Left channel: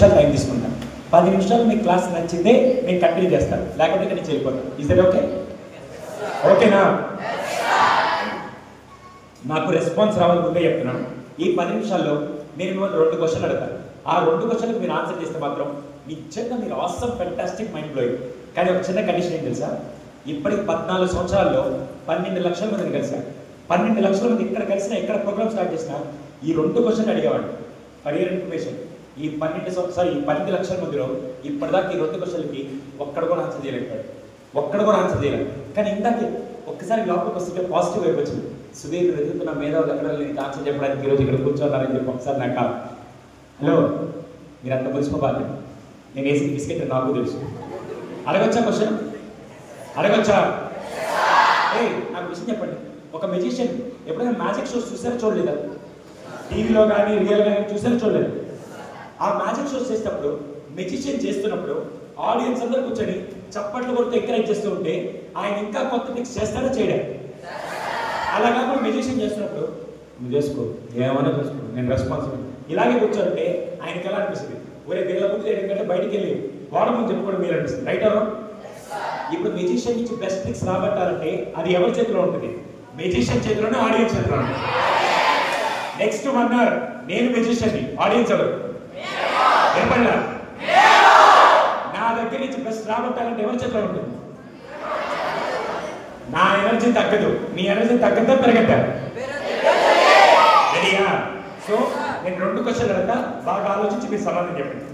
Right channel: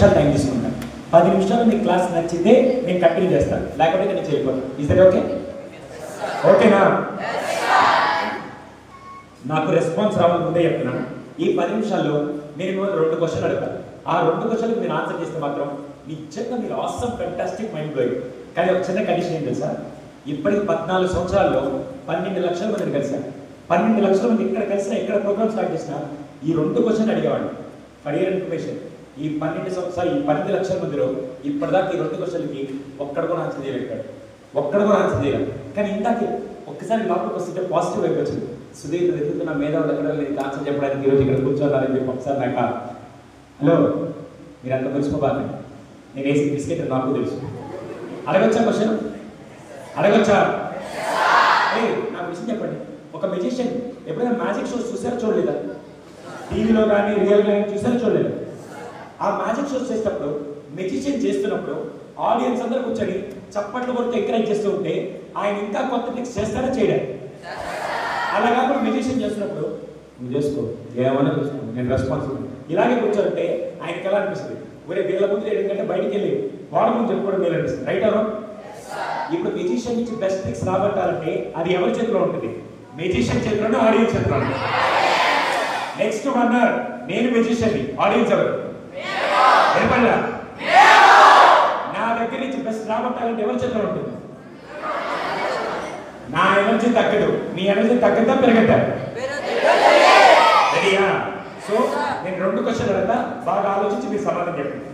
నిమిషాలు టైం తీసుకుంటాను. 10 నిమిషాలు మీకు క్లాస్ నచ్చితే నేను కంటిన్యూ చేస్తాను, లేకపోతే నేను వెళ్ళిపోతాను. Is that okay? ఓకేనా? నాకు రెస్పాన్స్ రావాలి ముందే చెప్తున్నాను. ఈ 10 నిమిషాల్లో నేను మిమ్మల్ని 2 క్వశ్చన్లు అడుగుతాను. ఆ 2 క్వశ్చన్లకు మీరు ఆన్సర్ చేస్తే మాత్రం నిజంగా మీరు ఆసమ్ ఫెంటాస్టిక్ మైండ్ బ్లోయింగ్. కానీ ఒక చిన్న కండిషన్ ఏం తెలుసా? ఇప్పటికి 14 సంవత్సరాల్లో 12 లక్షల మందిని కలిసాను. 12 లక్షల మంది ఇక్కడ కలిసినా, ఎక్కడ ప్రోగ్రామ్ స్టార్ట్ చేసినా ఈ 2 క్వశ్చన్లు అడిగేవాడిని. ఫర్ యువర్ ఇన్ఫర్మేషన్, ఈ 12 సంవత్సరాలు, ఈ 12 లక్షల మందిలో ఇప్పటిదాకా ఈ 2 క్వశ్చన్లకి ఒక్కడ కూడా ఆన్సర్ చేయలేకపోయాడు. ఒక్కడ కూడా ఆన్సర్ చేయలేదు. కానీ ఇందాకే ఒక్కసారి లోపలికి వస్తుంటే పాజిటివ్ వైపు వచ్చింది. సుధీర్ వెతుకుతున్న మేధావులు ఎక్కడ నీకు ఆన్సర్ చెప్పడానికి ఈరోజు ఇక్కడ కూర్చోవాలని చెప్పి ఒకసారి నాకు హలో మీరు అంత మురిసిపోబాలి, నేను వేసి బిస్కెట్ నాకు తెలుసు. అడగొచ్చా క్వశ్చన్? అడగొచ్చా? నాకు విషయం చెప్పండి. ఒక మెజిషియన్ ఎప్పుడైనా మ్యాజిక్ షోస్ చూసారో చూడలేదా? టీవీలో కానీ రియల్గా కానీ చూసారో చూడలేదు. ఆ మ్యాజిక్ షోస్ చేసేటప్పుడు మెజిషియన్ చేస్తున్నప్పుడు ఆడియన్స్ అందరూ కూర్చొని చప్పట్లు కొడుతూ ఎంకరేజ్ చేస్తూ ఉంటే ఆయన ఇంకా కొత్త ట్రిక్స్ చేస్తాడో చేయడం. అలా కాకుండా మెజిషియన్ చేస్తున్నప్పుడు నువ్వు చేసుకో, ఏమైనా చూసుకో, నేను రెస్పాన్సిబుల్ ఇలాగే కూర్చోంటే ఆయనకి ఎలా అనిపిస్తుంది? ఒరే వీళ్ళ ముందు ఏంటంటే బయటికి వెళ్ళి వాడ ముందు చెప్పుకోవడం మీరు అనిపిస్తుంది. రైట్ అవా? ఇప్పుడు మెజిషియన్ నుంచి బెస్ట్ ట్రిక్స్ రాబట్టాలంటే అది ఎవరి చేతిలో ఉంటుంది? మెజిషియన్ చేతిలోనే, ఆడియన్స్ చేతిలో. నెక్స్ట్ 1 hour నేను మెజిషియన్ని, ఆడియన్స్ ఎవరు? వినపడలా? నా దగ్గర నుంచి బెస్ట్ రాబట్టాలంటే ఎవరి చేతిలో ఉంటుంది? నా ఎనర్జీ తగ్గదు, మీ ఎనర్జీ తగ్గదా పెరగద్దా? రెడీయా? సో నేను 2 క్వశ్చన్లు అడగతా, బాగా ఆలోచించి మీరు సమాధానం చెప్పండి.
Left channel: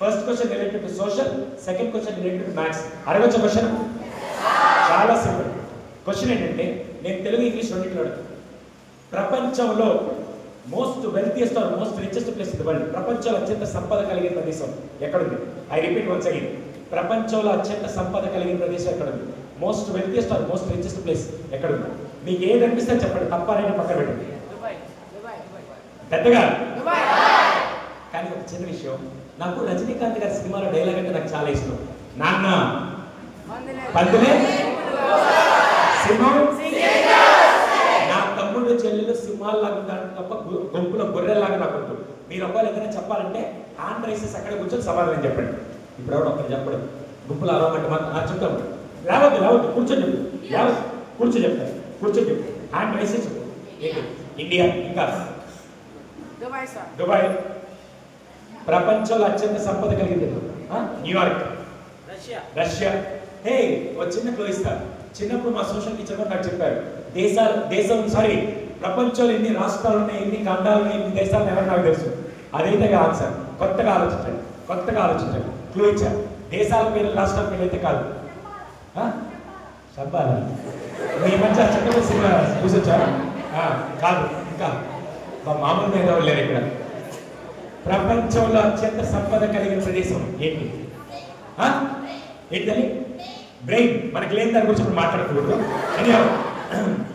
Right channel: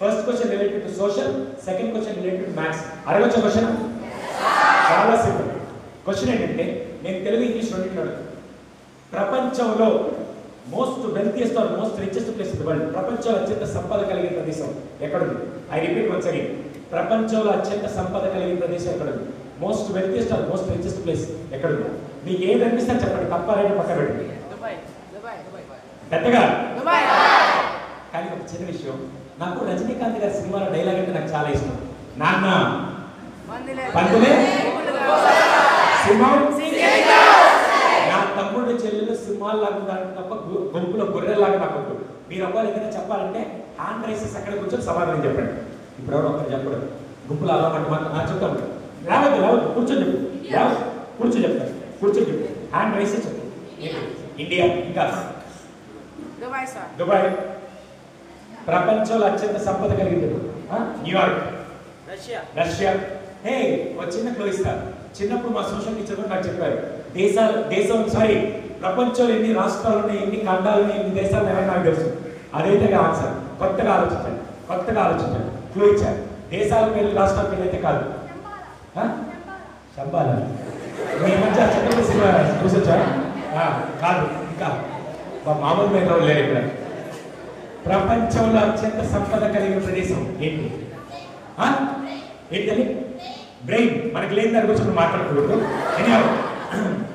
First question related to social, second question related to maths. అడగొచ్చా క్వశ్చన్? చాలా సింపుల్. క్వశ్చన్ ఏంటంటే నేను తెలుగు ఇంగ్లీష్ రెండింటిలో అడుగుతాను. ప్రపంచంలో most wealthiest or most richest place in the world, ప్రపంచంలో అత్యంత సంపద కలిగిన ప్రదేశం ఎక్కడుంది? ఐ రిపీట్ వన్స్ అగైన్, ప్రపంచంలో అత్యంత సంపద కలిగిన ప్రదేశం ఎక్కడుంది? Most wealthiest or most richest place ఎక్కడుంది? మీకు ఏది అనిపిస్తే చెప్పండి, తప్ప రైట్ పక్కన పెట్టండి. పెద్దగా కానీ ఒక చిన్న విషయం, నాకు రజనీకాంత్ గారి సినిమాలో డైలాగ్ అంటే నాకు చాలా ఇష్టం. నాన్న పందులే సింహం, నా తమ్ముళ్ళు చెల్లెలు సింహాల్లాగా ఉంటారు తప్ప గుంపులో గొర్రెల్లాగా నాకు ఉంటుంది. మీరు ఒకవేళ ఏదైనా చెప్పాలంటే హ్యాండ్ రైసెస్ అక్కడ కూర్చొని సమాధానం చెప్పండి. ఇప్పుడు ఎవరు ఒక్కరు చెప్పడం, గుంపులు అలా మాత్రం చెప్తాను. రావద్దు కూర్చొని చెప్పు, కూర్చొని చెప్తాను, కూర్చొని చెప్పు, హ్యాండ్ రైసెస్ చెప్పు. ఇండియా, ఇంకా దుబాయ్. ప్రపంచంలో అత్యంత సంపద కలిగింది న్యూయార్క్, రష్యా. హే ఒక చిన్న క్లూ ఇస్తారు. చిన్నప్పుడు మా సోషల్ టీచర్ నాకు చెప్పారు, ప్రపంచంలో ఎన్ని రాష్ట్రాలు ఉన్నాయి, ఎన్ని ఖండాలు ఉన్నాయి, ఎన్ని దేశాలు ఎవరు నాకు తెలుసు. అదైతే ఆన్సర్. కొత్తగా ఆలోచించండి. క్లూ ఇచ్చారు. దేశాల పేర్లు, రాష్ట్రాల పేర్లు అయితే కాదు. శబ్బాలా మీ మధ్య చక్కగా సినిమా చూసొచ్చా? కాదు, ఇంకా మామూలు మీద లేరు ఇక్కడ. ప్రపంచంలో అత్యంత సంపద కలిగిన ప్రదేశం ఏంటి? ఏంటని? బ్రెయిన్. మనకి లేని దాని గురించి మాట్లాడకూడదు.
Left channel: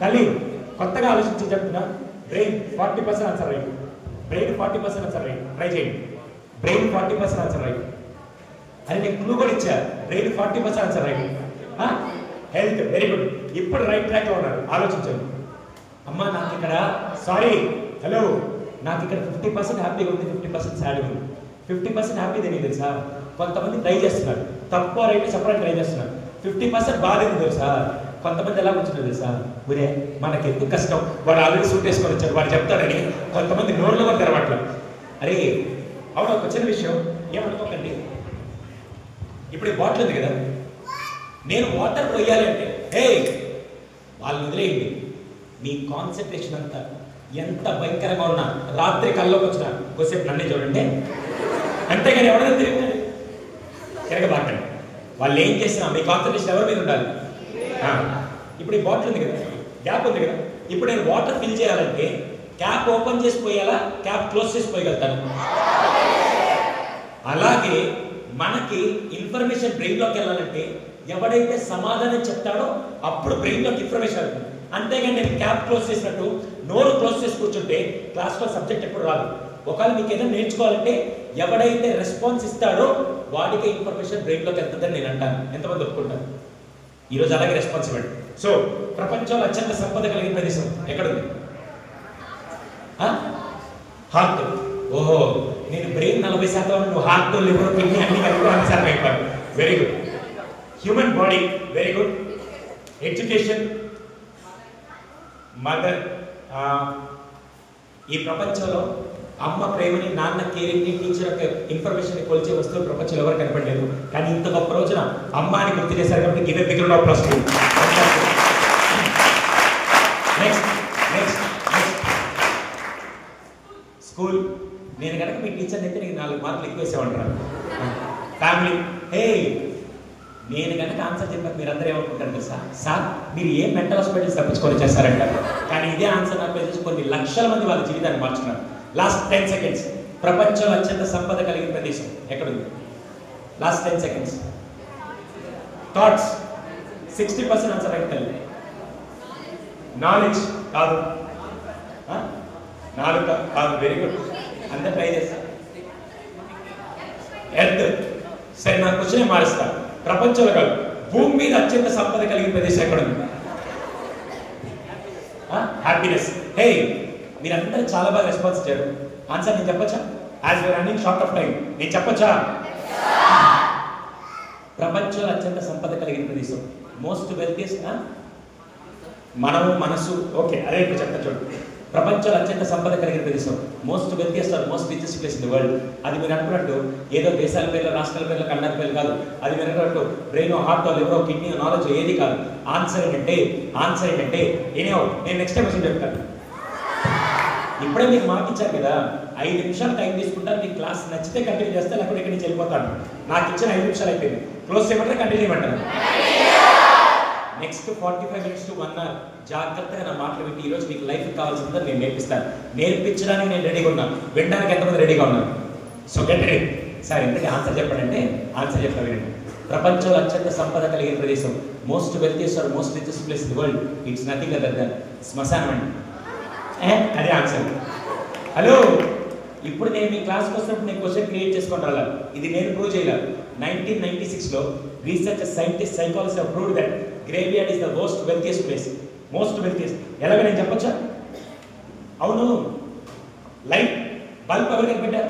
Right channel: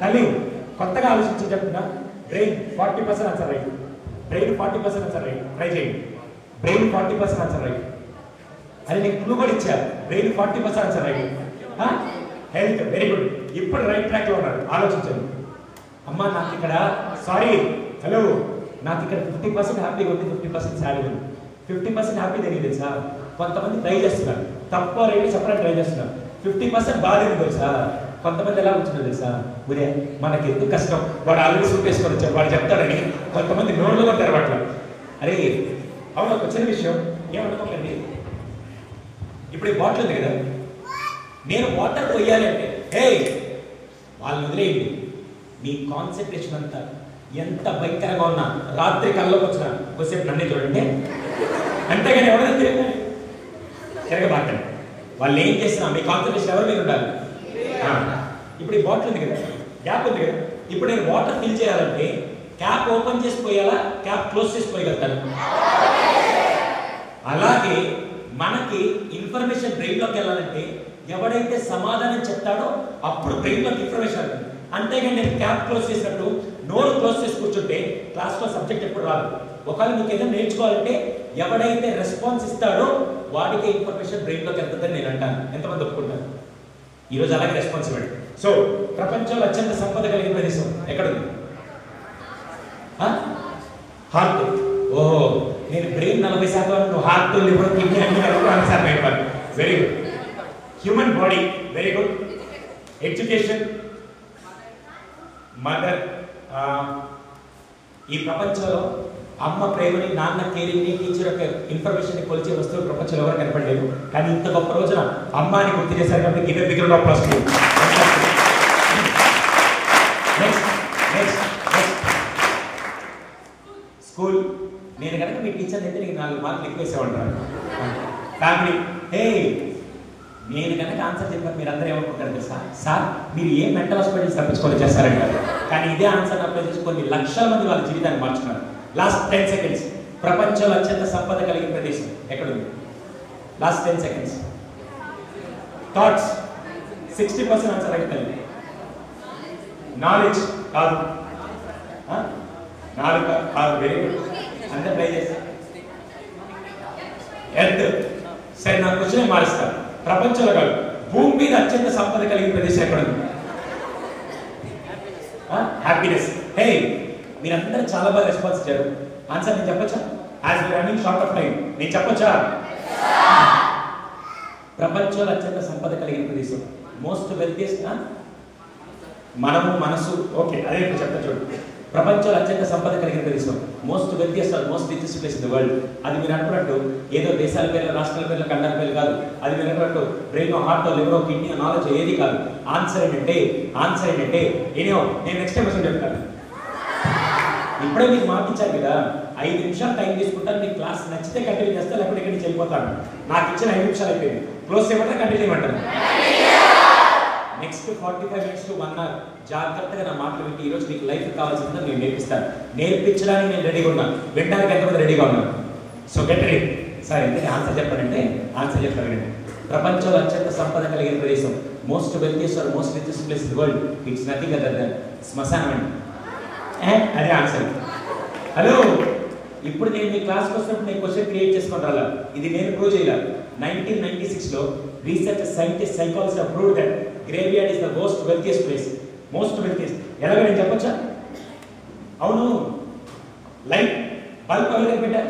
తల్లి కొత్తగా ఆలోచించి చెప్తున్నా. Brain 40% answer right. Brain 40% answer right. Try చేయండి. Brain 40% answer right. అది నేను క్లూ కూడా ఇచ్చారు. Brain 40% answer right. Health very good. ఇప్పుడు రైట్ ట్రాక్ లో ఉన్నారు. ఆలోచించండి. అమ్మా నాకు ఇక్కడ హలో నాకు ఇక్కడ 50% హ్యాపీగా ఉంది, 50% సాడ్ ఉంది. 50% హ్యాపీ తెలియదు తెలుసా? కొంతమంది ట్రై చేస్తున్నారు, తక్కువ రైట్ చెప్పడానికి ట్రై చేస్తున్నారు. 50% బాధేది తెలుసా? కొంతమంది ఎలా ఉంటుందో తెలుసా? ఒరే మనకి ఎందుకు కష్టం, వాడు ఆల్రెడీ సూట్ వేసుకొని వచ్చాడు, వాడు చెప్తాడని కొంతమంది నోళ్ళు కూడా తెరవట్లేదు. అరే అవును, ఒక చిన్న విషయం ఏమనుకోకండి. ఇప్పుడు ఈ బాటిల్ ఉంది కదా, నేను వాటర్ పోయాలంటే వాళ్ళని వదిలేయండి. మీ కాన్సన్ట్రేషన్ అంతా ఎంత భయంకరంగా ఉన్నా రాత్రి కల్లోకి వచ్చిన కొద్దిసేపు నన్నే చూడండి. అంతేగాని ఎవరైనా తిరగబాకండి. వాళ్ళు ఏం చేసినా మీ కాన్సన్ట్రేషన్ ఎవరి మీద ఉండాలి? ఇప్పుడు ఈ బాటిల్ ఉంది కదా, గ్యాప్ ఉంది కదా, ఇప్పుడు నేను వాటర్ ఫిల్ చేయాలంటే క్యాప్ ఓపెన్ చేసి పోయాలా, క్యాప్ క్లోజ్ చేసి పోయగలుగుతాను? అలాగే మనకి ఇన్ఫర్మేషన్ బ్రెయిన్ లోకి వెళ్ళాలంటే ఎవడైతే సమాధానం చెప్తాడో అప్పుడు బ్రెయిన్ లోకి ఇన్ఫర్మేషన్ వెళ్తుంది. అంతేగాని నేను క్యాప్ క్లోజ్ చేసినట్టు నోరు క్లోజ్ చేసి కూర్చుంటే క్లాస్లో సబ్జెక్ట్ ఎప్పుడు రాదు. ఒకవేళ మీకు ఏదైనా నేర్చుకోవాలంటే ఎవడైతే రెస్పాన్స్ ఇస్తాడో వాడికే ఇన్ఫర్మేషన్ బ్రెయిన్ లోకి వెళ్తుందని నేను అంటాను. ఎంతమంది ఒప్పుకుంటారు? ఈరోజు అలాగే రెస్పాన్సిబిలిటీ. సో ప్రపంచంలో అత్యంత సంపద కలిగిన ప్రదేశం ఎక్కడుంది? హార్ట్. ఓహో నేను బ్రెయిన్ 40% నువ్వు హార్ట్ లివర్ కిడ్నీ అన్ని కలిపి 100% అయిపోయాను. Very good. Human body, very good. Education, mother. ఈ ప్రపంచంలో అమ్మ ప్రేమని, నాన్న కేరింగ్ని, టీచర్ యొక్క ఇన్ఫర్మేషన్ కొలిచే వస్తువులు ప్రపంచంలో ఎవరు కనపడలేదు. కానీ ఇంత గొప్ప రోజున అమ్మ అని గుర్తు చేశారు కాబట్టి give begin of plus. Next school. నేను కనుక మీ టీచర్ అయితే నీకు 4 మార్కులు ఎక్కువ వేసేవాళ్ళం. ఫ్యామిలీ. హే, నేను కనుక ఆన్సర్ చెప్పాక మీరు అందరూ ఏమనుకుంటారు తెలుసా? సార్ మీరు ఏ మెంటల్ హాస్పిటల్స్ తప్పించుకొని చేస్తారంటారు. కానీ ఇదే ఆన్సర్ అప్లై చేసి కొన్ని లక్షల మంది వాళ్ళ జీవితాన్ని మార్చుకున్నారు. Last 10 seconds. ప్రపంచంలో అత్యంత సంపద కలిగిన ప్రదేశం ఎక్కడుంది? Last 10 seconds. Thoughts. 60% answer right కలిగి. నాలెడ్జ్ కాదు, నాలుగు కాదు. Very good. అందరూ ట్రై చేస్తారు. ఎర్త్. సరే, నా క్వశ్చన్ మారుస్తాను. ప్రపంచంలో కాదు, భూమి మీద అత్యంత సంపద కలిగిన ప్రదేశం ఎక్కడుంది? హ్యాపీనెస్. హే, మీరందరూ చాలా బాగా రెస్పాన్స్ ఇచ్చారు. ఆన్సర్ నేను చెప్పచ్చా? As we running short of time నేను చెప్పచ్చా? ప్రపంచంలో అత్యంత సంపద కలిగిన ప్రదేశం, మోస్ట్ వెల్తియస్ట్. మనము, మనసు. ఓకే, అదే ఇప్పుడు చెప్తా చూడు. ప్రపంచంలో అత్యంత సంపద కలిగిన ప్రదేశం, most wealthiest or most richest place in the world. అది మీరు అనుకున్నట్టు ఏదో దేశాల పేర్లు, రాష్ట్రాల పేర్లు, ఖండాల పేర్లు కాదు. అది మీరు అనుకున్నట్టు brain, heart, liver, kidney, knowledge ఏది కాదు. ఆన్సర్ ఏంటంటే ఎనీహౌ నేను నెక్స్ట్ టైం వచ్చి చెప్తాను. ఇప్పుడే మీకు మార్కిచ్చారు కదా, 5 నిమిషాలు టైం తీసుకుంటాను. మీకు క్లాస్ నచ్చితే కంటిన్యూ చేస్తా, లేకపోతే ఇక్కడి నుంచి వెళ్ళిపోతాను. నాకు ఇచ్చిన 5 నిమిషాలు అయిపోయింది. క్లోజ్ చేయమంటారా, కంటిన్యూ చేయమంటారు? నెక్స్ట్ 45 minutes to 1 hour జాగ్రత్తగా నా మాటలు వింటే ఈరోజు మీకు లైఫ్ కావాల్సిందో నేను నేర్పిస్తాను. నేర్పించడానికి నేను రెడీగా ఉన్నాను, వినడానికి ఎంతమంది రెడీగా ఉన్నాను? So get ready. సార్ ఎందుకంటే ఆన్సర్ చెప్పానంటే ఆన్సర్ చెప్పా వినండి. ప్రపంచంలో అత్యంత సంపద కలిగిన ప్రదేశం, most wealthiest or most richest place in the world, it's nothing other than శ్మశానం అండి. అదే ఆన్సర్. హలో, ఇప్పుడు నేను మీ క్లాస్కి వస్తున్నప్పుడు నేను క్వశ్చన్ క్రియేట్ చేసుకొని రాలా. ఇది నేను ప్రూవ్ చేయలేదు. 1996లో research scientist psychologist proved that graveyard is the most wealthiest place. Most wealthiest ఎలాగో నేను చెప్పొచ్చా? అవును. లైట్ బల్బ్ ఎవరు కనిపెట్టారు?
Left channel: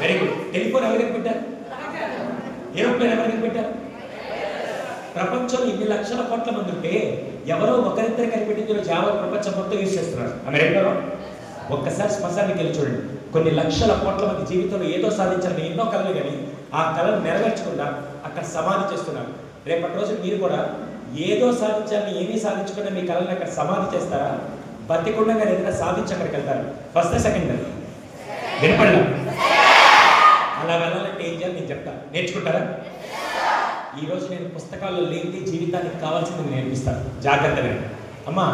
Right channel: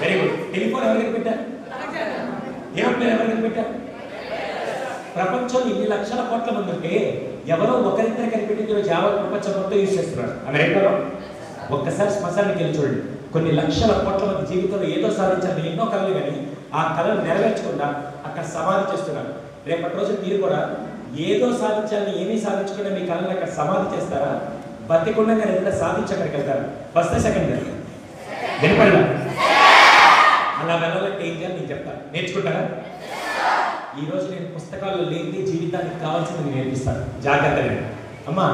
Very good. టెలిఫోన్ ఎవరు కనిపెట్టారు? ఏరోప్లేన్ ఎవరు కనిపెట్టారు? ప్రపంచంలో ఇన్ని లక్షల కోట్ల మంది ఉంటే ఎవరో ఒకరిద్దరు కనిపెట్టింది ఈరోజు యావత్ ప్రపంచం మొత్తం యూజ్ చేస్తున్నారు. అమెరికాలో ఒక్కసారి శ్మశానికి వెళ్ళి చూడండి. కొన్ని లక్షల కోట్ల మంది జీవితంలో ఏదో సాధించాలని ఎన్నో కళలు, కానీ ఆ కళను నెరవేర్చకుండా అక్కడ సమాధి చేస్తున్నారు. రేపటి రోజు మీరు కూడా ఏదో సాధించాలని ఏమీ సాధించకుండా మీ కళను అక్కడ సమాధి చేస్తారా? బతికుండా మీరు ఏదైనా సాధించి అక్కడికి వెళ్తారు. ఫస్ట్ సెకండ్ వినపడలా? అలా వెళ్ళాలంటే ఏం చేయాలి నేను చెప్తాను. నేర్చుకుంటారా? ఈరోజు నేను పుస్తకాల్లో లేని జీవితానికి కావాల్సింది నేర్పిస్తాను. జాగ్రత్తగా అమ్మా.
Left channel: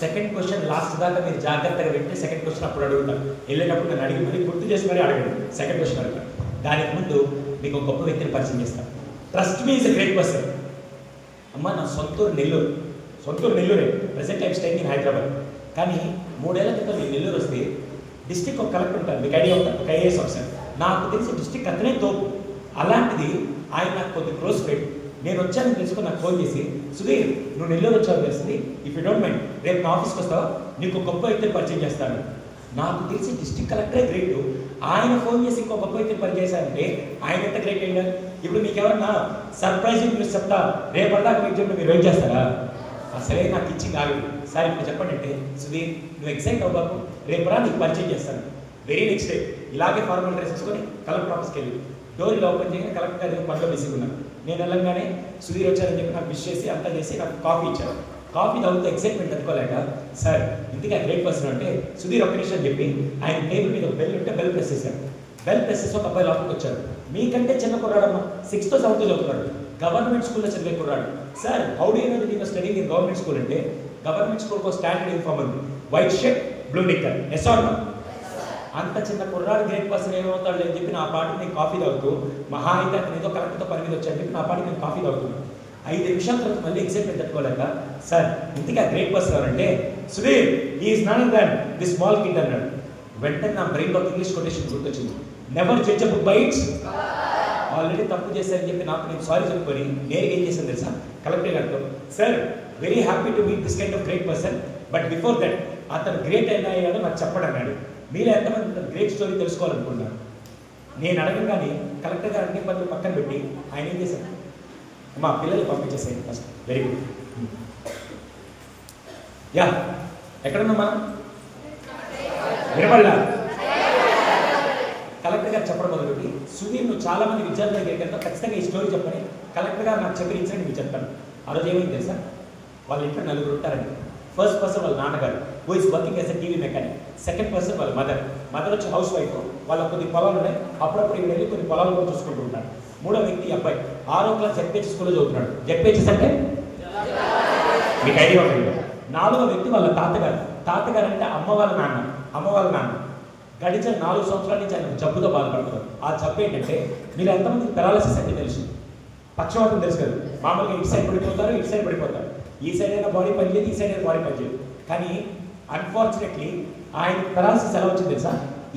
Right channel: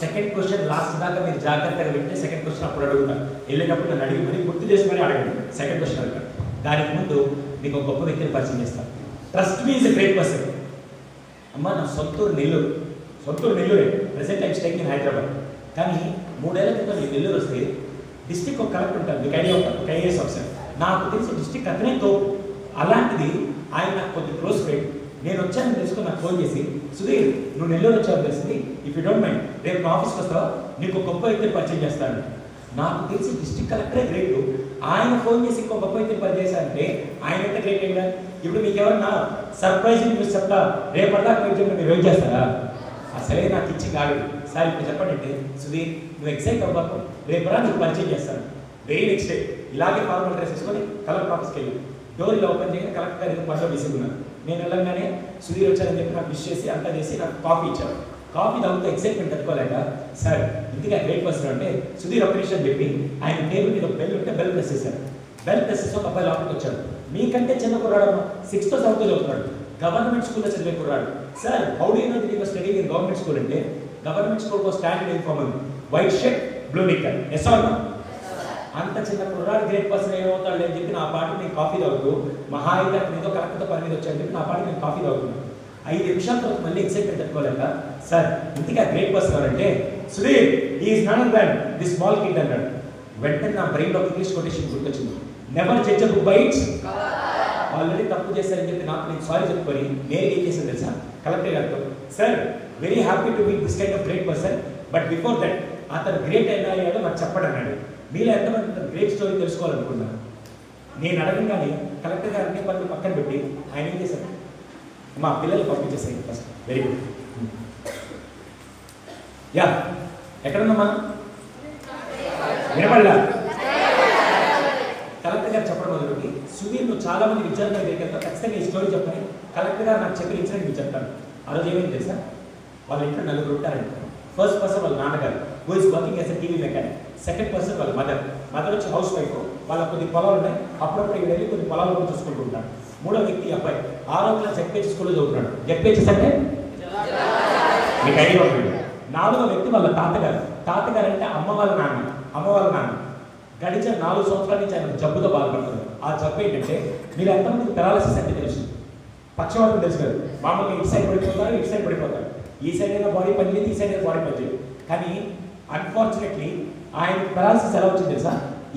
సెకండ్ క్వశ్చన్ లాస్ట్ దాకా మీరు జాగ్రత్తగా వింటే సెకండ్ క్వశ్చన్ అప్పుడు అడుగుతాను. వెళ్ళేటప్పుడు నన్ను అడిగి మరి గుర్తు చేసి మరీ అడగండి. సెకండ్ క్వశ్చన్ అడుగుతాను. దానికి ముందు మీకు ఒక గొప్ప వ్యక్తిని పరిచయం చేస్తాను. Trust me is a great person. అమ్మ, నా సొంతూరు నెల్లూరే. Present I'm staying in Hyderabad. కానీ 3 ఏళ్ల క్రితం నేను నెల్లూరు వస్తే డిస్ట్రిక్ట్ ఒక కలెక్టర్ ఉంటారు, మీకు ఐడియా ఉంటారు, ఒక ఐఏఎస్ ఆఫీసర్. నాకు తెలిసి డిస్ట్రిక్ట్ అతనే తోపు. అలాంటిది ఆయన నాకు కొద్ది క్లోజ్ ఫ్రెండ్. నేను వచ్చానని తెలుసుకుని నాకు ఫోన్ చేసి, సుధీర్ నువ్వు నెల్లూరు వచ్చావు తెలిసింది, ఇఫ్ యూ డోంట్ మైండ్ రేపు మా ఆఫీస్కి వస్తావా, నీకు గొప్ప వ్యక్తిని పరిచయం చేస్తాను. నాకు తెలిసి డిస్ట్రిక్ట్ కలెక్టరే గ్రేట్. ఆయన ఫోన్ చేసి ఇంకో గొప్ప వ్యక్తిని పరిచయం చేశారంటే ఆయన ఎంత గ్రేట్ అయిందా? ఇప్పుడు మీకు ఎవరన్నా సర్ప్రైజింగ్ న్యూస్ చెప్తా, రేపటిదాకా మీరు వెయిట్ చేస్తారా? అసలే నాకు ఇచ్చి కాదు సార్. ఇప్పుడు చెప్పండి అంటే, సుధీర్ నువ్వు ఎగ్జైట్ అవ్వకు, రేపు రా నీకు పరిచయం చేస్తాను. వెరీ నెక్స్ట్ డే ఇలాగే ఫార్మల్ డ్రెస్ వేసుకొని కలెక్టర్ ఆఫీస్కి వెళ్ళి డోర్ ఓపెన్ చేయగా కలెక్టర్ గారి పనిలో బిజీగా నేను వెళ్ళంగానే సుధీర్ వచ్చారని చెప్పి నాకు విష్ చేసి అంతా చేసి నాకు కాఫీ ఇచ్చారు. కాఫీ తాగుతూ ఎక్సైట్మెంట్ తట్టుకోలేక, సార్ ఇంటికి గ్రేట్ పర్సన్ అంటే సుధీర్ ఒక్క నిమిషం చెప్పి ఆయన టేబుల్ మీద బెల్ ఉంటే బెల్ ప్రెస్ చేశారు. బెల్ ప్రెస్ చేసి ఒక అబ్బాయి లోపలికి వచ్చాడు. మీకంటే చిన్న కుర్రాడమ్మా, 6th or 7th చదువుతున్నాడు, గవర్నమెంట్ స్కూల్లో చదివే కుర్రాడు. Sir how do you know that you are studying in government school అంటే, గవర్నమెంట్ స్కూల్కి స్టాండర్డ్ యూనిఫామ్ ఉంది, white shirt blue knicker. Yes or no? అంత చిన్న కుర్రాడు గ్రేట్ పర్సన్ ఏమవుతాడు అని చెప్పి నా పాటికి నేను కాఫీ తాగుతూ, మహా అయితే ఏదో కరెక్ట్తో పని మీద వచ్చాడని చెప్పి నా పాటికి నేను కాఫీ తాగుతున్నాను. 5 నిమిషాల తర్వాత మళ్ళీ ఎక్సైట్మెంట్ తట్టుకోలేక, సార్ ఇంటికి ఆ గ్రేట్ పర్సన్ ఎవరంటే Sudheer is not than the small kid అన్నాడు. వెంటనే నా బ్రెయిన్లో ఇంగ్లీష్ కొటేషన్ గుర్తొచ్చింది, never judge a book by it's. Already తప్పు చేశారని చెప్పి నాకు నేను సారీ చెప్పుకొని నేను ఏం చేశాను తెలుసా, కలెక్టర్ గారితో, sir very happy to meet this kind of great person, but before that అతను గ్రేట్ ఎలా అయ్యాడో నాకు చెప్పడం అన్నాడు. మీలో ఎంతమంది గ్రేట్ స్టోరీ తెలుసుకోవాలనుకున్నాను. నేను అడగగానే కలెక్టర్ గారు అన్ని పనులు పక్కన పెట్టి ఆయన ఏం చేశాను, మా పిల్లలు పంపించేసాయి ఫస్ట్. Very good. యా, ఎక్కడున్నాం మనం? వినపడలా? కలెక్టర్ గారు చెప్పడం మొదలుపెట్టి, సుధీర్ నువ్వు చాలా మంది విద్యార్థుల దగ్గర ఖచ్చితంగా ఈ స్టోరీ చెప్పని కలెక్టర్ గారు నాకు చెప్పిన ఇన్సిడెంట్ మీకు చెప్తాను. ఆ రోజు ఏమైంది తెలుసా? వాళ్ళ ఇంట్లో నలుగురు ఉంటారండి. ఫస్ట్ పర్సన్ వాళ్ళ నాన్నగారు, who is working as a TV mechanic. Second person వాళ్ళ మదర్ వచ్చి హౌస్ వైఫ్, వాళ్ళ కొన్ని పొలాలు ఉన్నాయి, అప్పుడప్పుడు ఇక్కడ వెళ్ళి కొన్ని పొలాలు కూడా చూసుకుంటూ ఉంటారు. మూడో వ్యక్తి అబ్బాయి 6వ క్లాస్ జెడ్పీహెచ్ స్కూల్లో చదువుతున్నాడు. జెడ్పీహెచ్ అంటే మీకు ఐడియా ఉంటుంది. 4వ వ్యక్తి వాళ్ళ తాతగారు అంటే అమ్మ వాళ్ళ నాన్న. గడిచిన 4 సంవత్సరాల నుంచి ఆయన జబ్బుతో బాధపడుతున్నారు. ఆ జబ్బు ఏంటంటే, మీరు ఎంతమందికి పెరాలసిస్ అంటే తెలుసు, పక్షవాతం తెలుసు కదా. మామూలుగా ఇటు సైడ్ పడిపోతారు. ఈ సైడ్ అయినా బాడీ పనిచేయదు, ఈ సైడ్ అయినా బాడీ పనిచేయదు. కానీ అన్ఫార్చునేట్లీ ఆయన పెరాలసిస్ ఎలా వచ్చింది తెలుసా?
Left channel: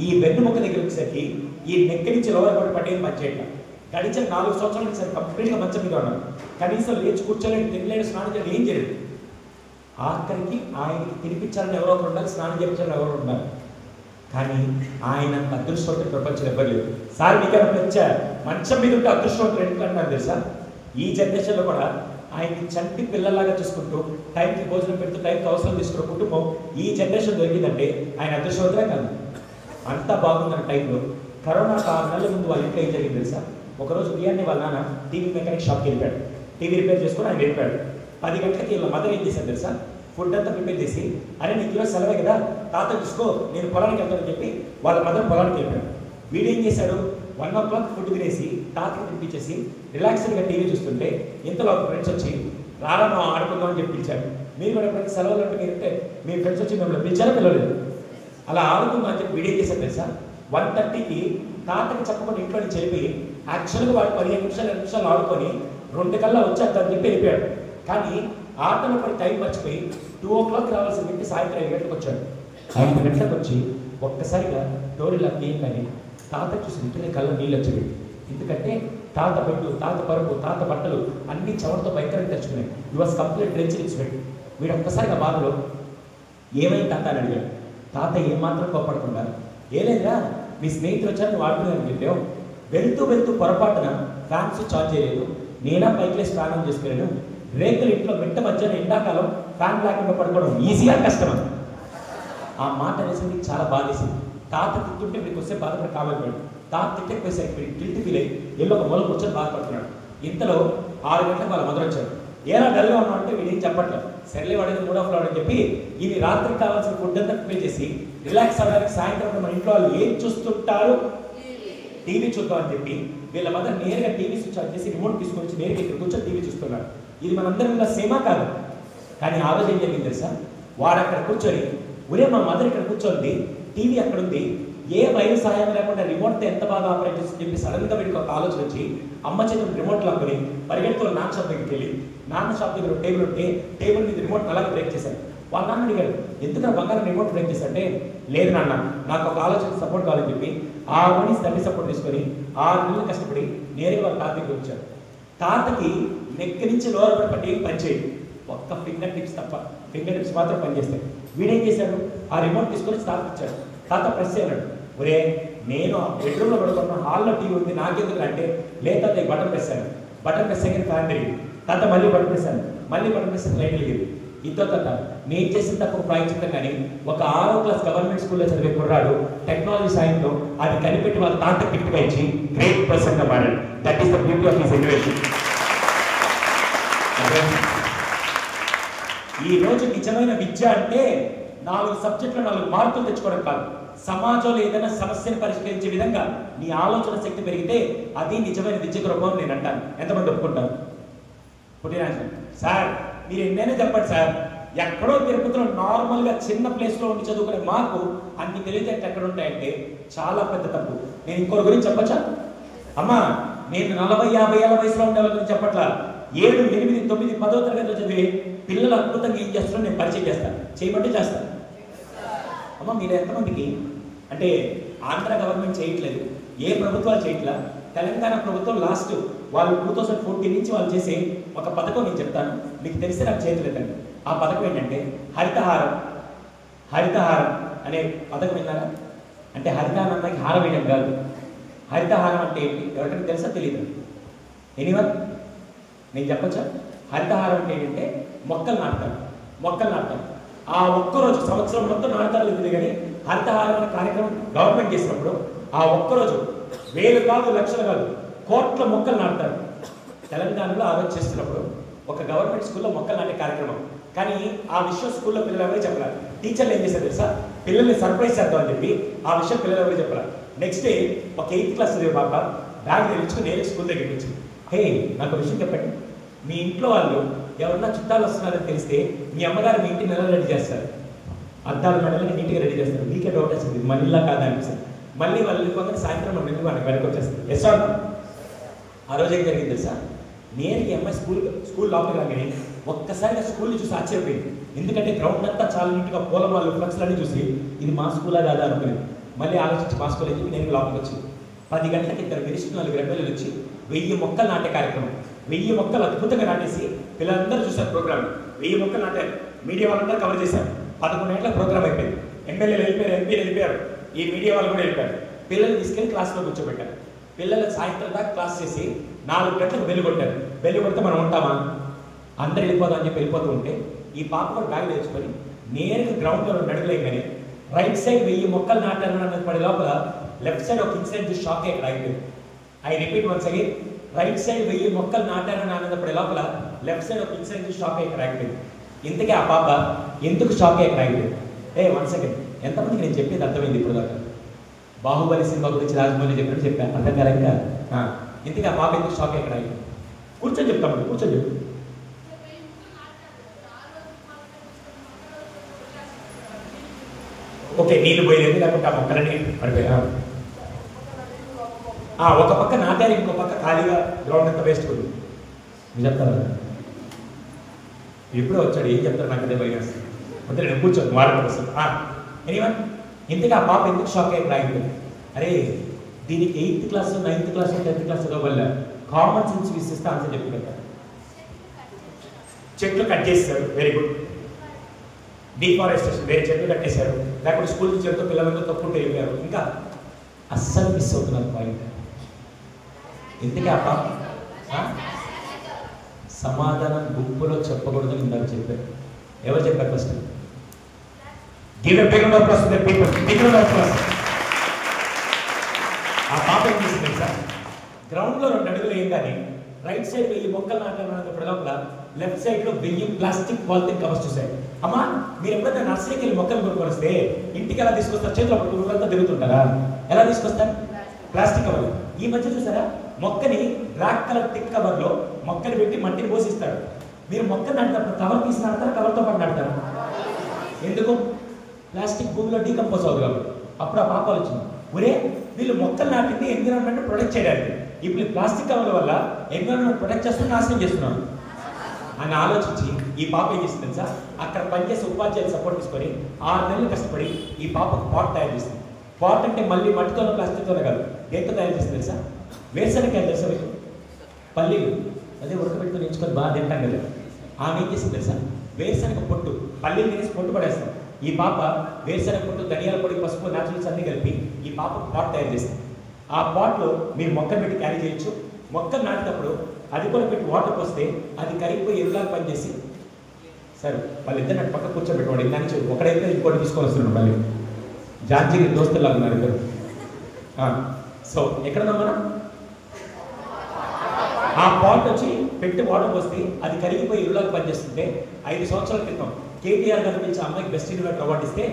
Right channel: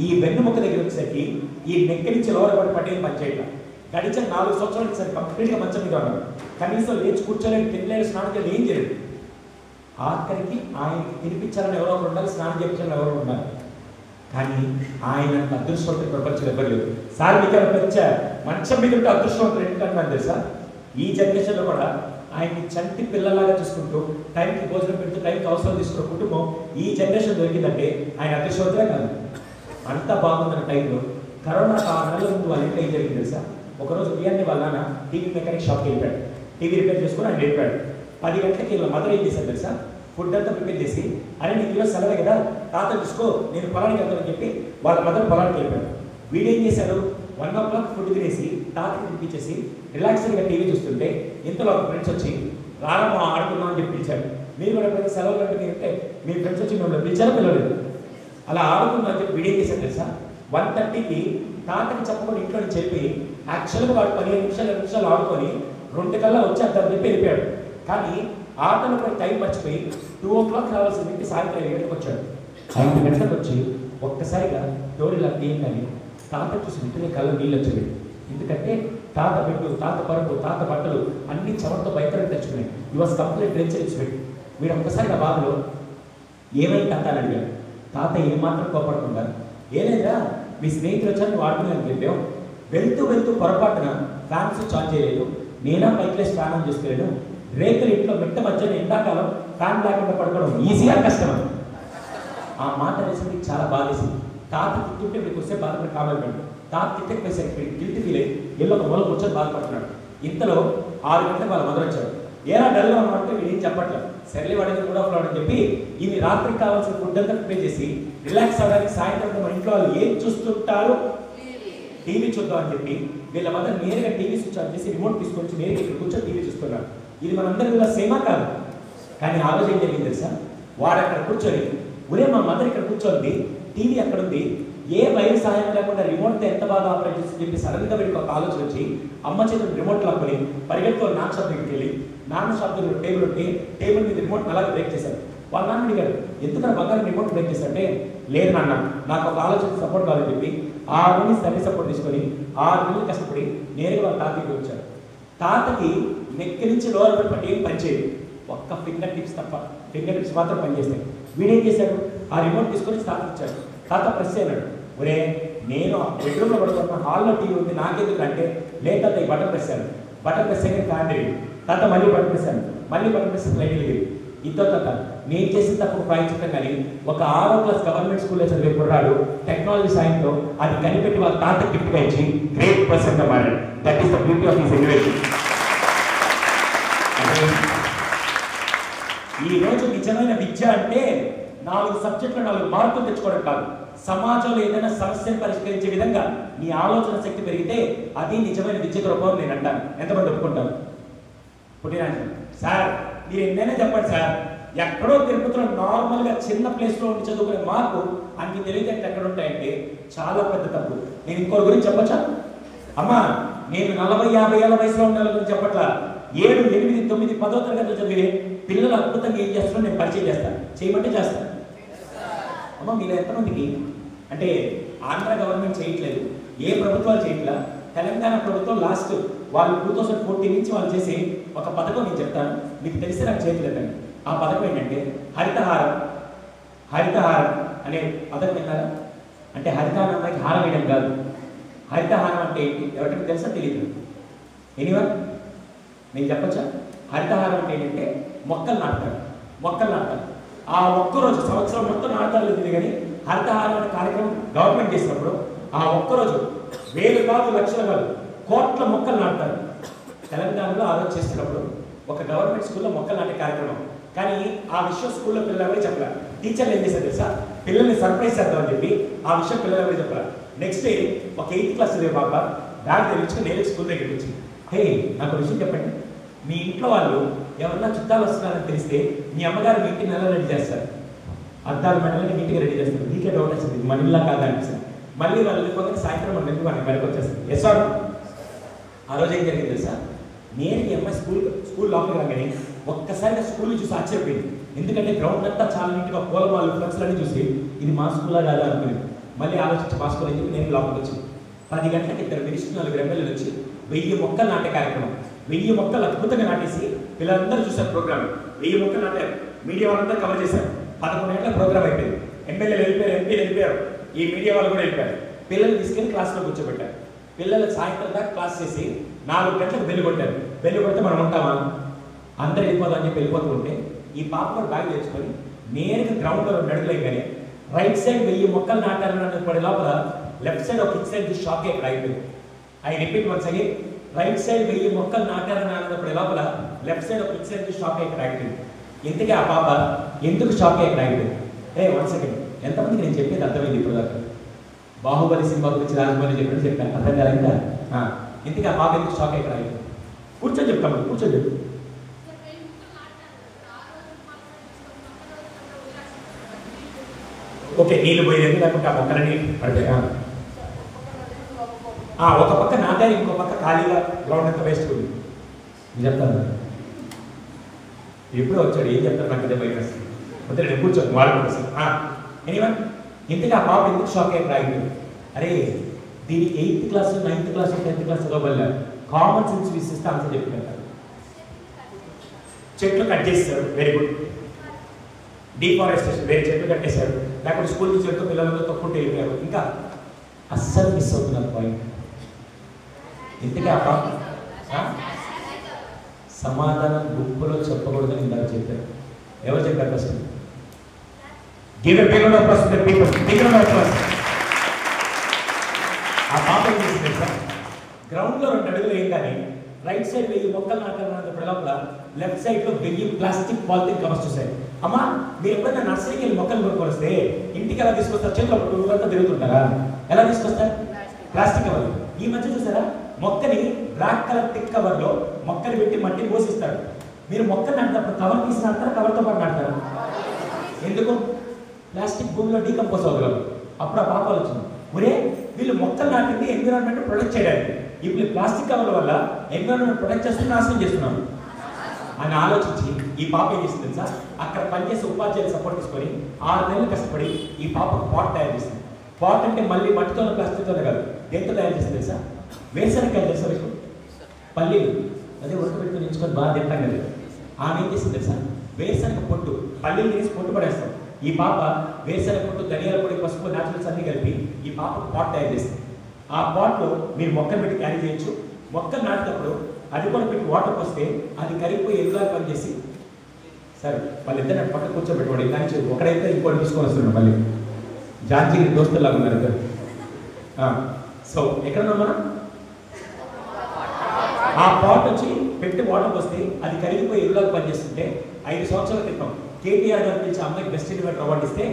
ఈ వెన్నుముక్క దగ్గర వచ్చేసరికి ఈ నెక్క నుంచి లోపల పట్టేది పనిచేయట్లా. గడిచిన 4 సంవత్సరాల నుంచి సార్ కంప్లీట్గా మంచం మీద ఉన్నారు. కనీసం లేచి కూర్చోలేడు, తినలేడు, స్నానం చేయడం ఏం చేయలేదు. ఆఖరికి ఆయనకి తినిపించాలని ఎవరో ఒకరు ఉండాలి, స్నానం చేయించాలని ఎవరో ఉండాలి. కానీ ఆయన అదృష్టవంతులు ప్రపంచం ఎవ్వరు లేదు. సార్ మీకు మంచం మీద ఉంటే అదృష్టవంతులు ఎందుకంటున్నారు తెలుసా? ఈ జనరేషన్లో కూడా ఆయన్ని చంటి పిల్లలాగా చూసుకుంటూ, టైంకి భోజనం పెడుతూ, టైంకి అవసరం తీసుకున్న కుటుంబం ఈ జనరేషన్ దొరికిందంటే ఆయన అదృష్టవంతులే కాదు. అంతా బాగుందన్న టైంలో కరోనా 6 నెలల ముందు వాళ్ళ ఇంట్లో ఏం జరిగింది తెలుసా? ఒకరోజు బియ్యాన్ని వాళ్ళ నాన్న టీవీ మెకానిక్ షాప్కి వెళ్ళిపోయాడు. టీవీ రిపేర్ చేసుకుని ఆయన వెళ్ళిపోయాడు. 10 గంటలకి వీళ్ళ మదర్ ఏం చేశారు తెలుసా? ఫుడ్ అంతా ప్రిపేర్ చేసి, అరే నీకు ఈరోజు సెలవే కదా, తాత చూసుకో, నేను పొలానికి వెళ్తానని చెప్పి వాళ్ళ మదర్ పొలానికి వెళ్ళిపోయాడు. వీడేం చేశాడు? 1 o'clock ఫుడ్ తినేసి తాతకి తినిపించేసి రిలాక్స్గా టీవీ చూస్తుంటే ఇంతలో ఒక ఫ్రెండ్స్ వచ్చి రారమ్మా ఆడుకుందామని చెప్పి పిలిచాడు. మీరు కూడా ఎప్పుడైనా సెలవులు అంటే మీరంటే మీ ఫ్రెండ్స్ వచ్చి మిమ్మల్ని పిలిచారా పిలవలేదు? అలా ఆడుకుందాం అని చెప్పి వీడేం చేశాడు తెలుసా? 1:30కి తాతకి చెప్పకుండా ఇంట్లో నుంచి చెప్పి యాక్చువల్గా వాడు 15 నిమిషాలు ఆడుకొని 2 కల్లా వచ్చేద్దామని చెప్పి వెళ్ళిపోయాడు. కానీ ఆటలు కూడా టైం మర్చిపోయి 2 o'clock రావాల్సిన వ్యక్తి సాయంత్రం 5 గంటలకు వచ్చాడు. 5 గంటలకు వచ్చి ఒక్కసారిగా డోర్ ఇలా తీయగానే తాత చూసి ఇంటిని కళ్ళ నీళ్ళు వచ్చేది. ఎందుకంటే తాత బెడ్డు, తాత పరుపు, తాత బట్టలు అన్ని చవరతో భయంకరంగా తెచ్చుకున్నాయి. యువర్ కంప్లీట్ డ్రెంచర్ ఇచ్చి పెట్టు. వీడు ఒక్కసారిగా బాధలో ఏమైంది తాత అని అడిగాడు. తాత ఏమాత్రం కోపడకుండా, ఏలేదురా మీ స్నేహితులు వచ్చారని వాడుతున్నాను చెప్పావు, వెళ్తూ పొరపాటున ఫ్యాన్ స్విచ్ ఆన్ చేయలేదు, నేనా పైక్లేసి ఫ్యాన్ ఆన్ చేసుకోలేను, రేకులు ఇంట్లో మిట్ట మధ్యన ఎండాకాలం ఫ్యాన్ లేకుండా పడుకోవడం ఈజీగా కష్టం. ఆ మాట అనేసి చాలా బాధేసింది. తాత తిట్టుంటే వీడికి వస్తే బాధపడి కావాలి. తాత తిట్టకపోయేసరికి గిల్ట్ ఫీల్ అయ్యి ఎల్లో ఒక మూల కూర్చొని బాధపడుతున్నాడు. ఇంతలో 6 గంటలకు వాళ్ళ మదర్ వచ్చారు. ఏరా డల్గా ఉన్నామంటే వీడు ఏం చెప్పట్లేదు. సర్లే వాడేది కూడా ఫ్లాడ్ అని చెప్పి ఇవి రాత్రికి కావాల్సిన ఫుడ్ అంతా ప్రిపేర్ చేసి రిలాక్స్ అవ్వడానికి సాయంత్రం మన ఇంట్లో వాళ్ళు ఏం చూస్తుంటారు, టీవీ చూద్దామని చెప్పి వీళ్ళ మదర్ నేరుగా టీవీ స్విచ్ ఆన్ చేసి రిమోట్ తీసుకొచ్చి నేరుగా ఇక్కడ కూర్చొని టీవీ చూస్తున్నారు. ఇది మనందరి కూడా సేమా కాదు. కానీ ఆ రోజు ఏం జరిగింది తెలుసా? వాడు అక్కడ కూర్చొని, ఒరే మా మదర్ ఇక్కడ కూర్చోండి, టీవీ అక్కడ ఉంది, ఏ వైర్ సహాయం లేకుండా రిమోట్ ఎంత బాగా ఆపరేట్ చేసి చెప్పి సడన్గా వీడికి ఒక ఆలోచన వచ్చి అమ్మ చేతులు రిమోట్ లాక్కుని పరిగెడుతూ నాన్న షాప్ దగ్గరికి వెళ్ళి నాన్న షాప్ దగ్గర టేబుల్ ఉంటే టేబుల్ మీద రిమోట్ అలాగే బ్రేక్ చేశాడు. వాళ్ళ నాన్న అడిగాడు, ఎందుకన్నా బంగారం రిమోట్ బ్రేక్ చేశాడంటే, లేదు నాన్న నాకు ఒక ఆలోచన సపోర్ట్ కావాలని చెప్పి 6 రోజులు స్టడీ సపోర్ట్ తీసుకొని 6 నెలలు కష్టపడి నేరుగా వాళ్ళ తాతకి వచ్చాడు. తాతకి నెక్ నుంచి లోవర్ బెడ్ పట్టి ఏం పనిచేయదు, ఒక్క ఫింగర్ టిప్స్ తప్ప, ఫింగర్ టిప్స్ మాత్రం పనిచేస్తాయి. వీడేం చేశాడు? ఆ రిమోట్ తీసుకొని తాతకి ఇచ్చాడు. తాత ప్రెస్ చేయన్నాడు, ఒరే నేను బెడ్రూమ్లో పడుతున్నా, హాల్లో టీవీ ఉంది, నాకెందుకు అంటే, లేదు తాత బటన్ ప్రెస్ అయ్యాను ఫ్యాన్ తిరిగి, తాత మళ్ళీ బటన్ ప్రెస్ లైట్ తిరిగి. ఇంతో తాత నేను చేసిన తప్పు ప్రాయించడం కానీ ఒక 6వ క్లాస్ గవర్నమెంట్ స్కూల్లో చదివే కుర్రాడు టెక్నాలజీ సాయంతో అది కనిపెట్టి వాళ్ళ తాత గిఫ్ట్గా ఇచ్చి గ్రేట్ పర్సన్గా మారాడు. That is the beauty of his education. ఈ రోజు నిజమైన విద్య అంటే 4 సబ్జెక్టులు 4 మార్కులు తెచ్చుకోవడం కాదు, సమాజంలో ఏదైనా సమస్యను పరిష్కరించే విధంగా నీ ఆలోచన శక్తి పెరిగితే అది నిజమైన విద్యకు రూపం నేను అంటాను. ఎంతమంది ఒప్పుకుంటారు? పుట్టిరాజు సార్ మీరు ఎన్నైనా చెప్పండి సార్, ఎక్కడో తిరుపతిలో నార్మల్గా చిన్న ప్లేస్లో ఉండి చదువుకునే మాకు అన్ని తెలివితేటలు ఎక్కడ ఉంటాయంటే చాలా పెద్ద తప్పు. నేను ఇంకోరి గురించి చెప్పచ్చా? అమ్మా నేను 40-50 ఏళ్ళ వయసులో ఉండే వాళ్ళ గురించి చెప్పట్లా, 7, 8, 9, 10వ తరగతిలో చదివే పిల్లలు అద్భుతంగా ఏం చేస్తారో నేను పరిచయం చేస్తాను, చేయమంటే చేస్తాను. అమ్మ మీరు ఎంతమందికి అంటే ఆంధ్ర గవర్నమెంట్ చేయట్లేదు, ఏ ప్రభుత్వాలు చేయట్లా, తెలంగాణ ప్రభుత్వం లాస్ట్ వాళ్ళు 2014 నుంచి వాళ్ళు చేసే ఒక పథకం నేను చెప్తాను, మీకు తెలిసి నాకు చేయట్లేదండి. ఆ పథకం ఏంటంటే హరితహారం అనే పథకం విన్నారా? అంటే హరితహారం అమ్మాయికి హారం వేయడం కాదు. హరితహారం అంటే ఏంటి ఎవరికైనా తెలుసా తెలియదు? ఎనీవన్ నేను చెప్పచ్చా? హరితహారం అంటే ఏంటంటే మొక్కలు నాటుతారు. మొక్కలు నాటుతారు. ఆ ఒక్కరోజు సంవత్సరం మొత్తం నాటాలి ఉంది, కానీ హరితహారం అనే కార్యక్రమం గవర్నమెంట్ చేసినప్పుడు ఆ ఒక్కరోజు వేలు కాదు, లక్షలు కాదు, కోట్ల మొక్కలు నాటుతారు. తెలంగాణలో ఆలోచిస్తున్నప్పుడు ఒక గవర్నమెంట్ స్కూల్లో మొక్కలు నాటే కార్యక్రమం. కానీ ఆ విషయం స్కూల్లో పిల్లలు ఎవరు చెప్పారు. టీచర్లు ఏం చేశారు తెలుసా? పిల్లల్ని సర్ప్రైజ్ చేద్దామని చెప్పి ఆ విషయం పిల్లలు ఎవరు చెప్పారు. నెక్స్ట్ డే ఒక 8th క్లాస్ పాప బ్యాగ్ తెచ్చుకుని నేను స్కూల్ దగ్గరికి వచ్చి, హే నాకు విషయం చెప్పండి, మీ ఇంట్లో వాళ్ళు ఎవరన్నా చుట్టాలు వస్తున్నారని తెలిస్తే మీ అమ్మగారు మీ ఇంటిని ఎలా రెడీ చేస్తారు? అద్దాల మెడలని నీట్గా రెడీ చేస్తారు. మీకే డౌట్ వస్తుంది, మన ఇల్లా కాదా అనిపిస్తుంది. మళ్ళీ వాళ్ళు వెళ్ళిపోతే సాయంత్రం మనం వెళ్ళి మనకి వెనక్కి వచ్చేస్తుంది. Yes or? ఆ రోజు ఏం జరిగింది తెలుసా? నేను ఈ అమ్మాయి స్కూల్ లోపలికి రాగానే ఒక్కసారిగా స్కూల్ని చూసి ఆశ్చర్యపోయింది. ఎందుకంటే గ్రౌండ్ అంతా చాలా నీట్గా పూలమాలు ఫ్లెక్స్లన్నీ చూసి ఇది మా స్కూలా కాదా అనుకునేది. మళ్ళీ ఆలోచించి మా స్కూల్ అయితే నేను లోపలికి వచ్చింది. 10 గంటలకి 2 మినిస్టర్ 4 ఎమ్మెల్యేలు వచ్చి 1000 మొక్కలు నాటే కార్యక్రమం. 1000 మొక్కలు అద్భుతంగా నాటేసి పిల్లలందరూ చూసారు ప్రోగ్రామ్. 1000 మొక్కలు నాటారు. మీడియా వాళ్ళందరూ కవర్ చేశారు. 11 గంటల ప్రోగ్రామ్ అయిపోయింది. ఎమ్మెల్యేలు వెళ్ళిపోయారు, ఎంపీలు వెళ్ళిపోయారు, ఈ మీడియా వాళ్ళు కూడా వెళ్ళిపోయారు. పిల్లలు తీసుకెళ్లి క్లాస్లో కూర్చోబెట్టారు. పిల్లలు సాయంత్రం దాకా క్లాస్ చేసి 4 గంటలకు బెల్లు కొట్టారు. బెల్లు కొడితే మనం ఉంటామా? అందరు వెళ్ళిపోదాం అని చెప్పి వెళ్ళిపోతూ ఉంటే ఈ పాప కూడా బ్యాగ్ తెచ్చుకొని నేరుగా గ్రౌండ్లో నడుగులేగానే రైట్ సైడ్ 1000 మొక్కలు నాటారని పడే లోపల లెఫ్ట్ సైడ్ ఒక ఇన్సైడ్ చూసి షాక్ అయ్యి అయిపోయింది. I repeat once again, right side 1000 మొక్కలు నాటారని ఆనందపడే లోపల లెఫ్ట్ సైడ్ ఒక ఇన్సైడ్ చూసి షాక్ అయ్యి అయిపోయింది. ఇంతకీ ఆ పాప ఎందుకు షాక్ అయ్యి అయిపోయింది? వన్ సెకండ్, ఎంతమందికి నేను చెప్పేది అర్థమైంది ఇప్పుడు దాకా? బాహుబలి సినిమా గురించి రాజమౌళి చెప్పాను అర్థం కాలేక. ఇంతకీ ఆ పాప ఎందుకు షాక్ అయ్యి అయిపోయింది? కూర్చొని చెప్తాము, కూర్చొని చెప్పు. ఓకే, నీళ్ళు పోయేది లేకుంటే ఆ మొక్కలన్నీ పడిపోయా? ఒక పక్క నాటారు, ఇంకో పక్క ఖాళీగా గ్రౌండ్ అంతా వేస్ట్ ఉంది. మీరు చెప్తాను ఎప్పుడో వచ్చాడు, ఏం చెప్తారు నాకు అదే బయట వస్తే నేను కూర్చోను వాళ్ళ కోసం. ఎనీవన్, ఇంతగా ఆ పాప ఎందుకు షాక్ అయ్యి రాయింది? అరే దీనికి 8th class 9th class 10th class చదవబల్ల కామన్ సెన్స్ విసిస్తే ఆన్సర్ చెప్పినట్టు. చెట్లు కట్ చేస్తారు, వెరీ గుడ్. డిఫారెస్టేషన్, వేరే చెట్లు కట్టేశారు. లేకపోతే స్కూల్ టీచర్తో పిల్లలతో తప్పుంటే వెళ్ళిపోయారు. ఇంకా అస్సలు మిస్ అవుతున్నారు పాయింట్. ఎందుకే ఆ పాప సమాధానం గుంపులో చెప్పకూడదని ఇందాక చెప్పారు. ఎవరు చెప్పారు? First give a big round of applause to the people. Big round of applause. ఆ పాప ఏం చేసింది సార్? గ్రౌండ్లో 2 అడుగులు వేయగానే రైట్ సైడ్ 1000 మొక్కలు నాటాలన్నప్పుడు లోపల లెఫ్ట్ సైడ్లో 1000 ప్లాస్టిక్ పాలిథిన్ కవర్స్ చూశారు. అమ్మా, మీరు ఎప్పుడైనా నర్సరీకి వెళ్ళి మొక్కలు కొనుక్కొని వస్తే ఇంటికి ఎలా తీసుకొస్తారు? చేతిలో ఊరంతా తిరుగుతుంటారా? ఎలా తీసుకొస్తారు? Plastic cover. ఈ మధ్య చూసారా, మొక్కని బ్లాక్ కలర్ టిక్ కవర్లో మొక్కలు పెట్టి మట్టిని పోసిస్తాడు. మీరు మొక్కలు నాటినప్పుడు కవర్ తీసి నాడతారు, కవర్తో పాటు నాడతారు. ఎందుకు? ప్లాస్టిక్ భూమిలో డీకంపోజ్ అవుతుంది. అప్పుడు ఆ పాప వచ్చింది, ఒరే వీళ్ళు మొక్కలు నాటింది ఎన్విరాన్మెంట్ ప్రొటెక్ట్ చేయడానికి, ఇప్పుడు ప్లాస్టిక్ కవర్ల వల్ల ఎన్విరాన్మెంట్ ప్రొటెక్ట్ చేస్తున్నా నాశనం చేస్తున్నాను అని ఆలోచించి ఈ పాప ఏం చేసింది తెలుసా? అక్కడ పనిచేసే ఉపాధ్యాయులు సపోర్ట్ తీసుకొని 6 నెలలు కష్టపడి ఈ పాపకు పాట్ తయారు చేసింది. పాట్ అంటే మళ్ళీ మట్టితోనే ప్లాస్టిక్తోనే కాదు, దేంతో తయారు చేసింది తెలుసా? వేరుశనగకాయ తెలుసా మీకు? పల్లీలు అదే ఉడకబెట్టుకుని ఎంచుకొని బాగా తింటాం కదా. ఆమె ఏం చేసింది తెలుసా? వేరుశనగ పొట్టు, పల్లీలు తీసి పొట్టు పడేస్తాం. ఈ పాప వేరుశనగ పొట్టు, ధనియాల పొడి, పసుపు, న్యాచురల్స్ అన్ని కలిపి ఈ పాప పాట్ తయారు చేసింది. ఆ పాట్లో మీరు మొక్కలు పెట్టి క్యారీ చేయొచ్చు. మొక్కలు నాటినప్పుడు అది కూడా పెట్టి వాటర్ పోస్తే అది కరిగిపోయి ఎరువులాగా పనిచేసి, సరే వాళ్ళిద్దరు పక్క కూర్చోబెట్టుకోండి. దాని ఒకడైతే ఇంకోటి తీసుకొని వస్తున్నాడు. మళ్ళీ జార్జీ దోస్తులాగా ఉన్నారు ఇద్దరు. సో ఎక్కడున్నాం మనం? ఆ పాట్ వచ్చి పెట్టి వాటర్ పోస్తే అది కరిగిపోయి ఎరువులాగా పనిచేస్తుంటే 5 సంవత్సరాల క్రితం కేటీఆర్ గారు పిలిచి అమ్మాయికి బెస్ట్ ఇన్వెంటర్ అవార్డు ఇస్తే,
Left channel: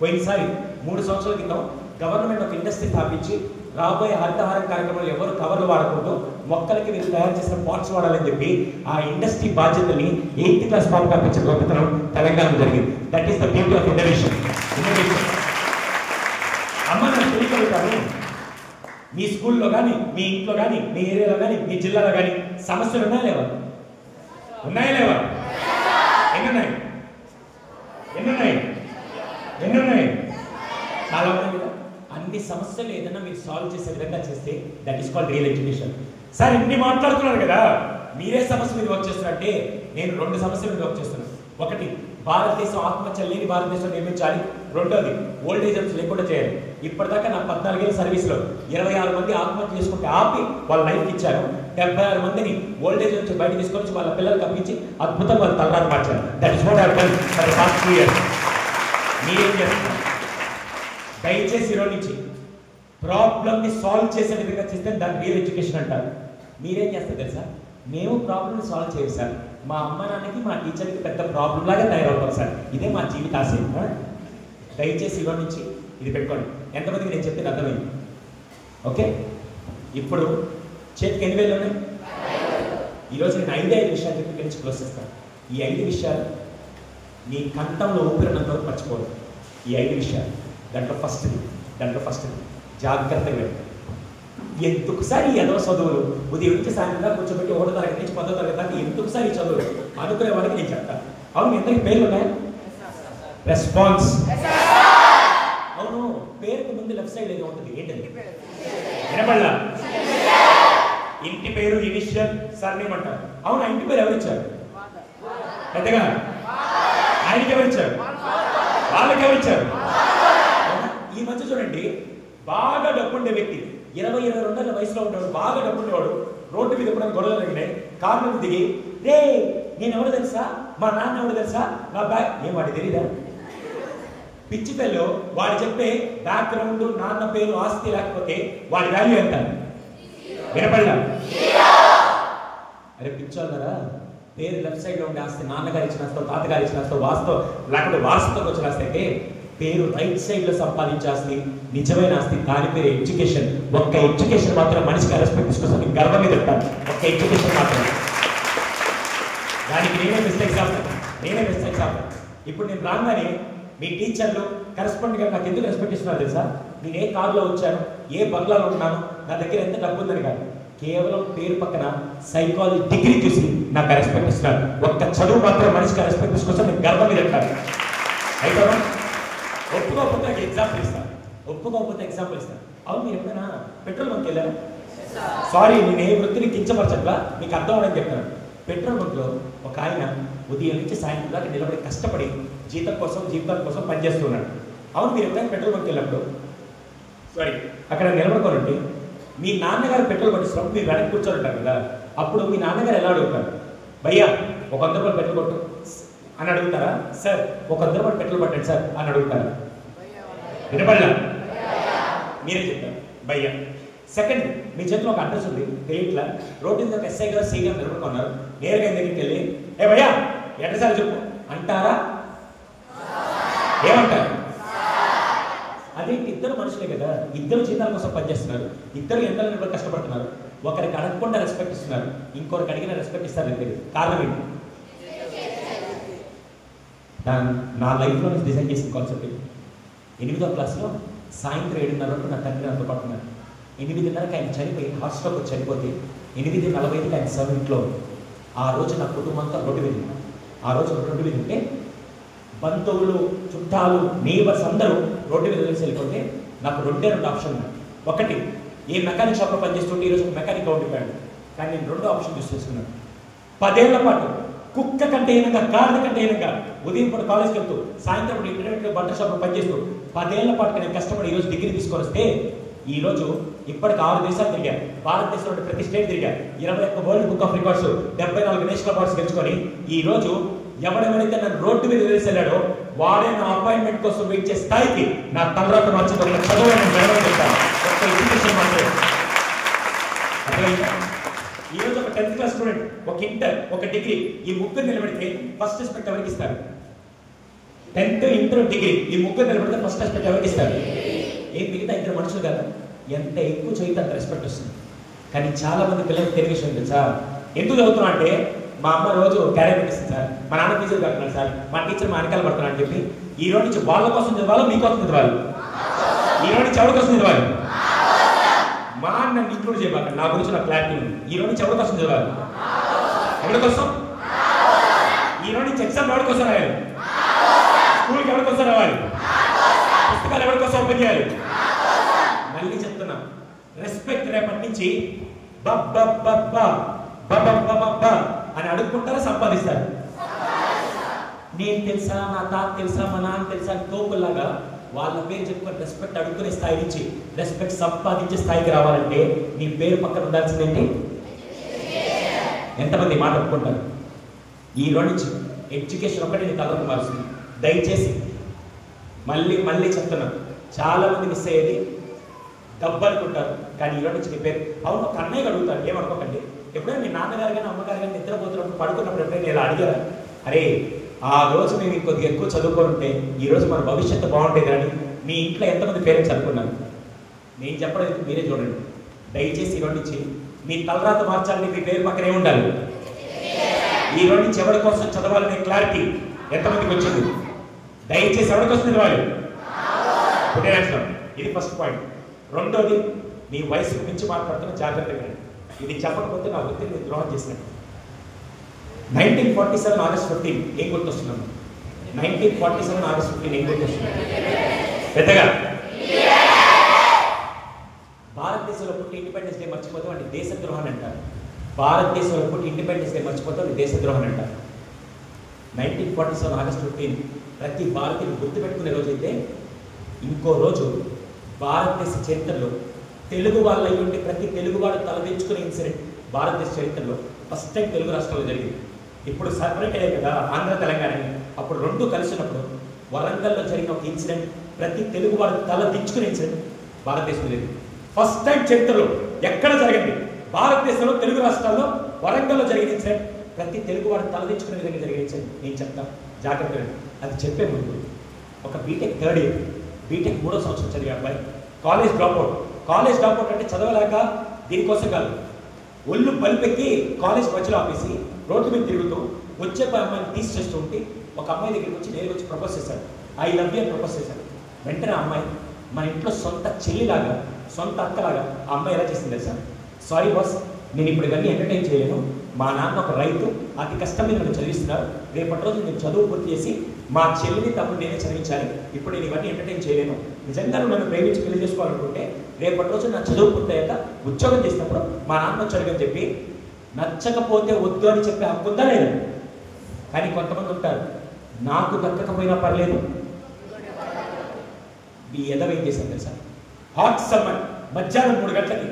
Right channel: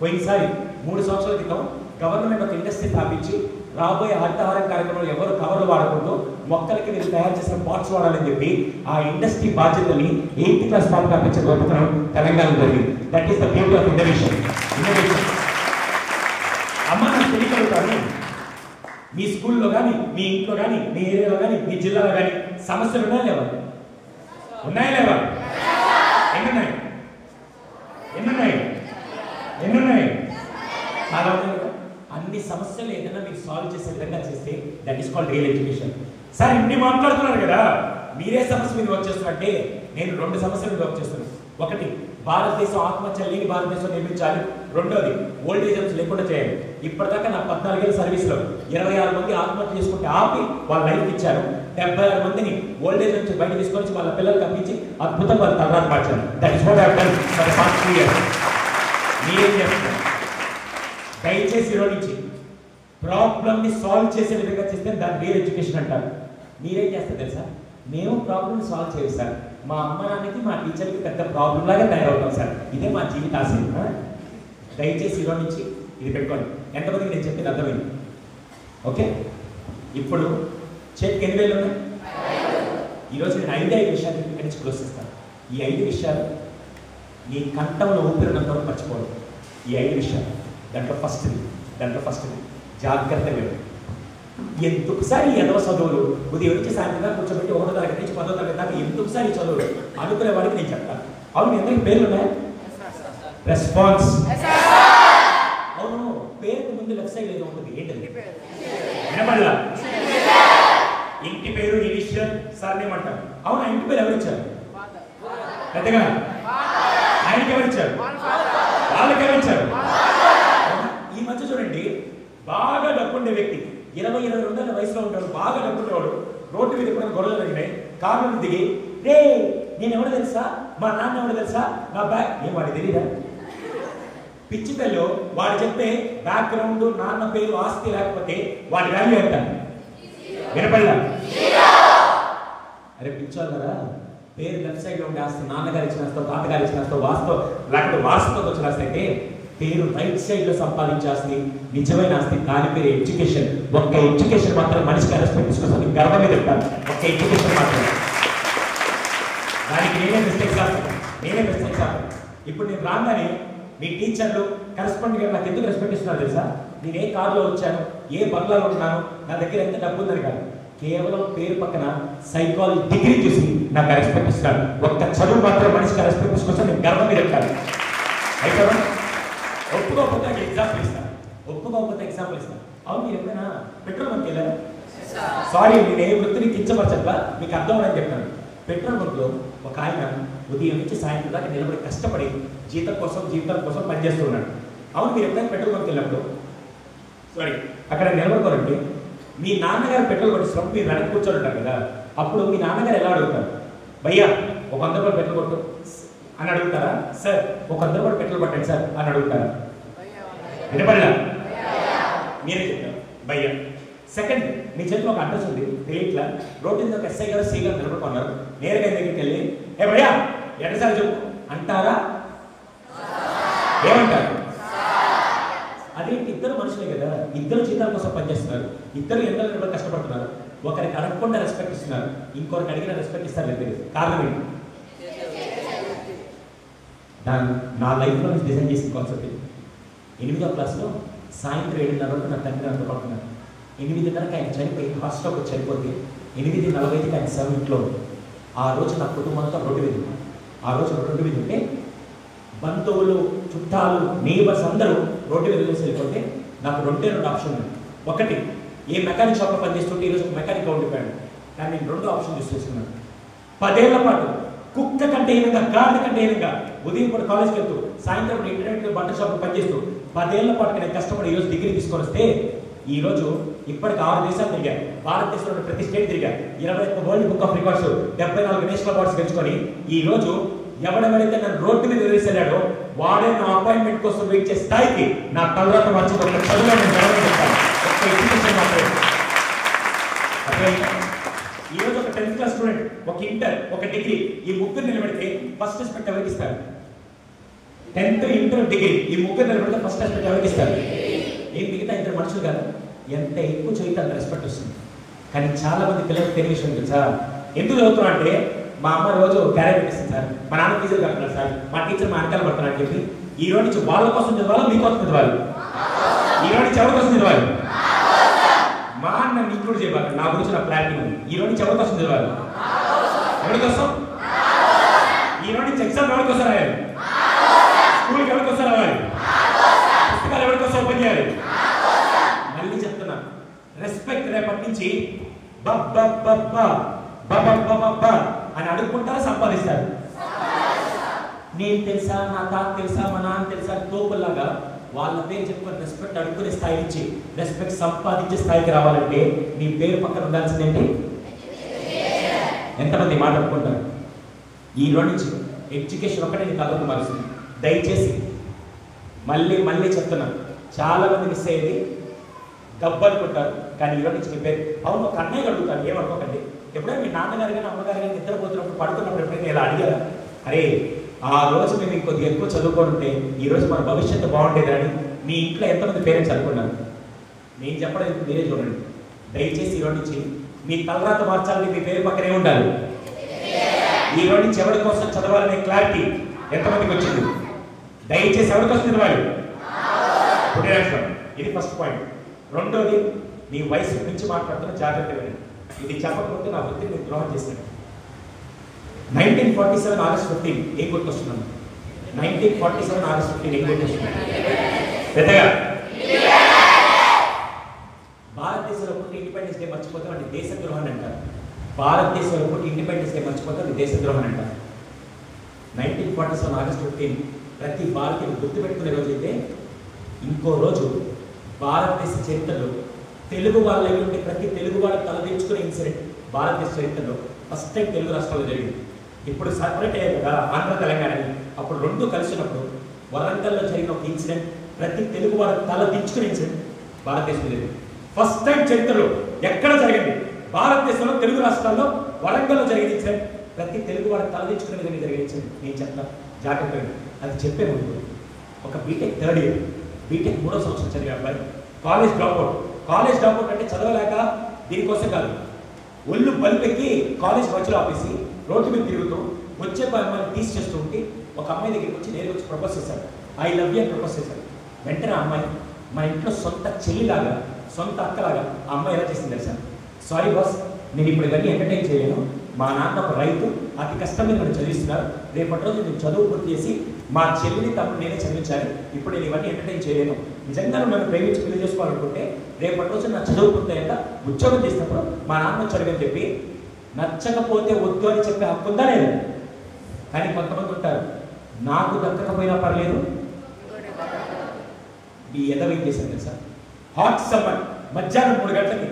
పోయినసారి 3 సంవత్సరాల క్రితం గవర్నమెంట్ ఒక ఇండస్ట్రీ స్థాపించి రాబోయే హరితహారం కార్యక్రమంలో ఎవరు కవర్లు వాడకుండా మొక్కలకి వీళ్ళు తయారు చేసిన పాట్స్ వాడాలని చెప్పి ఆ ఇండస్ట్రీ బాధ్యతని 8th క్లాస్ పాటు పంపించిన గొప్పతనం తెలంగాణ జరిగింది. That is the beauty of innovation. అమ్మ నాకు తెలియగలుగుతాను, మీ స్కూల్లో కానీ, మీ ఇంట్లో కానీ, మీ ఏరియాలో కానీ, మీ జిల్లాలో కానీ సమస్యలు ఉన్నాయా లేవా? ఉన్నాయా లేవా? ఎన్నున్నాయి? ఎన్నున్నాయి? ఎన్నున్నాయి? చాలా ఉన్నాయి. అన్ని సమస్యలు ఏదైనా మీరు సాల్వ్ చేసే విధంగా చేస్తే that is called real education. Sir ఇన్ని మాట్లాడుతున్నారు కదా, మీరే సమస్య మీద వర్క్ చేస్తున్నారంటే నేను 2 సమస్యల మీద వర్క్ చేస్తున్నాను. ఒకటి, భారతదేశం ఆత్మహత్య లేని భారతదేశం నిర్మించాలి. రెండోది ఓల్డేజ్ హోమ్స్ లేకుండా చేయాలి. ఇప్పటిదాకా నా 14 ఏళ్ళ సర్వీస్లో 26 మంది ఆత్మహత్య చేసుకుంటే ఆపి వాళ్ళ లైఫ్ ఇచ్చారు. 76 మందిని ఓల్డేజ్ నుంచి బయట తీసుకొచ్చి వాళ్ళ పిల్లలు పంపించి అద్భుతంగా వాళ్ళ తలరాత మార్చారు. That is what I done for the past 3 years. మీరేం చేస్తున్నారు? దయచేసి ఈరోజు నుంచి ప్రాబ్లమ్ని సాల్వ్ చేసే విధంగా చేస్తే దాన్ని రియల్ ఎడ్యుకేషన్ అంటారు. మీరేం చేస్తారు తెలుసా? మేము ప్రాబ్లమ్ సాల్వ్ చేయాలి సార్. మా అమ్మ నాన్నకి మా టీచర్కి పెద్ద ప్రాబ్లం లాగా తయారవుతాం సార్. ఇదే మా జీవిత ఆశయం. దయచేసి ఈరోజు నుంచి ఇది పెట్టుకోండి. ఎంతమందికి నేను చెప్పింది అర్థమైంది? ఓకే, ఇప్పుడు చేతికి ఎన్ని వేలు ఉన్నాయి? ఈరోజు నేను 5 విషయాలు ఇక్కడి నుంచి క్లోజ్ చేస్తాను. ఈ 5 విషయాలు నీ కంఠంలో ఊపిరినంత వరకు మర్చిపోవడం. ఈ 5 విషయాలు దాంట్లో ఫస్ట్ జాగ్రత్తగా ఎందుకుసారి ఎదవ చదువులు ఉదయం నుంచి సాయంత్రం దాకా కూర్చోబెట్టి 1వ తరగతి నుంచి 10వ తరగతి దాకా ఎందుకుసారి చదువులు అనుకునే వారికి నేను చెప్తాను. అవును, ఎంతకి పేర్లు ఉన్నాయా? రెస్పాన్స్. అవును, పేరుకు ముందు లెఫ్ట్ సైడ్ ఏదో ఉంటుంది. ఏంటది? వినపడలా? ఇంటి పేరు ఇనిషియల్ సర్నేమ్ అంటారు. అవును, ఇంటి పేరు ఎవరిచ్చారు? పెద్దగా ఆయనకి ఎవరిచ్చారు? వాళ్ళకి ఎవరిచ్చారు? ఈ మధ్య చూడండి, బాగా డబ్బుండే వ్యక్తి 20-22 వయసులో ఉంటాడు, బాగా డబ్బున్నవాడు, రోడ్డు మీద కూడా గొడవలు జరిగినాయి, కారు మీద దిగి రే నేను ఎవడో తెలుసా, మా నాన్న ఎవడో తెలుసా, నా బ్యాగ్ ఏం వాడికి తెలీదా? పిచ్చి పిల్లలు వాడు చెప్పే బ్యాక్గ్రౌండ్, నాన్న పేరు, ఆస్తి లేకపోతే వాడి వాల్యూ ఎంత? వినపడలా? అరే పిచ్చోళ్ళరా, పేరు లెఫ్ట్ సైడ్ లో ఉండే ఆస్తి నాన్నగారు ఇచ్చిన ఆస్తో, తాతగారు ఇచ్చిన ఆస్తో, వాస్తో లేకపోతే వారసత్వంతో వచ్చిన ఆస్తి అయితే, పేరు రైట్ సైడ్ లో సంపాదించే ఆస్తి నిజమైన ఆస్తి. దాని పేరు ఎడ్యుకేషన్. ఒక్క ఎడ్యుకేషన్ మాత్రం మనిషికి రెస్పెక్ట్ తీసుకొస్తుంది. గర్వం మీద చెప్తాను, ఒక్క ఎడ్యుకేషన్ మాత్రం. దానికి నేనే మిస్టేక్స్ ఆస్తాను. ఇప్పుడు నేను రాగానే మీ టీచర్లు కరెస్పాండెంట్ గారు నాకు ఎందుకు రెస్పెక్ట్ ఇస్తున్నారు తెలుసా? నేను ఏ కారులో వచ్చాను, ఏ బంగ్లాలో ఉన్నాను, నా దగ్గర ఎంత డబ్బు ఉందని కాదు, కేవలం పేరు పక్కన సైకాలజీ డిగ్రీ చూసి నాకు రెస్పెక్ట్ ఇస్తున్నారు. ఒక్క చదువు మాత్రం మనిషికి రెస్పెక్ట్ తీసుకొచ్చి నేను గర్వం మీద చెప్తాను. అయితే ఒప్పుకోకపోతే ఎగ్జాంపుల్ ఇస్తాను. అవును, మీరు ఎప్పుడైనా పెట్రోల్ బంక్ వెళ్ళారు? సారీ, నేను ఏ వృత్తిని కించపరచట్లా, మీకు అర్థం అని చెప్తాను. పెట్రోల్ బంక్లో ఒక ఆయన ఉదయం నుంచి సాయంత్రం దాకా నిలబడి కష్టపడి జీవితం కోసం పనిచేస్తున్నాడు. అవును, మీరు ఎప్పుడైనా పెట్రోల్ బంక్ వెళ్ళినప్పుడు అక్కడ నిలబడుకోనండి, మీ నాన్నగారు పెట్రోల్ కొట్టిస్తున్నప్పుడు మీరు వెనక్కి కూర్చొని ఉంటారు కదా, అప్పుడు మీ నాన్నగారు ఎలా అడుగుతారు? భయ్యా ఒక 100 రూపాయలు పెట్రోల్ కొట్టు అని అడుగుతారా? సార్ ఒక 100 రూపాయలు పెట్రోల్ కొట్టండి సార్ అని అడుగుతారా? వినపడలా? మీరే చెప్తారు భయ్యా. సెకండ్, మీ చేతిలో ఒక అడ్రస్ ఉంది, తెలియట్లా, రోడ్డు మీద ఒక ఎస్ఐ గారు, సీ గారు నిలబడుకున్నారు. నేరుగా దగ్గరికి వెళ్ళి ఏ భయ్యా అడ్రస్ అని చెప్పు అంటారా? ఏమంటారు? అదే ఇద్దరు మనుషులే కదా, ఇద్దరు జీతాల కోసం పనిచేస్తున్నారు, ఇద్దరు ఎండలు కష్టపడుతున్నారు. ఒకరికి అడగకుండా రెస్పెక్ట్ ఇస్తున్నారు, ఇంకొకరికి అడిగిన రెస్పెక్ట్ ఇస్తారు. లేదు, కారణం ఏంటి? నా లైఫ్లో నేను డిజైన్ చేసిన కాన్సెప్ట్. 8వ క్లాస్లో సాయంత్రం 7:30 నా తండ్రి నాతో పడుతున్నారు. 8:30కి ఆయన చనిపోయి హాస్టల్కి చనిపోతే 8:45కి ఆయన సర్వీంట్లో. ఆ రోజు నా కుటుంబంతో రోడ్డు మీద. ఆ రోజు రోడ్డు మీద ఉంటే బంధువులు, చుట్టాలు, నేబర్స్ అందరూ రోడ్డు మీద వెళ్ళిపోతే నాకు 2 ఆప్షన్ ఉన్నాయి. ఒకటి, ఏ మెకానిక్ షాప్లో పనిచేస్తుంటే ఈరోజు మెకానిక్గా ఉండిపోయాడు. కానీ నేను 2వ ఆప్షన్ తీసుకొస్తున్నాను. 10 ఏళ్ల పాటు కుక్క కంటే హీనంగా, గాడిద కంటే హీనంగా ఉదయం పూట కాలేజ్కి వెళ్తూ, సాయంత్రం ఇంటర్నెట్ బట్టల షాప్లో పనిచేస్తూ 10 ఏళ్ల పాటు నేను కష్టపడి ఈరోజు డిగ్రీ తీసుకొని వస్తే, ఈరోజు ఇప్పటికి 6 దేశాలు తిరిగా, భారతదేశంలో ప్రతి స్టేట్ తిరిగా, 21 world book of records, 74 national awards గెలుచుకొని, ఈరోజు ఎవడెవరైతే నన్ను రోడ్డు మీద వదిలేసాడో వాడే నా అపాయింట్మెంట్ కోసం వెయిట్ చేసే స్థాయికి నా తలరాత మార్చి ఒక చదువు నేను గడవని చెప్తాను. ఒక్క ఎడ్యుకేషన్ మాత్రమే. ఈరోజు ఒక 10th క్లాస్ స్టూడెంట్, ఒక ఇంటర్, ఒక డిగ్రీ, ఈ ముగ్గురు నిలబెడితే ఫస్ట్ రెస్పెక్ట్ ఎవరికి ఇస్తారు? 10th, ఇంటర్, డిగ్రీ ఈ ముగ్గురు నిలబెడితే ఫస్ట్ రెస్పెక్ట్ ఎవరికి ఇస్తారు? ఏం మిగతా ఇద్దరు మనుషులు కాదు. ఎంత ఎక్కువ చదివితే అంత రెస్పెక్ట్ వస్తుంది. కానీ చాలా మంది పిల్లలకు తెలియ విషయం ఉంది సార్. ఎందుకు చదువుతున్నా అంటే, మా అమ్మ రోజు క్యారెట్ పెట్టిస్తుంది సార్, మా నాన్న టీచర్ కడుతున్నాడు సార్, మా టీచర్ మా వెనకాల పడుతున్నాడు అని చెప్పి ఈ రోజు నుంచి వాళ్ళ కోసం చదవాలి, మీకోసం చదవాలి. ఈ రోజు నుంచి ఎవరి కోసం చదవాలి? మా అన్న ఇంక్లూడ్ చేయాలి. నా గురించి నా క్లారిటీ ఉంది. ఈ రోజు నుంచి ఎవరి కోసం చదవాలి? ఎవరి కోసం? ఈ రోజు నుంచి ఎగ్జామ్ ఎవరి కోసం రాయాలి? స్కూల్కి ఎవరి కోసం రావాలి? పుస్తకాలు ఎవరి కోసం ఓపెన్ చేయాలి? మళ్ళీ చెప్తున్నా, రెస్పెక్ట్ రేపటి నుంచి అని అడుక్కుంటారా, సంపాదిస్తారు? నేను తెలుసా, నా తాత తెలుసా, మా నాన్న తెలుసా తోపుల్లాగా వాళ్ళ పేరు చెప్పుకొని రెస్పెక్ట్ అడుగుకునే స్థాయి నుంచి రెస్పెక్ట్ సంపాదించే స్థాయికి రావాలంటే మీ పేరు పక్కన ఉండాల్సిందేంటి? ఎంతమంది మాట ఒప్పుకుంటారు? ఈ రోజు నుంచి ఎడ్యుకేషన్ ఒకటే నీ తలకు మారుస్తుంది. దయచేసి మళ్ళీ మళ్ళీ చెప్తున్నాను, చాలా మంది మిస్ అయ్యేది డబ్బు అనుకుంటారు. కానీ ఈరోజు నుంచి నీ పేరు అవును ఒక అన్నయ్య అడుగుతారు, ఏమనుకోకండి. ఎప్పుడైనా మీ నాన్నగారు కానీ అమ్మగారు కానీ నిద్రపోతున్నప్పుడు పడుకున్నప్పుడు ఎప్పుడైనా ఇలా అడిగారా? అరే ఆ రోజు మేము ఇంకొద్దిగా ఎక్కువ చదువుకొని ఉంటే ఈరోజు మన భవిష్యత్తు బాగుండేది అని మీ ఇంట్లో ఎంతమంది పేరెంట్స్ అనుకున్నారు? నేను చెప్పడం మీరే చూడండి. దయచేసి ఈరోజు నుంచి మీ తలరాత మార్చాలని మీ పేరు పక్కనే ఉండాలి. ఈ రోజు నుంచి ఎవరి కోసం చదవాలనే క్లారిటీ ఎంతమందికి వచ్చింది? దయచేసి ఎవరి కోసం చదవాలి? ఇది ఫస్ట్ పాయింట్. రెండోది, నీ వయసు మించి మాట్లాడుతున్న జాగ్రత్తగా. ఇది చెప్పకపోతే నా వృత్తిని నేను ద్రోహం చేశాను. 1947 ఆగస్ట్ 15 ఏం గుర్తొస్తున్నాను? 1947 ఆగస్ట్ 15 ఏం గుర్తొస్తున్నాను? పెద్దగా భారతదేశంలో పుట్టి ఇండిపెండెన్స్ డే మర్చిపోతాం అంటే దేశద్రోహాన్ని అంటారు. భారతదేశంలో పుట్టి ఇండిపెండెన్స్ డే మర్చిపోతాం అంటే దేశద్రోహం అంటారు. 1947 ఆగస్ట్ 15 ప్రతి భారతీయులు గుర్తుపెట్టుకునే రోజు అయితే ఇంకో రోజు భారతదేశ చరిత్రలో తెలుగు వాళ్ళ ఉంటే ప్రతి తెలుగువాడు తలదించుకునే ఇన్సిడెంట్ భారతదేశ చరిత్రలో ఫస్ట్ టైం తెలుగు రాష్ట్రాల్లో జరిగింది. ఇప్పుడు సపరేట్ అయ్యారు కదా ఆంధ్ర తెలంగాణ, అప్పుడు రెండు కలిసినప్పుడు వరంగల్లో జరిగిన ఒక ఇన్సిడెంట్ ప్రతి తెలుగువాడు తలదించుకునే ఇన్సిడెంట్ భారతదేశంలో జరిగింది. ఫస్ట్ టైం చరిత్రలో ఎక్కడ జరిగింది? భారతదేశంలో తెలుగు రాష్ట్రాల్లో వరంగల్లో జరిగిన ఇన్సిడెంట్ ప్రతి తెలుగువాడు తలదించుకునే జరిగిన ఇన్సిడెంట్ నేను చెప్తాను జాగ్రత్తగా. అది చెప్పే ముందు ఒక బీటెక్ థర్డ్ ఇయర్, బీటెక్ 3వ సంవత్సరం చదివే అబ్బాయి కాలేజ్ డ్రాప్అవుట్ అంటే చదవలేక దీనికోసం కాదు, ఒళ్ళు బల్పెక్కి కాలేజ్ మధ్యలో ఆపేసి రోడ్డు మీద తిరుగుతూ వచ్చే అమ్మాయిని తీసి చేస్తూ ఉంటే ఒక అమ్మాయి దగ్గరికి వచ్చి నేరుగా వచ్చి ప్రపోజ్ చేశాడు. ఐ లవ్ యూ అని ప్రపోజ్ చేశాడు. వెంటనే ఆ అమ్మాయి మన ఇంట్లో సొంత చెల్లిలాగా సొంత అక్కలాగా ఆ అమ్మాయి ఎలా చేసింది తెలుసా? సారీ బాస్, నేను ఇప్పుడు ఇవన్నీ ఎంటర్టైన్ చేయలేను. మా నాన్న ఒక రైతు, అతి కష్టం మీద నన్ను చదివిస్తున్నారు. రేపటి రోజు నేను చదువు పూర్తి చేసి మా చెల్లిని తమ్ముడు నేనే చదివించాలి. ఇప్పుడు నేను ఇవన్నీ ఎంటర్టైన్ చేయలేను. నిజంగా నన్ను ప్రేమించి పెళ్లి చేసుకోవాలనుకుంటే రేపటి రోజు నా చదువు పూర్తయ్యాక ఉద్యోగం చేసినప్పుడు మా నాన్న చదువుని చెప్పి నచ్చకపోతే వద్దు అని చెప్పే హక్కు ఉందా లేదు? కానీ కొంతమంది ఉంటారు, నాకు దక్కకపోయినా పర్లేదు ఈ ఎదవేం చేశాను తెలుసా? హాట్ సమ్మర్ మధ్యాహ్నం 3 గంటలకి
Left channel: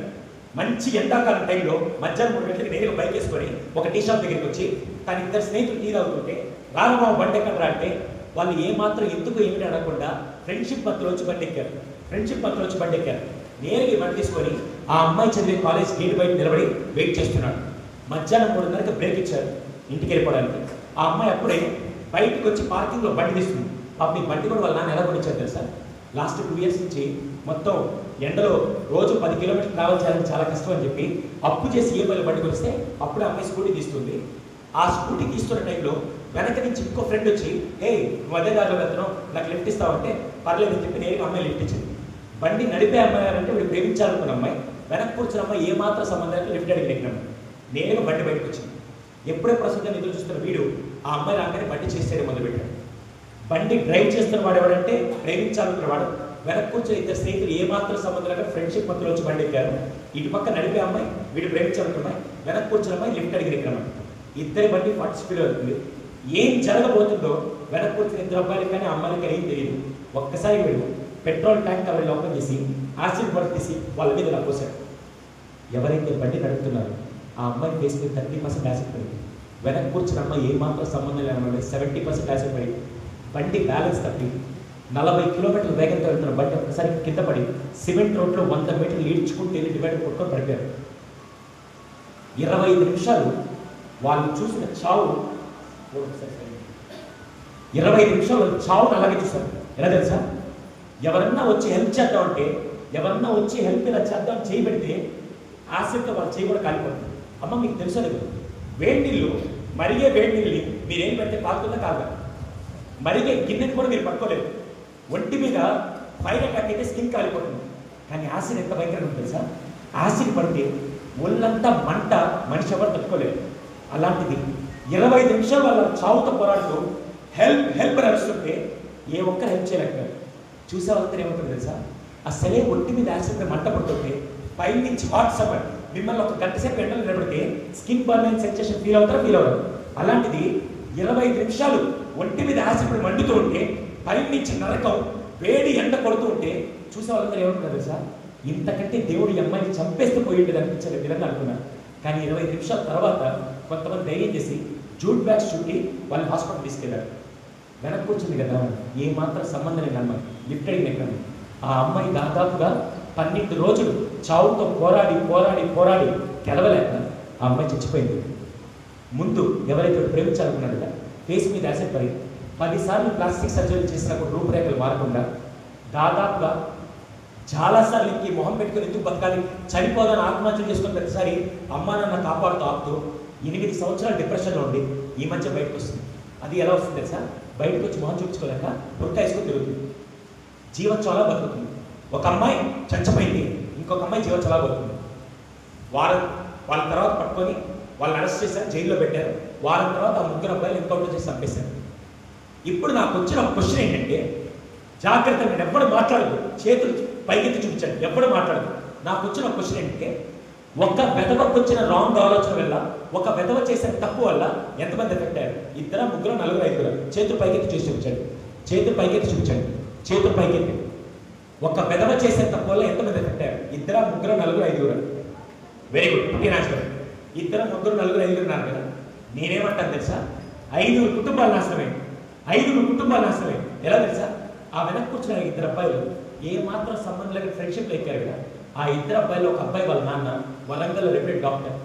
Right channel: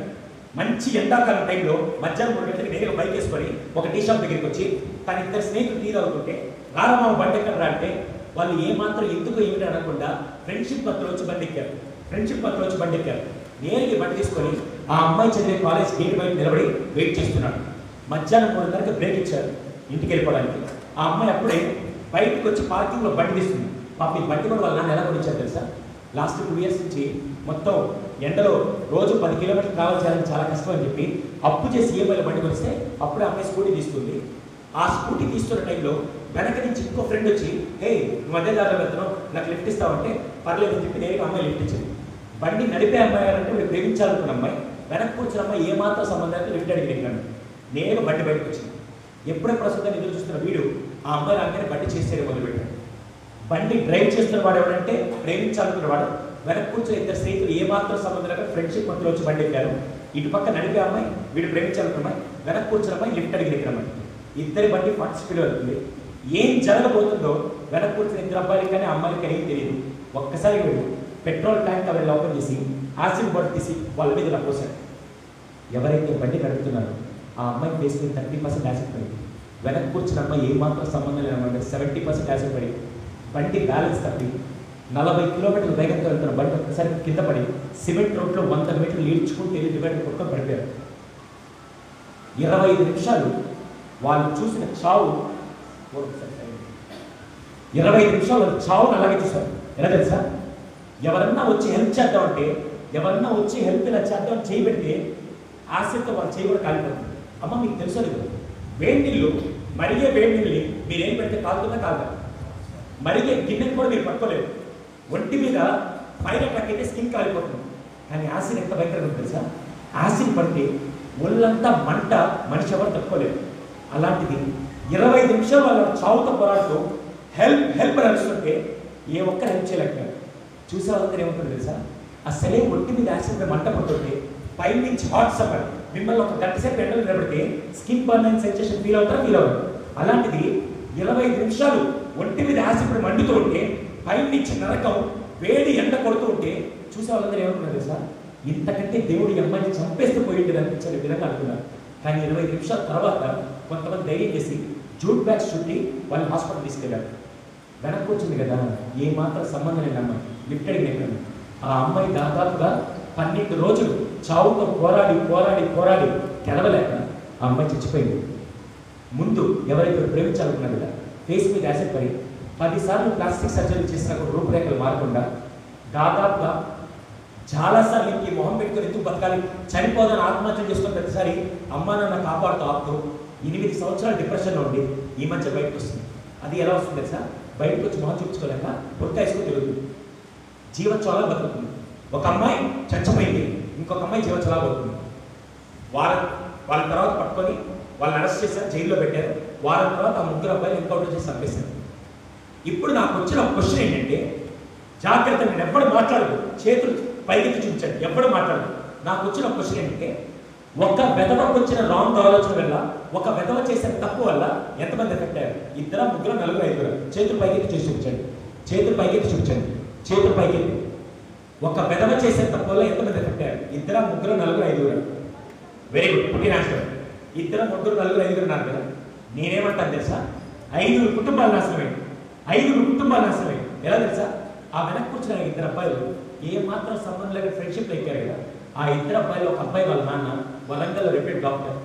మంచి ఎండాకాలం టైంలో మధ్యాహ్నం 3 గంటలకి నేరుగా బైక్ వేసుకొని ఒక టీ షాప్ దగ్గరికి వచ్చి తన ఇద్దరు స్నేహితులు టీ తాగుతుంటే రామమ్మ బండి ఎక్కడ అంటే వాళ్ళు ఏమాత్రం ఎందుకు ఏమిటి అనకుండా ఫ్రెండ్షిప్ మధ్యలో వచ్చి బండి ఎక్కారు. నేరుగా బండి తీసుకొని ఆ అమ్మాయి చదివే కాలేజ్ గేట్ బయట నిలబడి వెయిట్ చేస్తున్నాడు. మధ్యాహ్నం 3:30కి బ్రేక్ ఇచ్చారు ఇంటికి వెళ్ళిపోవడానికి. ఆ అమ్మాయి అప్పుడే బయటకు వచ్చి పార్కింగ్లో బండి తీస్తుంది. పాపం ఈ బండి కూడా వాళ్ళ నాన్న ఎలా కొనిచ్చారు తెలుసా? లాస్ట్ 2 ఇయర్స్ నుంచి మొత్తం ఎండలో రోజు 10 కిలోమీటర్లు ట్రావెల్ చేయాలని చాలా కష్టం అని చెప్పి అప్పు చేసి ఈఎంఐలో బండి కొనిస్తే అప్పుడే అమ్మాయి స్కూటీ తీస్తుంది. ఆ స్కూటీ తీస్తున్న టైంలో వెనక నుంచి ఇంకో ఫ్రెండ్ వచ్చి ఏ నువ్వు అదే దారిలో వెళ్తున్నావు, నాకు లిఫ్ట్ ఇస్తావంటే పర్లేదని చెప్పి నేరుగా అమ్మాయి లిఫ్ట్ ఇచ్చింది. బండి నడిపే అమ్మాయి అంటే వీడు ప్రేమించాలనుకున్న అమ్మాయి, వెనక్కి కూర్చున్న అమ్మాయి ఏమాత్రం సంబంధానికి లిఫ్ట్ అడిగి ఎక్కినాడు. నేరుగా బండి బయటకు వచ్చింది. ఎప్పుడెప్పుడు వస్తుందని ఎదురు చూస్తున్న వీడు ఆ అమ్మాయి అమ్మాయిని బండి చేసేది మొదలుపెట్టాడు. బండి డ్రైవ్ చేస్తున్న వాడు ఎవరంటే ప్రేమించాలనుకున్న వాడు. వెనక్కి కూర్చొని ఇద్దరు స్నేహితులు ఏమాత్రం సంబంధం లేక ఫ్రెండ్షిప్ మధ్యలో వచ్చి బండి ఎక్కారు. ఇటు పక్క నడిపే అమ్మాయి, వీడు ప్రేమించాలనుకున్న అమ్మాయి, వెనక్కి కూర్చున్న అమ్మాయి లిఫ్ట్ అడిగి ఎక్కిన ఇద్దరి బండి 40 స్పీడ్ అవుతుంది. ఏం జరగబోతుందో వెనక్కి కూర్చున్న ఇద్దరు అబ్బాయిలకి కానీ అమ్మాయిలకి కానీ ఏం తెలియదు. ఒక్కసారి వీడు పెట్రోల్ ట్యాంక్ అవన్నీ ఓపెన్ చేసి యాసిడ్ బాటిల్ తీసి వాళ్ళ మీద ఇలా పోసాడు. ఎవరైతే బండి నడుపుతున్నారో ఆ అమ్మాయికి వేసుకుని 30% యాసిడ్ పడింది. వెనక్కి కూర్చున్న అమ్మాయి ఏమాత్రం సంబంధం లేకుండా 70% యాసిడ్ పడి బండి బ్యాలెన్స్ తప్పి 40 కిలోమీటర్ల వేగంతో వెళ్తున్న బండి ఒక్కసారి కింద పడి సిమెంట్ రోడ్లో 100 మీటర్లు ఈడ్చుకుంటూ డివైడర్ కొట్టుకొని పడిపోయారు. 25 నిమిషాలు వాళ్ళు చూసిన చావు, 25 నిమిషాలు చావును అలాగే చూస్తారు. ఎలా తెలుసా? ఎవరన్నా వచ్చి హెల్ప్ చేద్దామంటే, ఎవరన్నా వచ్చి హెల్ప్ ఇలా చేద్దామని చేయి పెడితే ఆసక్తి వాళ్ళు చేయి కూడా కాలిపోతుంది. అమ్మ మీకు తెలుసో లేదు, వేడి నీళ్ళు మరిగే వేడి నీళ్ళని మీరు ఏం పెడితే కాలుతుందా కాదా? మరిగే గిన్నెని కూడా మీరు పట్టుకోలేదు. ఒంటి మీద ఫైర్ అటాక్ అయితే స్కిన్ కాలిపోతుంది. కానీ యాసిడ్ ఎంత భయంకరంగా ఉంటుంది తెలుసా? యాసిడ్ పడితే ఒళ్ళంతా మంట, మనిషి ఎవరు తట్టుకోలేదు. అలాంటిది 25 నిమిషాలు వాళ్ళ చావుతో పోరాడుతూ హెల్ప్ నడుస్తుంటే ఏ ఒక్కరు హెల్ప్ చేయలేకపోయారు. చూసే వాళ్ళంతా ఏమవుతుంది తెలుసా? అసలే ఒంటి మీద యాసిడ్ మంట పడుతుంటే పై నుంచి హాట్ సమ్మర్ మిమ్మల్ని ఒక గంట సేపు ఎండలు నిలబడితే స్కిన్ బర్న్ అయిన సెన్సేషన్ ఫీల్ అవుతారు. అలాంటిది 25 నిమిషాలు ఒంటి మీద యాసిడ్ మండుతూ ఉంటే పైనుంచి నరకం వేడి ఎండ కొడుతూ ఉంటే చూసే వాళ్ళందరూ ఏమంటున్నారు సార్, ఇంతకంటే దేవుడు ఈ అమ్మాయిని చంపేస్తే పోయింది అనిపించే విధంగా అనుకున్నారు. కానీ 25 నిమిషాల తర్వాత కొంతమంది ధైర్యం చేసి జూట్ బ్యాగ్స్ చుట్టి వాళ్ళని హాస్పిటల్ తీసుకెళ్ళారు. వెనక్కి వచ్చింది కదా, ఏ మాత్రం సంబంధం లేని అమ్మాయి లిఫ్ట్ అడిగిన ఆ అమ్మాయి దాదాపుగా 12 రోజులు చావుతో పోరాడి పోరాడి పోరాడి గెలవలేక ఆ అమ్మాయి చచ్చిపోయింది. ముందు ఎవరైతే ప్రేమించాలనుకున్నారు కదా, ఫేస్ మీద యాసిడ్ పడి 10 సార్లు ప్లాస్టిక్ సర్జరీ చేసినప్పుడు రూపురేఖలు మారకుండా దాదాపుగా చాలాసార్లు ఇంక మొహం పెట్టుకుని ఎందుకు బతకాలి, చనిపోదని ఆత్మహత్య చేసుకుని ప్రతిసారి అమ్మ నాన్న కాపాడుతూ ఆపుతూ 8 సంవత్సరాలు డిప్రెషన్లో ఉండి ఈ మధ్య బయటకు వస్తుంది. అది ఎలా వస్తుంది తెలుసా, బయటకు వచ్చి మొహం చూపించుకోలేక బుర్క వేసుకుని తిరుగుతుంది. జీవోత్సవాలా బతుకుతుంది. ఒక అమ్మాయి చచ్చిపోయింది, ఇంకొక అమ్మాయి జీవోత్సవాలా బతుకుతుంది. వాళ్ళ తర్వాత పట్టుకొని వాళ్ళని అరెస్ట్ చేశారు, జైల్లో పెట్టారు. వారం తర్వాత ఆ 3 అబ్బాయిలు ఎన్కౌంటర్ చేసి చంపేశారు. ఇప్పుడు నాకు వచ్చిన క్వశ్చన్ ఏంటంటే, జాగ్రత్త, నేను ఎప్పుడు మాట్లాడదు, చేతులు పైకెత్తి చూపించండి, ఎప్పుడు మాట్లాడదు. నాకు వచ్చిన క్వశ్చన్ ఏంటంటే, ఒక వెధవకు వచ్చిన రాంగ్ ఆలోచన వల్ల, ఒక వెధవ చేసిన తప్పు వల్ల ఎంతమంది ఎఫెక్టారు? 2, 3, 4, 5. చేతులు పైకెత్తి చూసి చూపించండి, చేతులు పైకెత్తి చూపించండి, చేతులు పైకెత్తి. ఒక వెధవ చేసిన తప్పు వల్ల ఎంతమంది ఎఫెక్టారు? 2, 3, 4, 5. వెరీ గుడ్, ఓకే నాశనం. 2, 3, 4, 5 ఉన్నారు కదా. నేనేమంటాను తెలుసా, 5 కుటుంబాలు నాశనమైంది. 5 కుటుంబాలు నాశనమైంది. ఎలా తెలుసా, ఆ వెనక్కి వచ్చిన 2 అబ్బాయిలు ఏ మాత్రం సంబంధం లేక ఫ్రెండ్షిప్ ఎక్కారు కదా. ఆ 2 అబ్బాయిలు, ఒక అబ్బాయి వాళ్ళ నాన్న వరంగల్ రెప్యూటెడ్ డాక్టర్.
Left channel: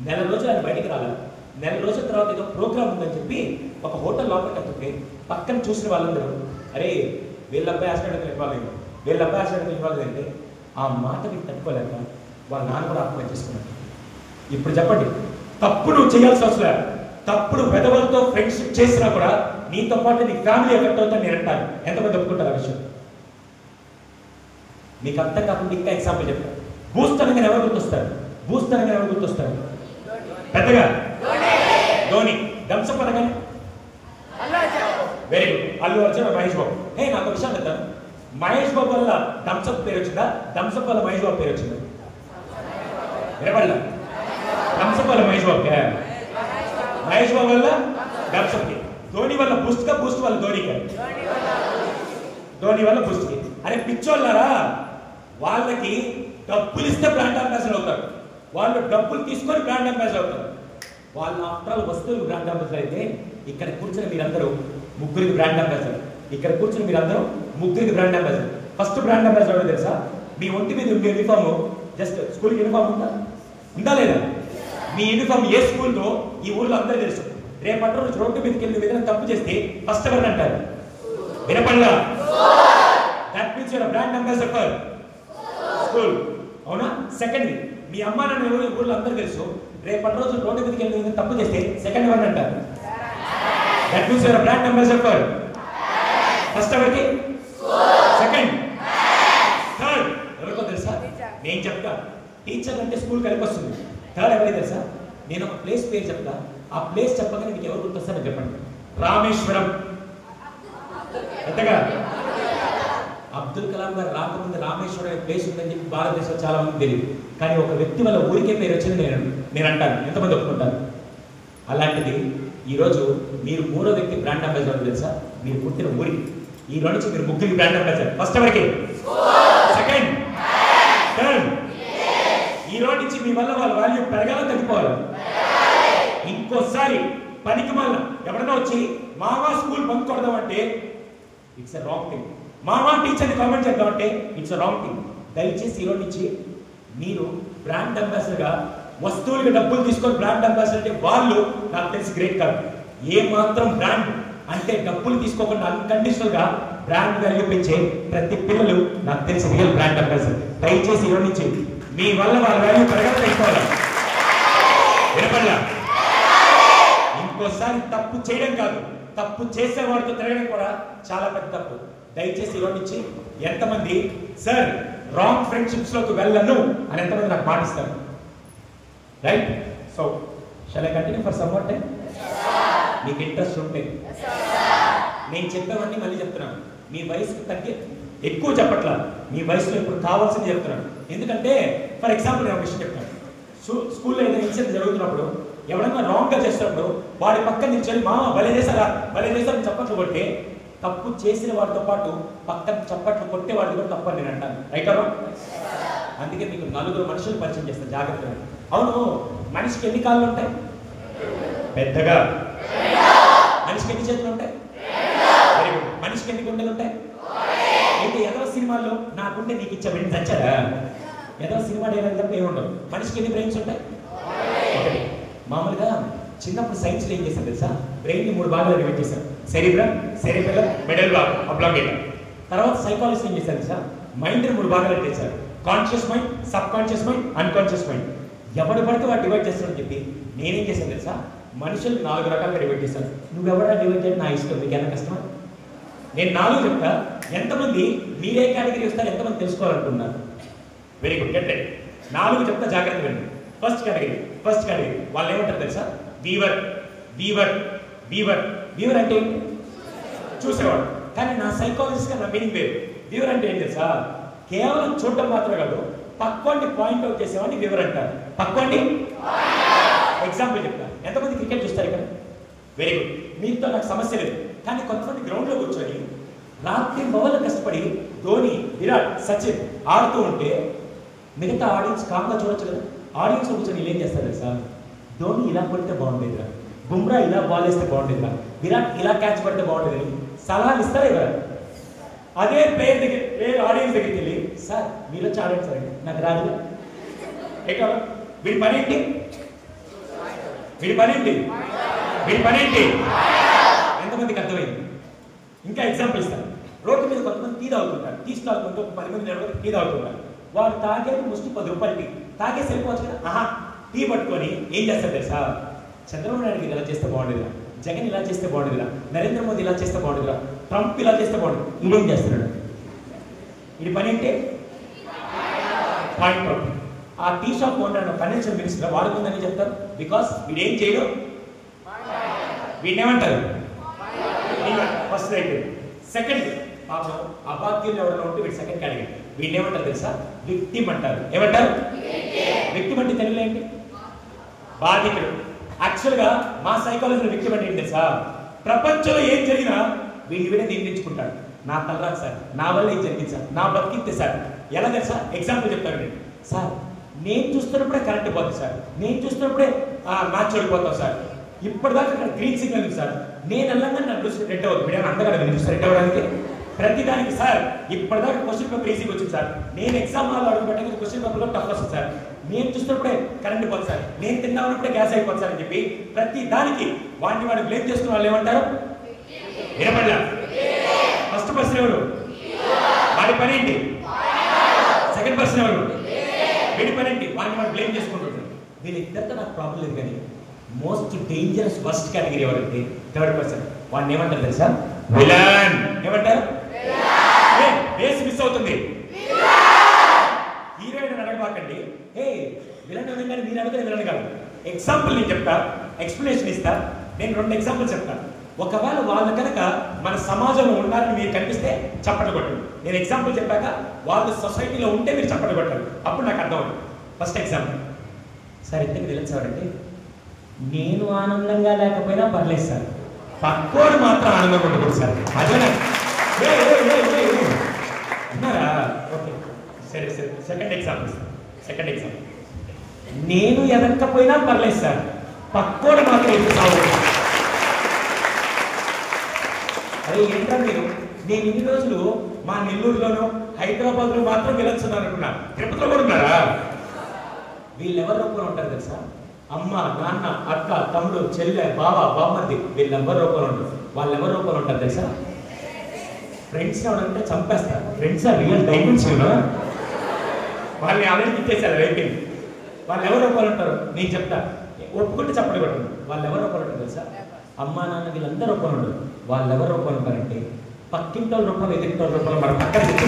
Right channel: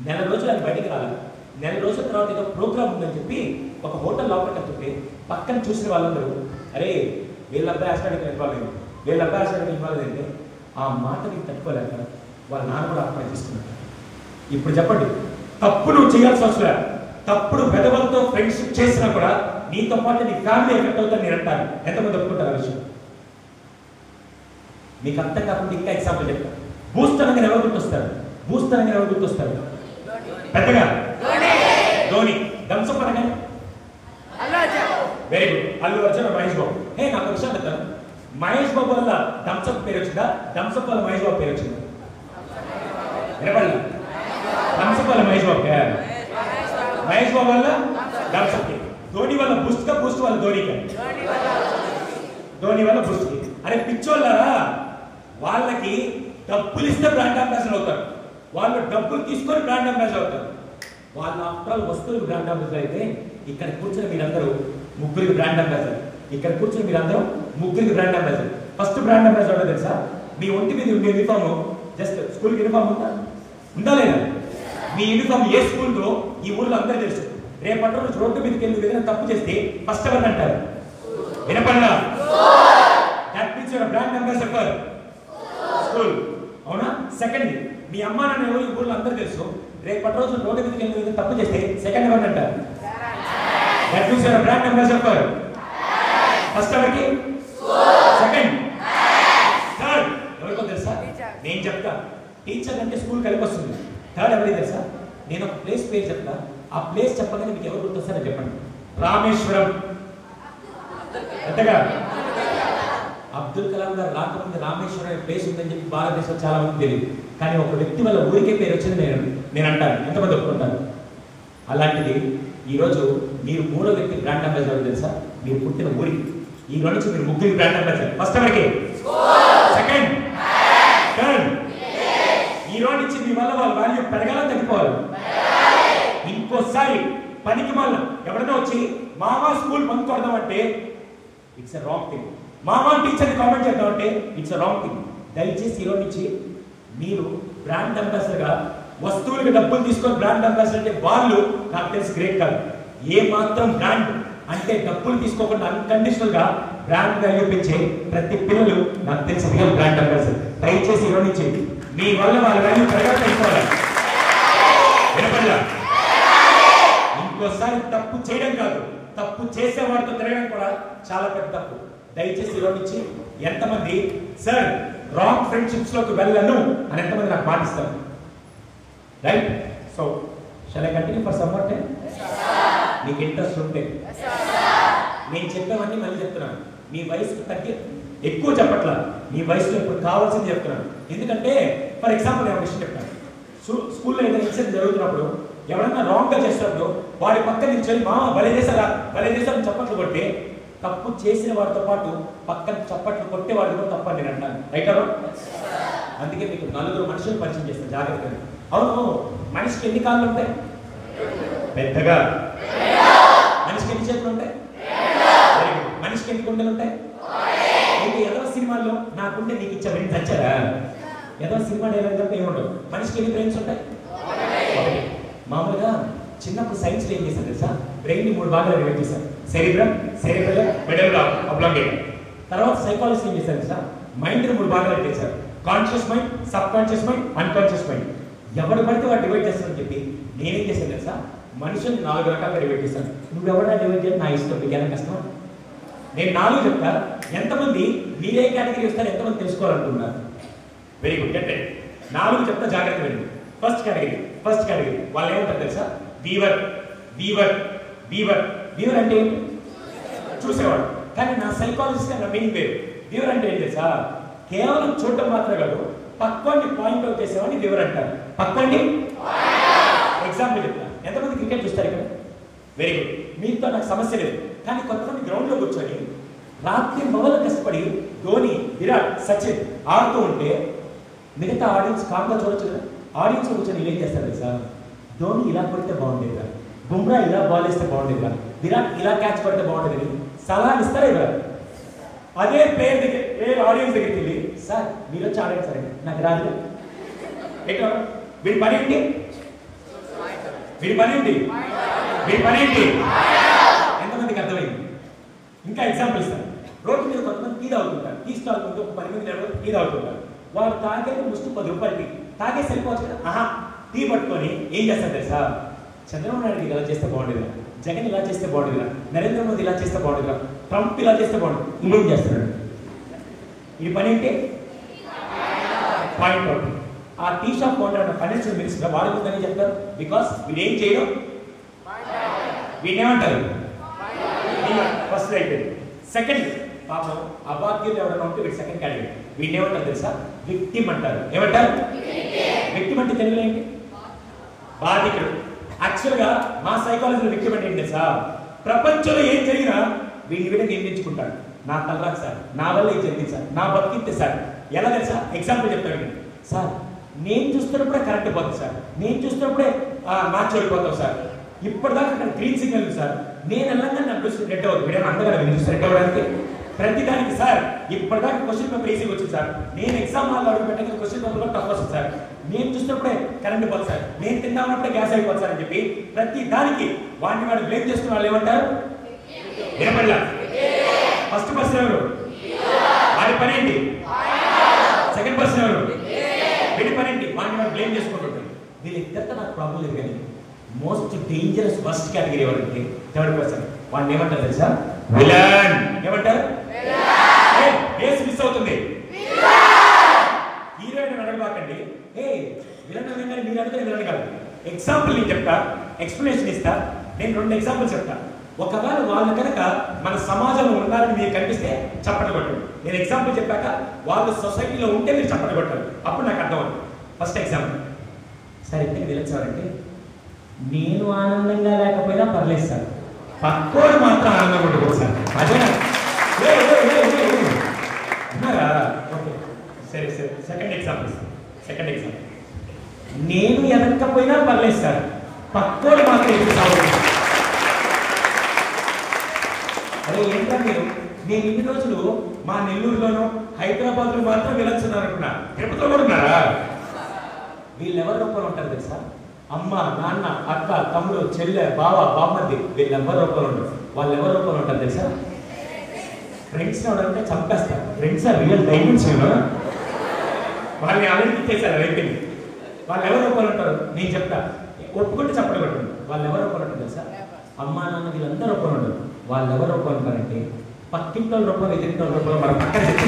1 నెల రోజులు ఆయన బయటికి రాలేదు. 1 నెల రోజుల తర్వాత ఏదో ప్రోగ్రామ్ ఉందని చెప్పి ఒక హోటల్ లోపలికి వెళ్తుంటే పక్కన చూసిన వాళ్ళందరూ, అరే వీళ్ళ అబ్బాయి హాస్పిటల్కి ఇవ్వాలేదు, వీళ్ళ అబ్బాయి హాస్పిటల్కి ఇవ్వాలి అంటే ఆ మాట మీకు తట్టుకోలేక వాళ్ళ నాన్న కూడా ఆత్మహత్య చేసుకున్నారు. ఇప్పుడు చెప్పండి, తప్పు నువ్వు చేయాల్సిన అవసరం, తప్పుడు పెదవులతో ఫ్రెండ్షిప్ చేసినా కూడా నీతో పాటు నీ ఫ్యామిలీ ఎఫెక్ట్ అవుతుంది నేను అంటాను. ఎంతమంది ఒప్పుకుంటారు ఆ విషయం? మీకు అర్థం కాకుండా ఇంకా ఎగ్జాంపుల్ చెప్తాను. భూస్థానంగా ఎవరు గుర్తొస్తారు? భూస్థానంగా ఎవరు గుర్తొస్తారు? పెద్దగా ధోని. థమ్సప్ అనగా వెరీ గుడ్, అల్లు అర్జున్, మహేష్ బాబు. నాకు విషయం చెప్తాను, మహేష్ బాబు వల్ల థమ్సప్ పేరు వచ్చిందా, థమ్సప్ వల్ల మహేష్ బాబు పేరు వచ్చిందా? వినపడలా? థమ్సప్ వల్ల మహేష్ బాబు, మహేష్ బాబు వల్ల థమ్సప్, ధోని వల్ల బూస్ట్, బూస్ట్ వల్ల ధోనికి, ధోని వల్ల బూస్ట్. అరే పిచ్చోళ్ళారా, వాళ్ళకి డబ్బులు ఇస్తే బ్రాండ్ అంబాసిడర్ అవుతారు, వాళ్ళు డబ్బులు తీసుకొని బ్రాండ్ అంబాసిడర్ అవుతారు. వాళ్ళ ఆఫ్టర్ వస్తువులు బ్రాండ్ అంబాసిడర్ అయితే ఇక్కడ కూర్చుని మీరందరూ 3కి బ్రాండ్ అంబాసిడర్, ఇక్కడ కూర్చుని మీరందరూ 3కి brand ambassador. First brand ambassador తెలుసా? మీ ఒంటి మీద ఉండే యూనిఫామ్, జస్ట్ స్కూల్ యూనిఫామ్ ఉందా లేదా? మీ యూనిఫామ్ ఏ స్కూల్లో ఈ ఊర్లో అందరూ తెలుసు. రేపటి రోజు రోడ్డు మీదకి వెళ్ళి ఏదైనా తప్పు చేస్తే ఫస్ట్ ఎవరు అంటారు? వినపడలా? That means your brand ambassador for school. అవునా? సెకండ్, మీ అమ్మ నాన్న ఈ ఊర్లో అందరూ తెలుసు. రేపటి రోజు రోడ్డు మీదకి వెళ్ళి ఏదైనా తప్పు చేస్తే సెకండ్ ఎవరు అంటారు? That means your brand ambassador for first ఎవరికి? సెకండ్, థర్డ్ ఎవరికో తెలుసా? నేను చెప్తా, టీచర్ అంటే స్కూల్ కలిపి వస్తుంది. థర్డ్ ఎవరికి తెలుసా? నేను ఒక ప్లేస్ పేరు చెప్తా, ఆ ప్లేస్ చెప్పగానే మీకు ఎవరు గుర్తొస్తారో చెప్పండి. రామేశ్వరం. ఎంతగా అబ్దుల్ కలాం గారు రాకముందు రామేశ్వరం అనే ప్లేస్ ఉందని చెప్పి భారతదేశంలో చాలా మంది తెలియదు. కానీ ఒక వ్యక్తి వల్ల ఊరికే పేరు వచ్చింది నేను అంటాను. ఎంతమంది ఒప్పుకుంటారు? అలాంటిది ఈరోజు మీరు 3వ వ్యక్తి బ్రాండ్ అంబాసిడర్ తెలుసా? మీరు పుట్టిన ఊరికి. ఈ రోజు నుంచి మీరు 3కి బ్రాండ్ అంబాసిడర్. ఫస్ట్ ఎవరికి? Second, third. ఈ రోజు నుంచి మీ వల్ల వాళ్ళ వాల్యూ పెరగాలని తగ్గిపోవాలి. ఇంకోసారి పనికి మళ్ళీ ఎవరైనా వచ్చి మామా స్కూల్ బంక్ కొడదామంటే ఇట్స్ ఎ రాంగ్ థింగ్. మామా టీచర్ని కామెంట్ చేద్దామంటే ఇట్స్ ఎ రాంగ్ థింగ్. దయచేసి ఈరోజు నుంచి మీరు బ్రాండ్ అంబాసిడర్గా వస్తువులకి డబ్బులు తీసుకొని బ్రాండ్ అంబాసిడర్ అంటే వాళ్ళు నాకు తెలిసి గ్రేట్ కాదు. ఏ మాత్రం బ్రాండ్ అంటే డబ్బులు తీసుకోకుండా అన్కండిషనల్ గా బ్రాండ్ వాల్యూ పెంచే ప్రతి పిల్లలు నాకు తెలిసి రియల్ బ్రాండ్ అంబాసిడర్. దయచేసి ఈరోజు నుంచి మీ వల్ల వాళ్ళ వాల్యూ పెరగకపోవాలి. ఇంకోసారి తప్పు చేయడం కాదు, తప్పు చేసేవాడితో తిరగడం కూడా చాలా పెద్ద తప్పు. దయచేసి ఈరోజు నుంచి ఎంతమంది సార్ రాంగ్ ఫ్రెండ్షిప్స్ లోకి వెళ్ళను అని ఎంతమంది నాకు మాటిస్తారు? Right? So shall I continue for some more time? మీకు ఇంట్రెస్ట్ ఉంటే నేను చెప్పేవన్నీ మళ్ళీ చెప్తున్నాను. మీ వయసుకు తగ్గి ఎక్కువ చెప్పట్లా, మీ వయసులో ఇప్పుడు కావాల్సింది చెప్తున్నాను. ఎందుకంటే ఫర్ ఎగ్జాంపుల్ నేను విషయం చెప్తాను. స్కూల్లో ఏదైనా ఇన్సిడెంట్ జరుగుతున్నప్పుడు ఎవరన్నా రాంగ్ గా చేసినప్పుడు వాడి పక్కన నిల్చొని మా భలే చేశారని చప్పట్లు కొట్టే, తప్పు చేసిన వాడితో పాటు పక్కన చప్పట్లు కొట్టే వాడిని కూడా తప్పని నేను అంటాను. Right hour? అందుకే మీకు 4 మనుషులు పరిచయం చేస్తాను జాగ్రత్తగా. అవును, మనిషికి ఎన్ని కాళ్ళు ఉంటాయి? పెద్దగా. మనిషికి ఎన్ని చేతులు ఉంటాయి? Very good. మనిషికి ఎన్ని గుండెలు ఉంటాయి? అయితే ఏదో సినిమాల్లో నాకుంటే నీకు ఇచ్చా బ్రెయిన్స్ వచ్చారా? ఏదో సినిమా డైలాగ్ తప్ప ఏముండవు. మనిషికి ఎన్ని బ్రెయిన్స్ ఉంటాయి? మామూలుగా చిన్నప్పుడు సైన్స్లో ఏం చేశారు తెలుసా? బ్రెయిన్ని 3 భాగాలు డివైడ్ చేశారు. Cerebrum, cerebellum, medulla, oblongata. తర్వాత సైకాలజీ ఏం చేశారు తెలుసా? మైండ్ని 3 భాగాలు చేశారు. Conscious mind, subconscious mind, unconscious mind. ఎవరు పడితే వాడు డివైడ్ చేస్తారని చెప్పి నేనేం చేశాను తెలుసా? మనుషులు 4 రకాలుగా డివైడ్ చేశాను. నువ్వెవరా డివైడ్ చేయడం నా ఇష్టం, మీకు ఎంత కష్టమా? నేను 4 చెప్తా. ఎంతమంది మీరే కేటగిరీ వస్తారు, ఎంతమంది తెలుసుకోవాలనుకున్నారు? Very good. Get it. 4 చెప్తా, జాగ్రత్త వినండి. ఫస్ట్ కేటగిరీ వాళ్ళు ఏమంటారు తెలుసా? వీవర్ అంటే ఏంటి? చూసేవాడు. కానీ నా సైకాలజిస్ట్ గా నా మీనింగ్ వేరు. వీవర్ అంటే ఏంటి తెలుసా? కేవలం చూడటం మాత్రమే కాదు, పక్వాన్ని పాయింట్ అవుట్ చేసేవాడిని వీవర్ అంటారు. పక్వాన్ని ఎగ్జాంపుల్ చెప్తాను. ఎంతమంది క్రికెట్ చూస్తారు ఇక్కడ? Very good. మీతో నాకు సమస్య లేదు. కానీ కొంతమంది గ్రౌండ్ లో కూర్చొని రాత్రి మొదలు కష్టపడి ధోని, విరాట్, సచిన్ ఆడుతూ ఉంటే మిగతా ఆడియన్స్ కామ్గా చూడొచ్చు కదా. ఆడియన్స్ కూర్చొని వీళ్ళు ఏం చేస్తారు తెలుసా? ధోని ఇలా కొడితే బాగుండేదిరా, బుమ్రా ఇలా బాల్ వేస్తే బాగుండేదిరా, విరాట్ ఇలా క్యాచ్ పడితే బాగుండేది సలహాలు ఇస్తారే కదా. అదే ప్లేయర్ ఆడియన్స్ దగ్గరికి వెళ్ళి, సార్ మీరు వచ్చి ఆడండి సార్, నాకు రాదు. వీడి పని ఏంటి? ఎంతమందికి అర్థమైంది? ఇంకా ఎగ్జాంపుల్ ఇస్తాను. రోడ్డు మీద కొంతమంది టీ తాగుతుంటారు. టీ స్టాల్ కొంత 10 మంది టీ తాగుతుంటారు. వాళ్ళు తాగేది ముష్టి 10 రూపాయలు టీ తాగేసి వెళ్ళిపోవచ్చు కదా. టీ పట్టుకొని ఏం చేస్తారు తెలుసా? చంద్రబాబు నాయుడు ఇలా చేస్తే బాగుండేదిరా, జగన్ ఇలా చేస్తే బాగుండేదిరా, నరేంద్ర మోదీ ఇలా చేస్తే బాగుండేదిరా, ట్రంప్ ఇలా చేస్తే బాగుండదు. ఇంకేం చేస్తున్నాడు? ఈ పని ఏంటి? Point out. ఆ tea shop owner financial minister వాడుకుందని చెప్తారు. బికాస్ వీడేం చేయడు, వీడేమంటారు? First right. సెకండ్, పాపం అభాగ్యులు ఎవరైనా ఉంటే వీడు సెకండ్ కేటగిరీ. వీడేమంటారు తెలుసా? విక్టిమ్ అంటారు. ఏమంటారు? విక్టిమ్ అంటే తెలుగులో ఏంటి? బాధితుడు. యాక్చువల్గా మా సైకాలజీలో విక్టిమ్ అంటే ఏంటి తెలుసా? ప్రపంచంలో ఏం జరిగినా వీడిని వీడే నిర్ణయించుకుంటాడు. నా తలరాకు సార్, నా వల్ల ఏం జరిగింది సార్, నా బతికితే సార్. ఎలా తెలుసా? ఎగ్జాంపుల్ చెప్తాను సార్. నేను చూస్తున్నప్పుడే కరెంట్ పోతుంది సార్, నేను చూస్తున్నప్పుడే మ్యాచ్ ఓడిపోతాం సార్, ఇప్పటిదాకా అక్కడ గ్రీన్ సిగ్నల్ ఉంది సార్, నేను వెళ్ళంగా నన్ను చూసి రెడ్ అవ్వదు. వీడేమో అందగా చూస్తే రెడ్ అవ్వడానికి ప్రతిదానికి సార్ ఇప్పటిదాకా క్వశ్చన్ పేపర్ ఈజీగా వచ్చింది సార్, నేను ఎగ్జామ్ హాల్లో అడుగు పెట్టాక క్వశ్చన్ పేపర్ లో టఫ్ వస్తుంది సార్, నేను చూస్తున్నప్పుడే కరెంట్ పోతుంది సార్, నేను తిన్నామంటే గ్యాస్ అయిపోతుంది సార్ అని చెప్పి ప్రతి దానికి వాడిని బ్లేమ్ చేసుకున్న వాళ్ళు ఏమంటారు? వినపడలా? ఫస్ట్ పర్సన్ ఎవరు? వాడి పని ఏంటి? సెకండ్ పర్సన్ ఎవరు? వీడి పని ఏంటి? వాడిని బ్లేమ్ చేసుకుంటుంటారు. వీళ్ళిద్దరితో నాకు ప్రాబ్లం లేదు. కానీ మోస్ట్ డేంజరస్ ఫస్ట్ కేటగిరీ ఎవరంటే థర్డ్ పర్సన్. వాడిని ఏమంటారు తెలుసా? విలన్. ఏమంటారు? బేస్ మిస్ అవుతుంది. హీరోయిన్ అడగబాకండి. విలన్ అడగండి, మీరు అడిగితే విలన్ కాదు. ఎగ్జాంపుల్ నేను చెప్తా, ఎక్స్ప్లెనేషన్ ఇస్తా. నేను 2 ఎగ్జాంపుల్ చెప్తా. ఒకవేళ వాళ్ళు కనుక మన సమాజంలో ఉన్నారని మీరు కనిపిస్తే చప్పట కొట్టండి. నేను ఎగ్జాంపుల్ చెప్పాక వాళ్ళు సొసైటీలో ఉంటే మీరు చప్పట కొట్టాలి. అప్పుడు నాకు అర్థం అవుతుంది. ఫస్ట్ ఎగ్జాంపుల్ సార్, ఇద్దరు విలన్స్ ఎవరంటే నేను ఆనందంగా లేకపోయినా పర్లేదు సార్, పక్కోడు మాత్రం ఆనందంగా ఉంటుంది సార్. అదేనా? ఉన్నారా? ఓకే, సరే. సెకండ్ ఎగ్జాంపుల్ నేను ఎదక్కపోయినా పర్లేదు సార్, పక్కోడు మాత్రం ఎదురు సాగుతుంది. అదే ఏంటో మీరు, నేను ఇన్ని రోజులు మా నెల్లూరులోనూ హైదరాబాద్లో మాత్రం విలన్స్ ఉన్నారంటున్నా, తిరుపతిలో కూడా ఉన్నారా? వీళ్ళు ఎవరి రూపంలో ఉంటారు తెలుసా? అమ్మ, నాన్న, అక్క, తమ్ముడు, చెల్లె, బావ, బామ్మర్ది, వీళ్ళెవరి రూపంలో ఉంటారు. వాళ్ళు ఎవరి రూపంలో ఉంటారు తెలుసా? ఫ్రెండ్స్ ఎవరంటే చంపేస్తారు. Friends real diamonds. వాళ్ళని ఆల్రెడీ ఇచ్చేసారు, అయిపోయింది. వాళ్ళు ఎవరు రూపాయలు ఉంటారు నేను చెప్తా, ఒప్పుకుంటే చెప్పడం పెట్టండి. వాళ్ళు ఎవరు రూపాయలు ఉంటారు తెలుసా? అమ్మా, నాన్న, వీళ్ళందరూ రూపాయలు ఉంటారు. వాళ్ళు ఎవరు రూపాయలు ఉంటారంటే పక్కింటి వాళ్ళ రూపాయలు, ఎదింటి వాళ్ళ రూపాయలు. మన పక్కన చెప్తే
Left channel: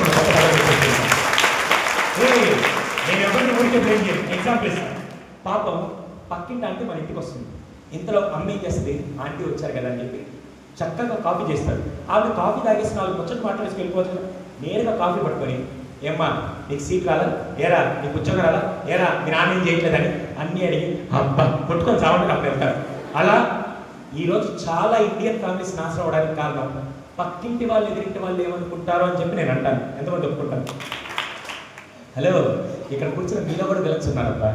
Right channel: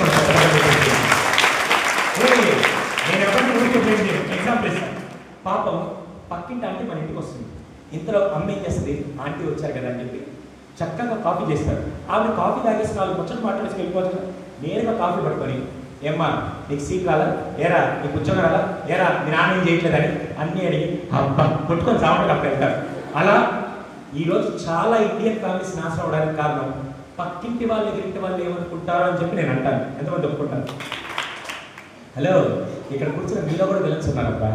నేను ఎవరిని ఊరికే బ్లేమ్ చేయను. ఎగ్జాంపుల్ ఇస్తాను. పాపం పక్కింటి ఆంటీ మన ఇంటికి వస్తుంది. ఇంతలో అమ్మ ఏం చేస్తుంది? ఆంటీ వచ్చారు కదా అని చెప్పి చక్కగా కాఫీ చేస్తారు. ఆవిడ కాఫీ తాగేసి 4 ముచ్చట్లు మాట్లాడేసి వెళ్ళిపోతుంది. నేరుగా కాఫీ పట్టుకొని, ఏమ్మా నీకు సీట్ రాదా, ఏరా నీకు ఉద్యోగం రాదా, ఏరా మీ నాన్న ఏం చేయట్లేదని అన్నీ అడిగి అబ్బా కొట్టుకొని సామాన్లు అక్కడ వెళ్తారు. అలా ఈరోజు చాలా ఇండియన్ ఫ్యామిలీస్ నాశనం అవడానికి కారణం పక్కింటి వాళ్ళు ఎదురింటి వాళ్ళు ఏమనుకుంటారో అని చెప్పి నేను అంటాను. ఎంతమంది ఒప్పుకుంటాను? హలో, ఇక్కడ కూర్చున్న మీలో కూడా విలన్స్ ఉన్నారబ్బా.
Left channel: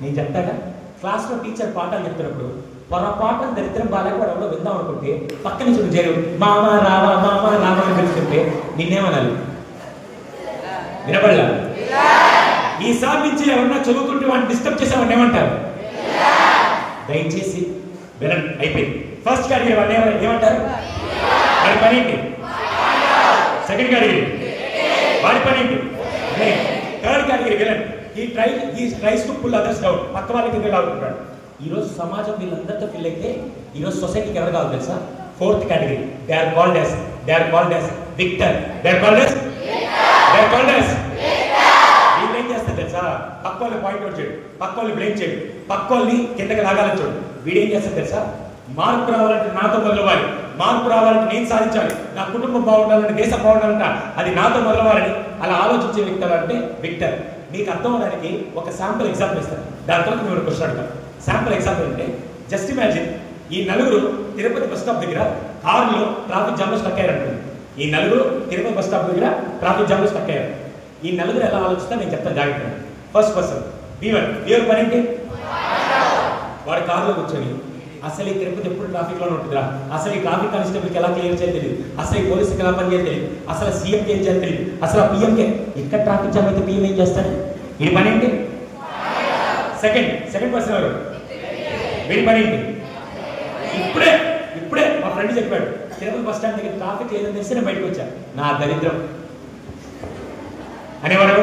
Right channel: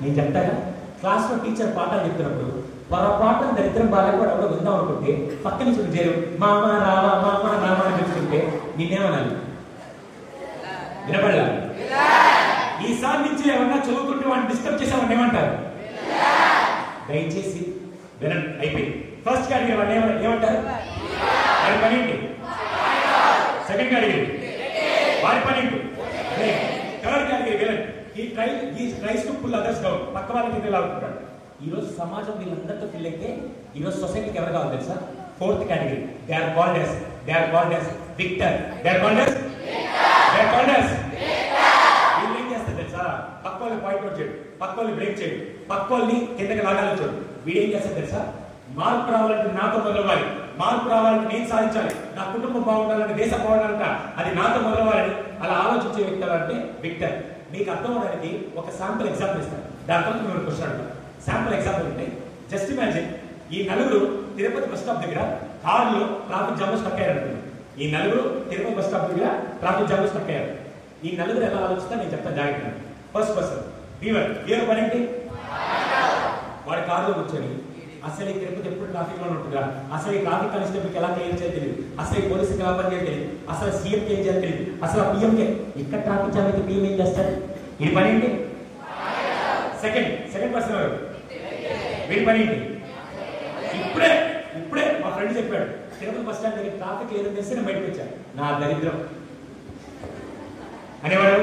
నేను చెప్తాగా, క్లాస్లో టీచర్ పాఠాలు చెప్తున్నప్పుడు పొరపాటున దరిద్రం బాగా కూడా ఎవడో విందాం అనుకుంటే పక్క నుంచి చేరు మామా రావా మామా రావా అని పిలుస్తుంటే నిన్నేమనాలి? వినపడలా? ఈసారి నుంచి ఎవరన్నా చదువుకుంటూ వాడిని డిస్టర్బ్ చేసేవాడిని ఏమంటారు? దయచేసి వినండి. అయిపోయింది. ఫస్ట్ కేటగిరీ వాళ్ళు ఏమంటారు? వాడి పని ఏంటి? సెకండ్ కేటగిరీ వాడి పని ఏంటి? Third category villain. ఈ tries to pull others down. పక్క వాళ్ళకి ఫీల్ అవుతుంటాడు. ఈరోజు సమాజం వీళ్ళందరితో ఫీల్ అయితే ఈరోజు సొసైటీకి ఎవరు కావాలి తెలుసా? Fourth category. They are called as victor. వీళ్ళు ఏం చేస్తారు తెలుసా? పక్క వాళ్ళని పాయింట్ అవుట్ చేయడు, పక్క వాళ్ళని బ్లేమ్ చేయడు, పక్క వాళ్ళని కిందకి లాగాలని చూడు. వీడేం చేస్తారు తెలుసా? మార్పు రావాలంటే నాతో మొదలవ్వాలి, మార్పు రావాలంటే నేను సాధించాలి, నా కుటుంబం బాగుండాలంటే దేశం బాగుండాలంట అది నాతో మొదలవ్వాలని అలా ఆలోచించే వ్యక్తులు అంటే విక్టర్. మీకు అర్థం అవడానికి ఒక శాంపుల్ ఎగ్జాంపుల్ ఇస్తాను. దాని తర్వాత మీరు క్వశ్చన్ అడగాలి. శాంపుల్ ఎగ్జాంపుల్ అంటే జస్ట్ ఇమాజిన్, ఈ నలుగురు తిరుపతి బస్ స్టాప్ దగ్గర కారులో ట్రాఫిక్ జామ్ లో స్టక్ అయ్యారనుకోండి. ఈ నలుగురు తిరుపతి బస్ స్టాప్ దగ్గర ట్రాఫిక్ జామ్ లో స్టక్ అయ్యారు. ఈ నలుగురు ఎలా ఆలోచిస్తా నేను చెప్తాను జాగ్రత్త. ఫస్ట్ పర్సన్ బీవర్ పని ఏంటి? వాడు కారులో కూర్చొని అసలు ఈ తిరుపతి ఎప్పుడు ట్రాఫిక్ లోనే ఉంటుందిరా, అసలు ఈ ట్రాఫిక్ కానిస్టేబుల్కి ఎలా క్లియర్ చేయాలి తెలియదు, అసలు ఈ పోలీసుకి ఎలా పని చేయాలి తెలియదు, అసలు సీఎంకి ఏం చేయాలి తెలియదు, అసలు ఆ పిఎంకి ఇక్కడ ట్రాఫిక్ జామ్ అయితే పిఎం ఏం చేస్తాడు? ఈ పని ఏంటి? సెకండ్ పర్సన్ ఎవరు? వీడి పని ఏంటి? ఇప్పుడే మా ఫ్రెండ్ చెప్పాడు, తిరుపతి బస్ స్టాండ్ దగ్గర ట్రాఫిక్ లేదని తెలిసి నేను బయటకు వచ్చాను, నా దరిద్రం అనేవాడు.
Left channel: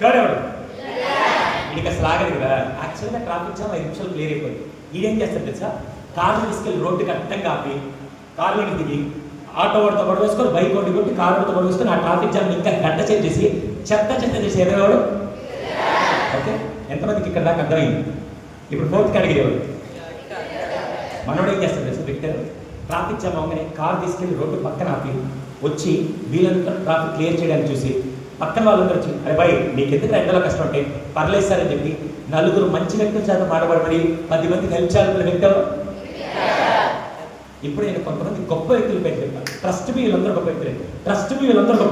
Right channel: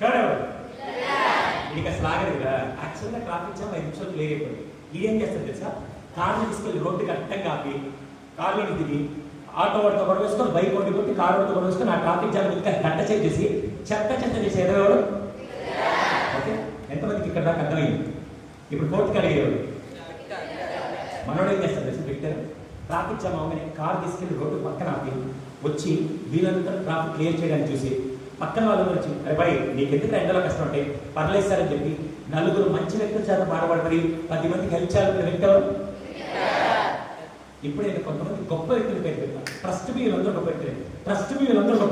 థర్డ్ ఎవడు? వీడికి అసలు ఆగదు కదా. యాక్చువల్గా ట్రాఫిక్ జామ్ 5 నిమిషాలు క్లియర్ అయిపోయింది. ఈడేం చేస్తాడు తెలుసా? కార్లో తీసుకెళ్ళి రోడ్డుకి అడ్డంగా ఆపి కార్లోని దిగి ఆటో వాడితో పడవేసుకొని బైక్ ఒకటి కొట్టి కారుతో పడవేసుకొని ఆ ట్రాఫిక్ జామ్ ఇంకా గంట చెక్ చేసి చెత్త చేసి ఎదగవాడు. ఓకే, ఎంతమందికి ఇక్కడ దాకా అర్థమైంది? ఇప్పుడు ఫోర్త్ కేటగిరీ ఎవరు? మనోడు ఏం చేస్తాడు తెలుసు? విక్టర్. ట్రాఫిక్ జామ్ అవగానే కారు తీసుకెళ్ళి రోడ్డు పక్కన ఆపి వచ్చి వీళ్ళంతా ట్రాఫిక్ క్లియర్ చేయడానికి చూసి పక్కన వాళ్ళందరూ వచ్చి అరే భయ్ మీకు ఎందుకు ఎండలో కష్టం అంటే పర్లేదు సార్ అని చెప్పి నలుగురు మంచి వ్యక్తుల చేత మాట్లాడబడి 10 మందికి హెల్ప్ చేయాలనుకున్న వ్యక్తులు. ఇప్పుడు నేను కొంతమంది గొప్ప వ్యక్తులు పేరు చెప్తాను. ట్రస్ట్ మీ వీళ్ళందరూ గొప్ప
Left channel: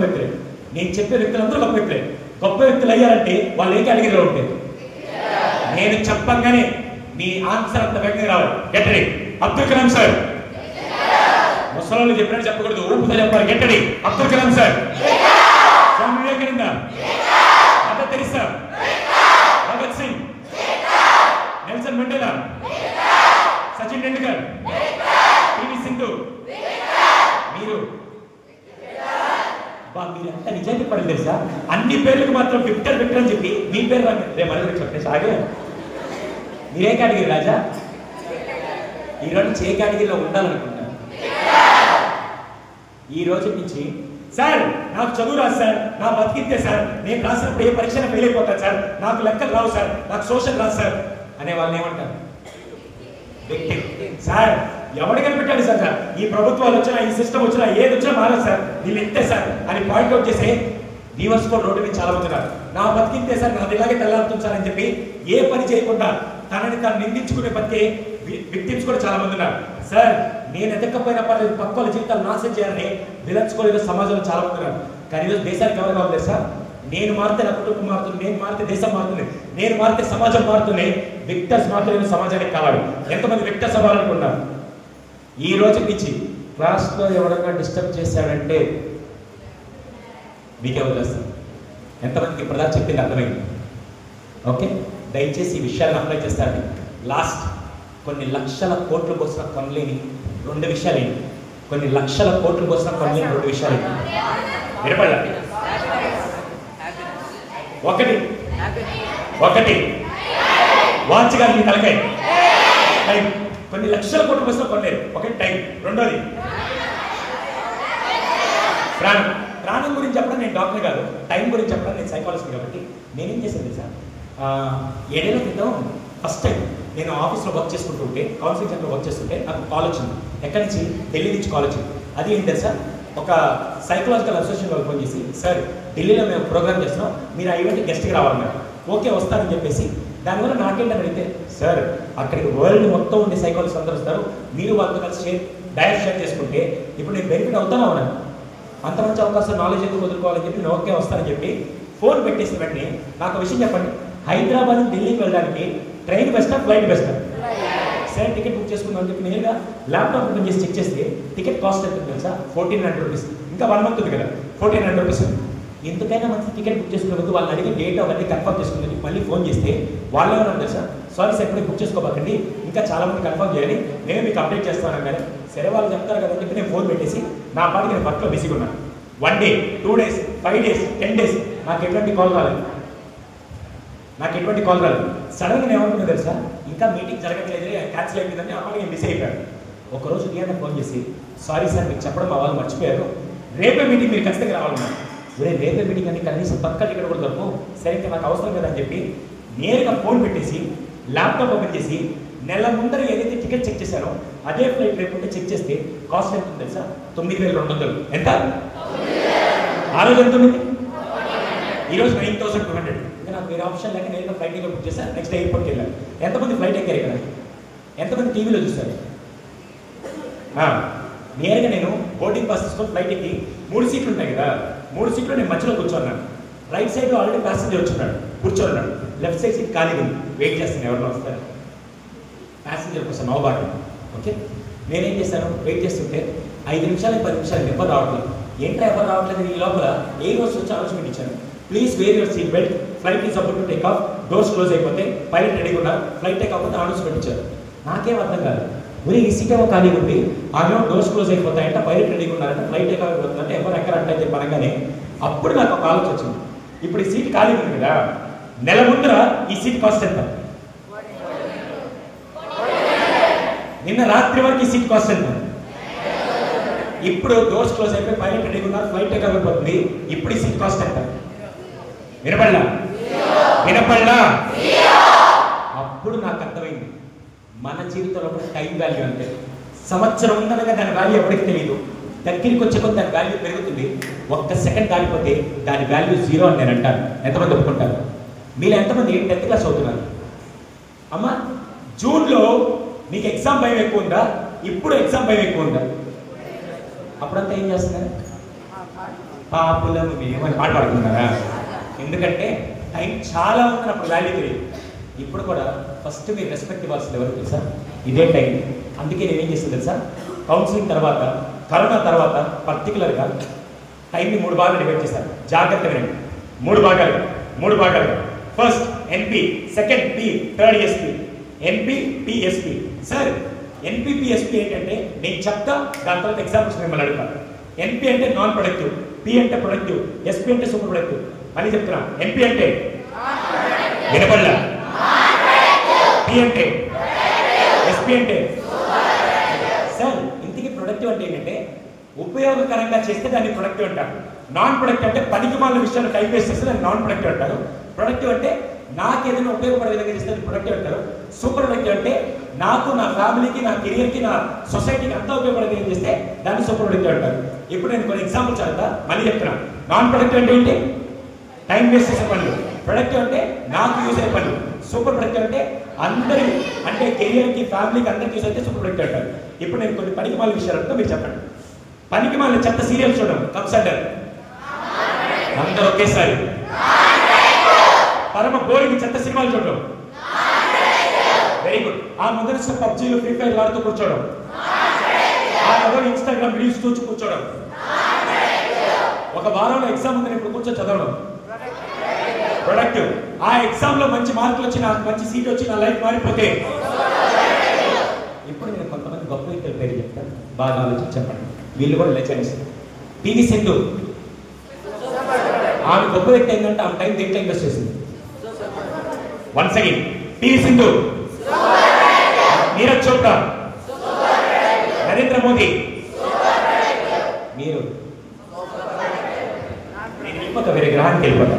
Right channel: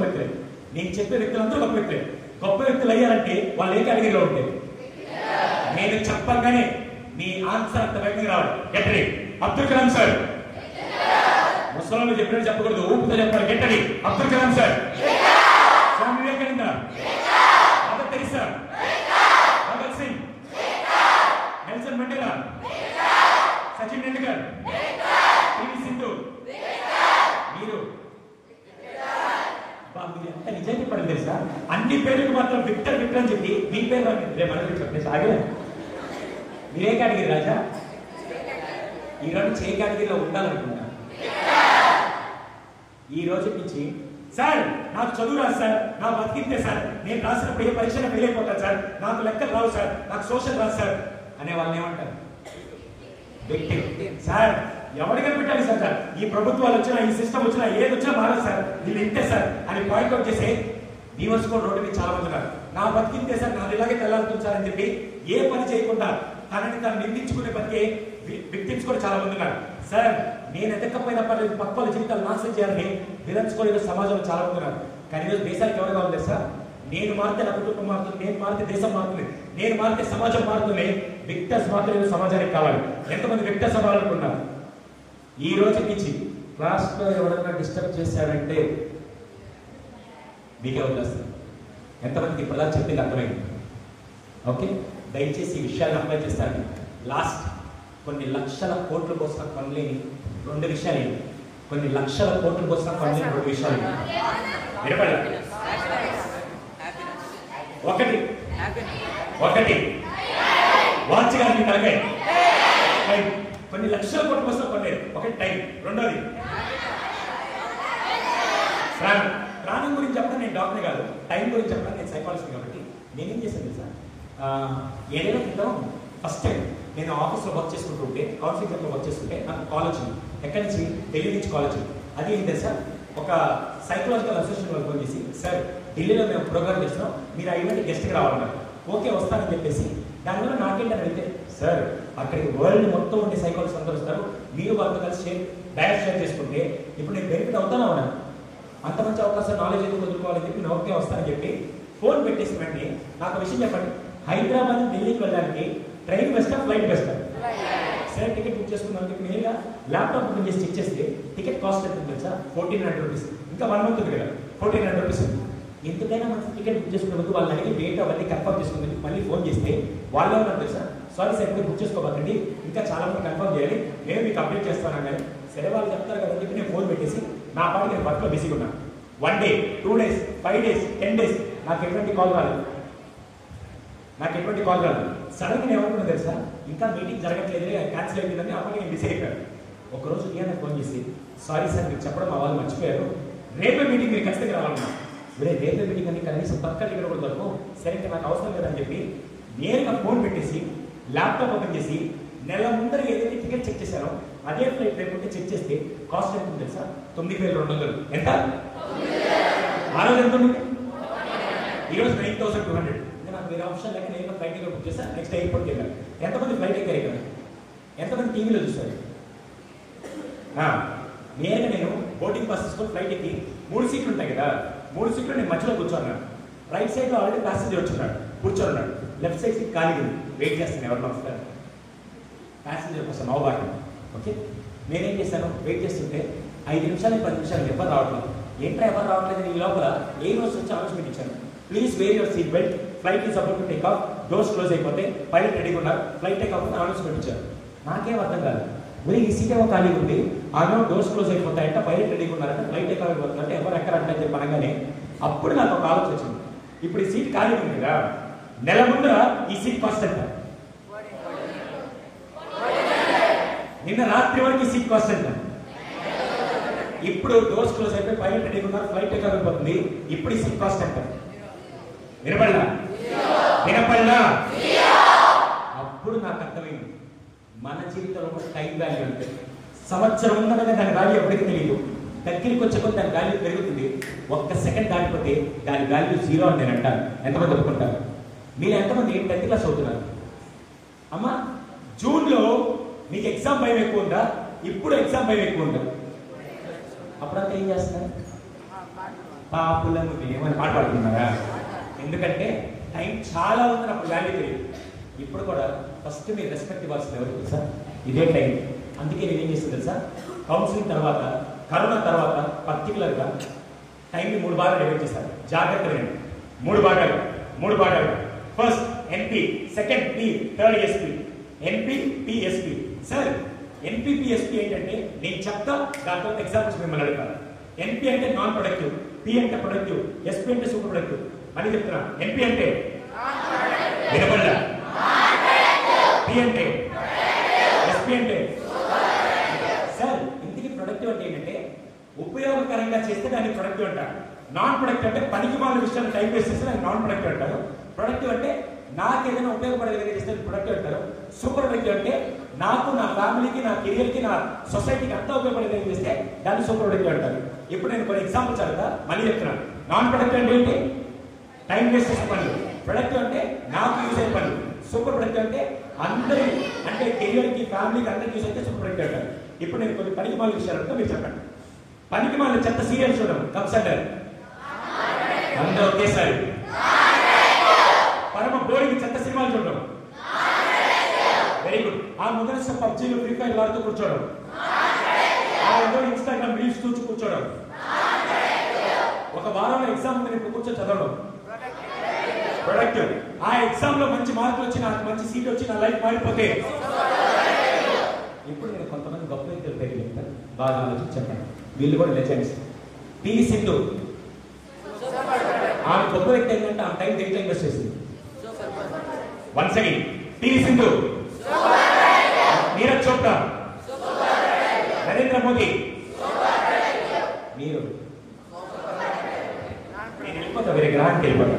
వ్యక్తులే. నేను చెప్పే వ్యక్తులందరూ గొప్ప వ్యక్తులే. గొప్ప వ్యక్తులు అయ్యారంటే వాళ్ళు ఏ కేటగిరీలో ఉంటాయి? నేను చెప్పగానే మీ ఆన్సర్ అంత వేగంగా రావాలి. గెట్టడి అబ్దుల్ కలాం సార్. ముసలాళ్ళు చెప్పినట్టు చెప్పకూడదు, ఊపుతో చెప్పాలి. గెట్టడి Abdul Kalam sir. Swami Vivekananda, Mother Teresa, Bhagat Singh, Nelson Mandela, Sachin Tendulkar, PV Sindhu. మీరు ఎంత నిజానికి పడలేదు తెలుసా? అన్ని పేర్లకు మాత్రం విక్టర్ అని చెప్పి మీ పేరు రేపు చెప్పేసి ఆగే. మీరే కేటగిరీ రాజా? ఈరోజు ఏ కేటగిరీలో ఉండాలనుకుంటున్నారు? ఈ రోజు నుంచి సార్ నాకు చదువు రాదు సార్, నా బతికితే సార్, నేను రాసినప్పుడు ఏ పరీక్షను ఫెయిల్ అయిపోతాను సార్, నాకు లెక్కలు రావు సార్, నాకు సోషల్ రాదు సార్ అనే వాళ్ళని ఏమంటారు? వ్యక్తి. సార్ ఎవరు కనిపెట్టాడు సార్, ఈ ప్రభుత్వాలు వచ్చినా ఈ సిస్టమ్ వచ్చినా ఏది వచ్చినా మారదు సార్, వీళ్ళు ఇంతే సార్ అని పాయింట్ అవుట్ చేసే దీవర్స్ కూడా రోడ్డు మీద చాలా మంది ఉన్నారు. నా బతికితే సార్, నాది ఇలాగే తెల్లారుతుంది సార్ అని చెప్పి ఏ పని చేయకుండా తనని తాను నిందించుకునే బతికే విక్టిమ్స్ కూడా చాలా మంది ఉన్నారు. సార్ నేను ఎదక్కపోయినా పర్లేదు, పక్క వాళ్ళ జీవితాలు నాశనం చేయాలని విలన్స్ కూడా సమాజంలో చాలా మంది ఉన్నారు. కానీ ఈరోజు దేశానికి ఎవరు కావాలి సార్? నేను మారితే నా కుటుంబం మారుతుంది, నేను మారితే దేశం మారుతుంది, నేను మారితే సమాజం మారుతుంది. విక్టర్స్ మాత్రమే సమాజానికి కావాలి. ఎంతమంది విక్టర్స్ అవ్వాలనుకున్నారు? ఈ రోజు నుంచి క్లాస్లో ఎవరైనా డిస్టర్బ్ చేశాడంటే మీకే వదిలేస్తారు. ఎంతమందికి ప్రధాన చెప్పింది అర్థమైంది? ఓకే, దయచేసి ఈ విషయాలను అప్లై చేస్తారండి. లాస్ట్ కొన్ని లక్షల కోట్ల కోసం కొనలేని 2 విషయాలు ఏంటి? కొన్ని లక్షల కోట్ల కోసం కొనలేని 2 విషయాలు ఏంటి? వినపడాలి. ఒకటి వాచ్ గారి మీ తలకాయ టైం. కొన్ని లక్షల కోట్ల కోసం కొనలేదు. ఒకటి టైం. రెండోది ప్రాణం. ప్రాణం గురించి చెప్పడం నేను డాక్టర్ కాదు, టైం గురించి చెప్పడం నేను సైకాలజిస్ట్ కాబట్టి నేనేం చేశాను తెలుసా? 7 ఏళ్ల క్రితం ఫస్ట్ టైం నేను ఆఫీస్లో వర్క్ చేసుకుంటుంటే, కౌన్సిలింగ్ సెంటర్లో వర్క్ చేస్తుంటే నాకు కాల్ వచ్చింది. ఎక్కడి నుంచి? ఢిల్లీ నుంచి కాల్ వచ్చింది. అది ఏంటి తెలుసా? ఒక సైకలాజికల్ అసోసియేషన్ వాళ్ళు ఫోన్ చేసి, సార్ ఢిల్లీలో మేము ప్రోగ్రామ్ చేస్తున్నాం, మీరు ఆ ఈవెంట్ గెస్ట్కి రావాలన్నారు. ఓకే వస్తారని చెప్పేసి దానివల్ల నాకేంటని అడిగితే, సార్ అక్కడికి వరల్డ్ మొత్తం ఉండే సైకాలజిస్ట్ అందరూ వస్తారు, మీరు వాళ్ళతో కలిసి డైరెక్ట్ షేర్ చేసుకుంటే ఇప్పుడు నేను బెనిఫిట్ అవుతానా ఉన్నా, అంత మంచి అవకాశం నాలెడ్జ్ ఎందుకు వదులుకోవాలని చెప్పి నేను ఓకే వస్తానని చెప్పి ఫోన్ పెట్టేసి వెంటనే నాకు విషయం చెప్పండి, హైదరాబాద్ నుంచి ఢిల్లీకి వెళ్ళడానికి ట్రైన్ బెస్టా ఫ్లైట్ బెస్టా? సరే టికెట్ బుక్ చేసుకుందామని చెప్పి నేరుగా ల్యాప్టాప్ ఓపెన్ చేసి చెక్ చేస్తే టికెట్ కాస్ట్ ఎంత తెలుసా? 1400 రూపీస్. ఇంకా 1 మంత్ ఉంది కదా, 1400 రూపీస్. ఎందుకైనా మంచి టికెట్ బుక్ చేసుకునే ముందు వాళ్ళని అడిగి డేట్ అవన్నీ కన్ఫర్మ్ చేసుకుని మళ్ళీ ఫోన్ చేస్తే వాళ్ళు ఏమన్నా తెలుసా, సారీ సార్ ఇప్పుడే బుక్ చేసుకోబాకండి, ఇంకా చాలా మంది కన్ఫర్మ్ చేయాలి, నేను మీకు అప్డేట్ చేస్తాను కానీ. సరే వాళ్ళు చెప్తారు కదా చెప్పి నేను ఫోన్ పెట్టేసి నా పాటికి నేను వర్క్లో బిజీగా ఉన్నాను. 1 డే 2 డేస్ 5 డేస్ 10 డేస్ నాకు ఎటువంటి కాల్ రాలేదు. సడన్గా నేను ఏమనుకున్నా తెలుసా, ఇంకా మీటింగ్ జరగట్లేదు, క్యాన్సిల్ అయిపోయిందని అప్పుడు నేను బిజీ అయిపోయాను. ఒకరోజు నేను ఫోన్ చేసి, సారీ సార్ మీకు చెప్పడం మా వాళ్ళు మర్చిపోయారు, రేపే మీటింగ్ మీరు ఖచ్చితంగా రావాలన్నారు. రేపే మీటింగ్ అని కనీసం పక్క టికెట్ కూడా దొరకవు, సరే ఇంకా నాకు అవసరం కదా అని చెప్పి నేరుగా ఫోన్ పెట్టేసి ల్యాప్టాప్ ఓపెన్ చేసి నెల ముందర ఏదైతే టికెట్ చెక్ చేశారో అదే ఫ్లైట్ రేపు ఉంటే చెక్ చేస్తే కాస్ట్ ఎంత ఉంది తెలుసా? 9200. ఎంత? ఆ రోజు ఎంత ఉంది? ఈరోజు 9200. ఇంకా నాకు వేరే ఆప్షన్ లేక నేను ఫ్లైట్ టికెట్ బుక్ చేశాను, నెక్స్ట్ ఎయిర్పోర్ట్కి వెళ్ళాను. ఎంతమంది ఫ్లైట్ ఎక్కారు కదా, ఎంతమంది టీవీలో చూస్తారు? నేరుగా నేను బోర్డింగ్ పాస్ తీసుకొని ఫ్లైట్ ఎక్కి 3 సీట్లు ఉంటాయి కదా, 3 సీట్లు నేను మధ్యలో కూర్చోన్నాను. రైట్ సైడ్లో ఆల్రెడీ ప్యాసింజర్ కూర్చోన్నాడు, లెఫ్ట్ సైడ్ సీట్ ఖాళీగా ఉంది, వెయిట్ చేస్తాను ఎవరిలో వస్తారు ప్యాసింజర్ కోసం నవ్వుబాటు. ఓకే, నేనేం చేశాను, వెయిట్ చేస్తుంటే 5 నిమిషాలు 10 నిమిషాలు ఎవరు రావట్లేదు. ఏంట్రా ఎవరు రావట్లేదు? ఈ లోపల ఏ రోజు వచ్చి అనౌన్స్మెంట్ ఇచ్చాను, please wear your seat belt, flight is about to take off, doors close అయిపోతే పైలట్ రెడీగా ఉన్నారు, ఫ్లైట్ టేక్ అవ్వకపోతే అనౌన్స్మెంట్ ఇచ్చారు. నాకేం అర్థం కాదు, మరి ఈ సీట్ ఏమో ఖాళీగా ఉంది, ఆమె డోర్స్ క్లోజ్ అయిపోతాయంట, పైలట్ రెడీగా ఉన్నారంట, ఫ్లైట్ టేక్ అయిపోతుందంటే ఎవరు ఎక్కడంటే అని చెప్పి అనగానే అప్పుడు నాకు ఒక ఆలోచన వచ్చింది, ఇప్పుడు ఈ సీట్ ఖాళీగా ఉంది కదా, నెల ముందర ఈ సీట్ కాస్ట్ ఎంత? నిన్న రాత్రి వరకు ఈ సీట్ కాస్ట్ ఎంత? ఇప్పుడు డోర్స్ క్లోజ్ అయిపోయి పైలట్ రెడీగా ఉన్నారు, ఫ్లైట్ టేక్ అయిపోతుంది, ఇప్పుడు ఈ సీట్ కాస్ట్ ఎంత? వినపడలా? అప్పుడు నాకు అర్థమైంది, మన జీవితంలో కూడా టైం వాల్యూ అంటే సంవత్సరం ఉందనగా దాని వాల్యూ ఎప్పటికీ తెలియదు, దగ్గరికి వచ్చే కొద్ది దాని వాల్యూ పెరుగుతుంది. 1 సెకండ్ దాటిపోతే దాని వాల్యూ 0 అని నేను అంటాను. ఎంతమంది ఒప్పుకుంటారు? మీరు ఎంతమంది 10th క్లాస్ అవుతున్నారు? అమ్మా జూన్లో మీకు ఎగ్జామ్ భయం ఎక్కువ ఉందా, ఇప్పుడు ఎగ్జామ్ భయం ఎక్కువ ఉందా? అప్పుడంతా ఏం చేస్తున్నారు? పాపులను మేమని పాట పాడుతున్నారా? ఎందుకంటే టైం చాలా ఉంది, అప్పుడు వాల్యూ తెలియదు. ఇప్పుడు కూడా ఫస్ట్ మీరు రెస్పెక్ట్ ఇవ్వాల్సింది ఎవరు తెలుసా? ఇదే టైం. అందుకే నేనేం చేస్తాను తెలుసా, కౌన్సిలింగ్ తర్వాత, కరోనా తర్వాత పర్టికులర్గా టైంని 3 భాగాలు డివైడ్ చేశారు. జాగ్రత్త వినండి, 3 భాగాలు. First NP, second P, third SP. NP, PSP. Sir NP PSP ఏంటంటే నేను చెప్తా, దాని తర్వాత ఎగ్జాంపుల్స్ మిమ్మల్ని అడుగుతాను. ఎన్పి అంటే నాన్ ప్రొడక్టివ్, పి అంటే ప్రొడక్టివ్, ఎస్పి అంటే సూపర్ ప్రొడక్టివ్. అని చెప్తున్నా, ఎన్పి అంటే వినపడలా, పి అంటే, ఎస్పి అంటే. సార్ ఇంటికి ప్రొడక్టివ్ అంటే ఏంటంటే ఉపయోగకరంగా చేస్తే దాన్ని ప్రొడక్టివ్ అంటారు. నాన్ ప్రొడక్టివ్ అంటే పనికిమాలిన విషయాన్ని టైం వేస్ట్ చేస్తే దాన్ని నాన్ ప్రొడక్టివ్ అంటారు. ప్రొడక్టివ్ అంటే నాకు ఏదైనా ఉపయోగపడే విధంగా చేస్తే ప్రొడక్టివ్ అంటారు. సూపర్ ప్రొడక్టివ్ అంటే నాకు, నా ఫ్యామిలీకి, నా కెరియర్కి, నా సొసైటీకి అంతా ఉపయోగపడే విధంగా చేస్తే దాన్ని సూపర్ ప్రొడక్టివ్ అంటారు. ఇప్పుడు నేను కొన్ని ఎగ్జాంపుల్స్ చదువుతా, మళ్ళీ చెప్తున్నా. నాన్ ప్రొడక్టివ్ అంటే ఏంటి? టైం వేస్ట్ చేసే పనులు. ప్రొడక్టివ్ అంటే నాకు యూజ్ అయ్యే పనులు. సూపర్ ప్రొడక్టివ్ అంటే అందరి, అంటే కెరియర్కి, ఫ్యామిలీకి అందరికి యూజ్ అయితే సూపర్ ప్రొడక్టివ్ అంటారు. ఇప్పుడు నేను కొన్ని పనికిమాలిన విషయాలు అంటే మీరు చెప్పండి. పనికిమాలిన చెత్త సీరియల్స్ చూడండి, కప్స్ అంటారు అందరూ ఒకేసారి. పరమ బోరింగ్ చెత్త సినిమాలు చూడడం, వెరీ గుడ్. ఆ ముందర పబ్జీలు, ఫ్రీ ఫైర్ ఆడుతూ కూర్చోవడం, ఆ మొదలు ఇన్స్టాగ్రామ్ రీల్స్ చూసి కూర్చోవడం, ఒక వారంలో ఎగ్జామ్ ఉంది ఇప్పుడు కూర్చొని చదవడం ప్రొడక్టివ్. ఆ ఎగ్జామ్ లో మంచి మార్కులు వచ్చి, నాకు మంచి సీట్ వచ్చి నా లైఫ్ మారిపోతే. ఇప్పుడు నేను కొంతమంది గొప్ప వ్యక్తుల పేరు చెప్తాను, బాగా ఆలోచించి చెప్పండి. వీళ్ళు కూడా లెజెండ్స్. పివి సింధు, ఆమె గొప్ప వ్యక్తి ఏంటంటే ఆమె టైం దేంట్లో ఇన్వెస్ట్ చేసింది. Once again, PV Sindhu, Neeraj Chopra, Narendra Modi. మీరు, నేను వెళ్ళిపోతా, వేరే గ్రహానికి వెళ్ళిపోతా.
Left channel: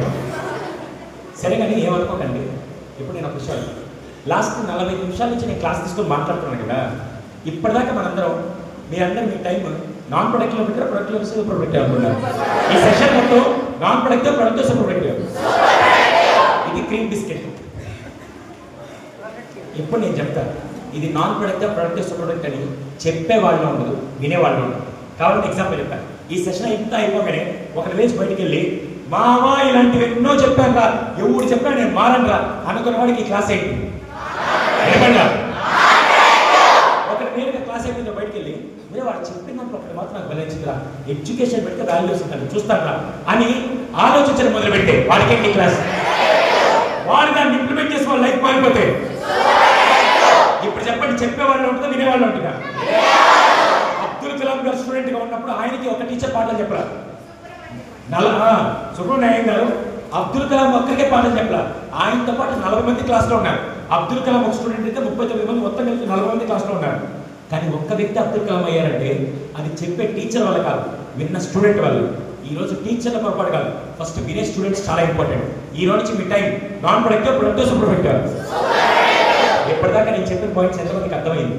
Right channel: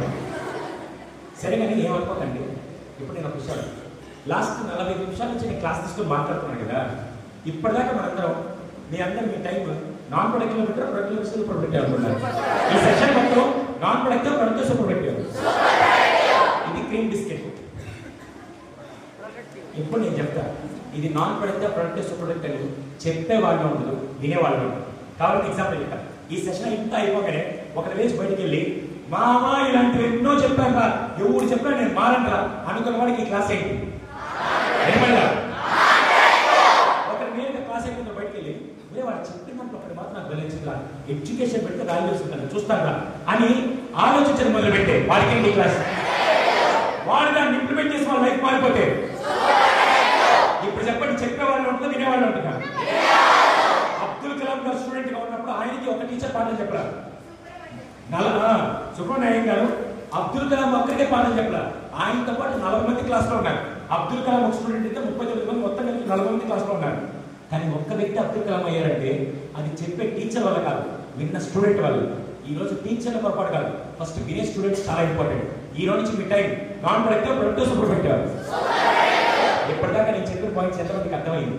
సరే కానీ ఏమనుకోకండి. ఇప్పుడు నేను ఒక విషయం, లాస్ట్ 45 నిమిషాల నుంచి నేను క్లాస్ తీసుకొని మాట్లాడుతున్నాను కదా, ఇప్పటిదాకా మనందరం, మీ అందరూ మీ టైం నాన్ ప్రొడక్టివ్ పెట్టారు, ప్రొడక్టివ్ సూపర్ ప్రొడక్టివ్ అనుకున్నారు. ఈ సెషన్ మొత్తం non productive, productive, super productive. ఇది క్రీమ్ బిస్కెట్. ఇప్పుడు నేను చెప్తాను, ఇది non productive, productive, super productive అని చెప్పేవాళ్ళు ఉండదు, వినేవాళ్ళు ఉండదు. కాబట్టి ఎగ్జాంపుల్ చెప్పాను, ఈ సెషన్ ఇంత అయిపోగానే ఒక లేచి బయటికి వెళ్ళి మామా ఇలాంటివి ఎన్నో చెప్పాక ఎవరు చెప్పా నేను మారనరా అనుకున్న వాడికి ఈ క్లాస్ అయింది. ఒకటి నేను క్లాస్ అయిపోయిందో బయటికి వెళ్ళి మీరు వాడు చెప్పినప్పుడు ఒకటి మాత్రం నాకు గమనించిందిరా, ఎడ్యుకేషన్ పెడితే వాల్యూస్ ఉంటాను చూస్తాను అని ఆలోచించడం మొదలు పెట్టే వాడికి ఈ క్లాస్. వాడు దాన్ని ఇంప్లిమెంట్ చేసి వాళ్ళ లైఫ్ మారిపోతే ఇప్పుడు చెప్పండి, చెప్పేవాళ్ళు ఉంటుందో వినేవాళ్ళు ఉంటున్నారు. అబ్దుల్ కలాం గారు స్టూడెంట్ గా ఉన్నప్పుడు ఆయనకి ఒక టీచర్ పాఠం చెప్పరా, సుబ్రహ్మణ్యం గారు అబ్దుల్ కలాం ఒక్కరికే పాఠం చెప్పరా, ఆయనతో పాటు 40 మంది క్లాస్ లో ఉన్నారు. అబ్దుల్ కలాం ఒక స్టూడెంట్ అయితే 39 మంది, మొత్తం కలిసి 40 మంది క్లాస్ లో ఉన్నారు. కానీ ఒక్క వ్యక్తి అబ్దుల్ కలాం అయ్యారంటే అది చెప్పే టీచర్ వల్ల కాదు, విన్న స్టూడెంట్ వాళ్ళు. ఈ రోజు టీచర్ల పొరపాటు కాదు, ఫస్ట్ వినే స్టూడెంట్స్ చాలా ఇంపార్టెంట్. ఈ రోజు నుంచి మీ time non productive, productive, super productive. ఎప్పటిదాకా నేను చెప్పిన పాయింట్స్ ఎంతమందికి అర్థమైంది?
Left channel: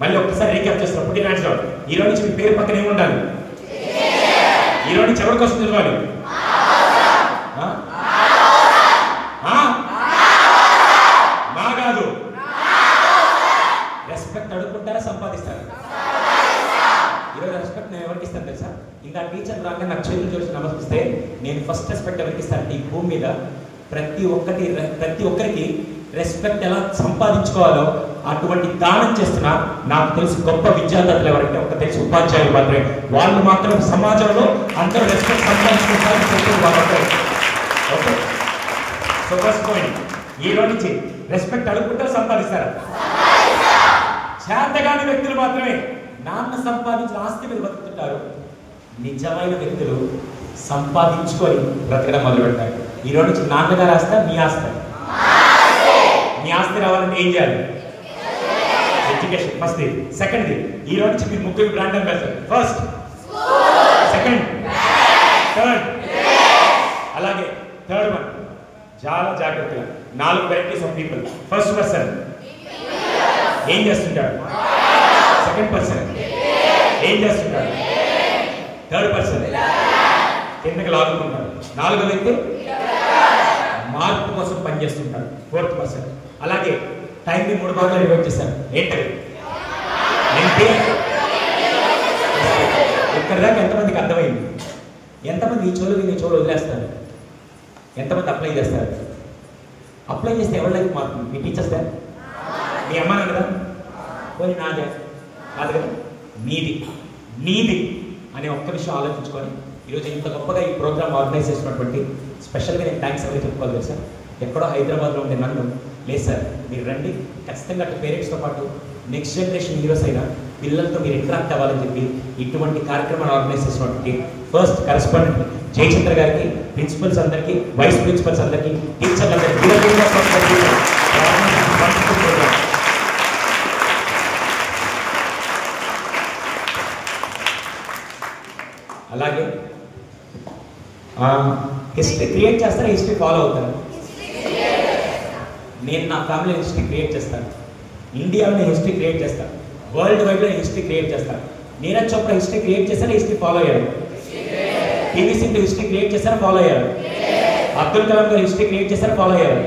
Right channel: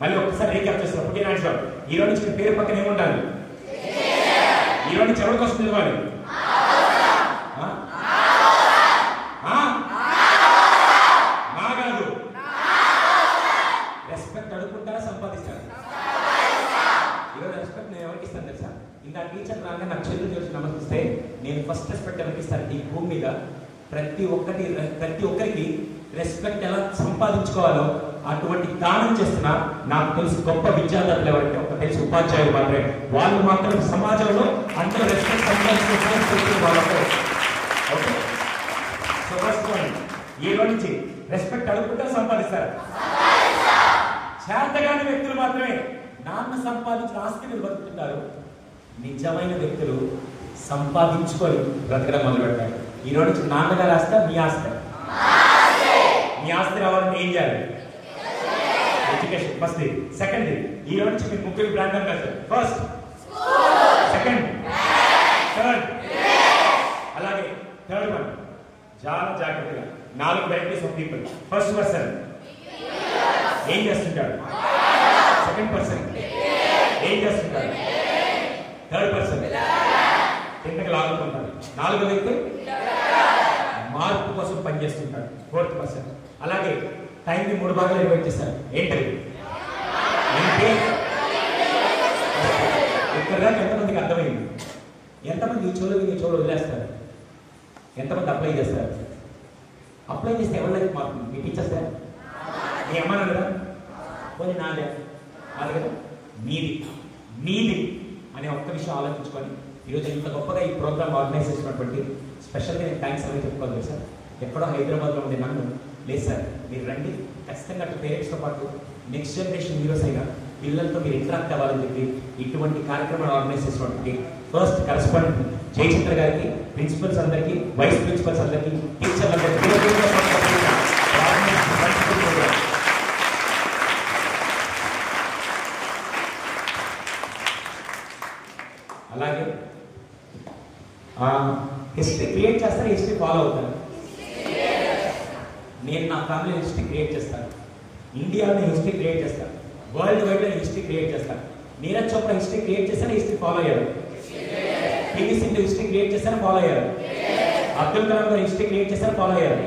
మళ్ళీ ఒకసారి రీక్యాప్ చేస్తాను. పుట్టిన ఆన్సర్ ఈ రోజు నుంచి మీ పేరు పక్కన ఏమి ఉండాలి? ఈ రోజు నుంచి ఎవరికి వస్తుంది చదవాలి? నా కాదు, రెస్పెక్ట్ అడుగుకుంటారా సంపాదిస్తారా? ఈరోజు రెస్పెక్ట్ నేను ఎవరికి ఇస్తాను తెలుసా? ఇంకా టీచర్ రాగా నాకు చేతులు చూసి నమస్కరిస్తే నేను ఫస్ట్ రెస్పెక్ట్ ఎవరికి ఇస్తాను? ఈ భూమి మీద ప్రతి ఒక్కరికి రెస్పెక్ట్ ఎలా సంపాదించుకోవాలో అటువంటి దానం చేస్తున్నా నాకు తెలిసి గొప్ప విద్యార్థులు ఎవరంటే ఒక తెలిసి ఉపాధ్యాయులు మాత్రమే. వాళ్ళు మాత్రం సమాజంలో అందరూ రెస్పెక్ట్ సంపాదించుకుంటారని చెప్తుంది కాబట్టి. ఓకే, సో ఫస్ట్ పాయింట్, ఈ రోజు నుంచి రెస్పెక్ట్ అడుగుకుంటారా సంపాదిస్తారా? చేతగాని వ్యక్తులు మాత్రమే నాన్న సంపాదించిన ఆస్తి మీరు బతుకుతుంటారు. నిజమైన వ్యక్తులు సంపాదించుకొని బ్రతకడం మొదలు పెడతారు. ఈ రోజు నుంచి నాన్నగారు ఆస్తి మీ ఆస్తి. మీ ఆస్తి రావాలంటే ఏం చేయాలి? Education first. సెకండ్, ఈ రోజు నుంచి మీరు ముగ్గురు brand ambassador. First, second, third. అలాగే థర్డ్ వన్ చాలా జాగ్రత్తగా 4 varieties of people. First person ఏం చేస్తుంటాడు? సెకండ్ పర్సన్ ఏం చేస్తుంటాడు? థర్డ్ పర్సన్ కిందకి లాగుతుంటాడు. 4వ వ్యక్తి మార్పు కోసం పనిచేస్తుంటాడు. 4th person. అలాగే టైంని 3 భాగాలు డివైడ్ చేశారు. ఏంటది? ఇక్కడ దాకా ఎంతమందికి అర్థమైంది? ఎంతమంది ఈ చోలు వదిలేస్తారు? ఎంతమంది అప్లై చేస్తారు? అప్లై చేస్తే ఎవరి లైఫ్ మారుతుంది? మీ టీచర్స్ దా? మీ అమ్మ కదా? పోనీ నాదే కాదు కదా, నీది అనే ఒక్క విషయం ఆలోచించుకొని ఈరోజు ఇంత గొప్పగా ఈ ప్రోగ్రామ్ ఆర్గనైజ్ చేసినటువంటి స్పెషల్గా నేను థ్యాంక్స్ ఎవరు చెప్పుకోవాలి కదా సార్. ఎక్కడో హైదరాబాద్లో ఉండే నన్ను లేదు సార్ మీరు రండి, ఖచ్చితంగా అటు పేరెంట్స్తో పాటు నెక్స్ట్ జనరేషన్ హీరోస్ అయినా పిల్లలతో మీరు ఇంటరాక్ట్ అవ్వాలని చెప్పి ఇటువంటి కార్యక్రమాలు ఆర్గనైజ్ చేసినటువంటి ఫస్ట్ కరెస్పాండెంట్ జయచంద్ర గారికి, ప్రిన్సిపల్స్ అందరికీ, వైస్ ప్రిన్సిపల్స్ అందరికీ, టీచర్లందరికీ అలాగే హిస్టరీ క్రియేట్ చేస్తారా? హిస్టరీ ఫాలో అవుతారా? నేను నా ఫ్యామిలీ హిస్టరీ క్రియేట్ చేస్తాను. ఇండియాలో హిస్టరీ క్రియేట్ చేస్తాను. వరల్డ్ వైడ్లో హిస్టరీ క్రియేట్ చేస్తాను. నీరజ్ చోప్రా హిస్టరీ క్రియేట్ చేస్తారా? హిస్టరీ ఫాలో అయ్యారు. పివి సింధు హిస్టరీ క్రియేట్ చేస్తారా? ఫాలో అయ్యారు. అబ్దుల్ కలాం గారు హిస్టరీ క్రియేట్ చేస్తారా? ఫాలో అయ్యారు.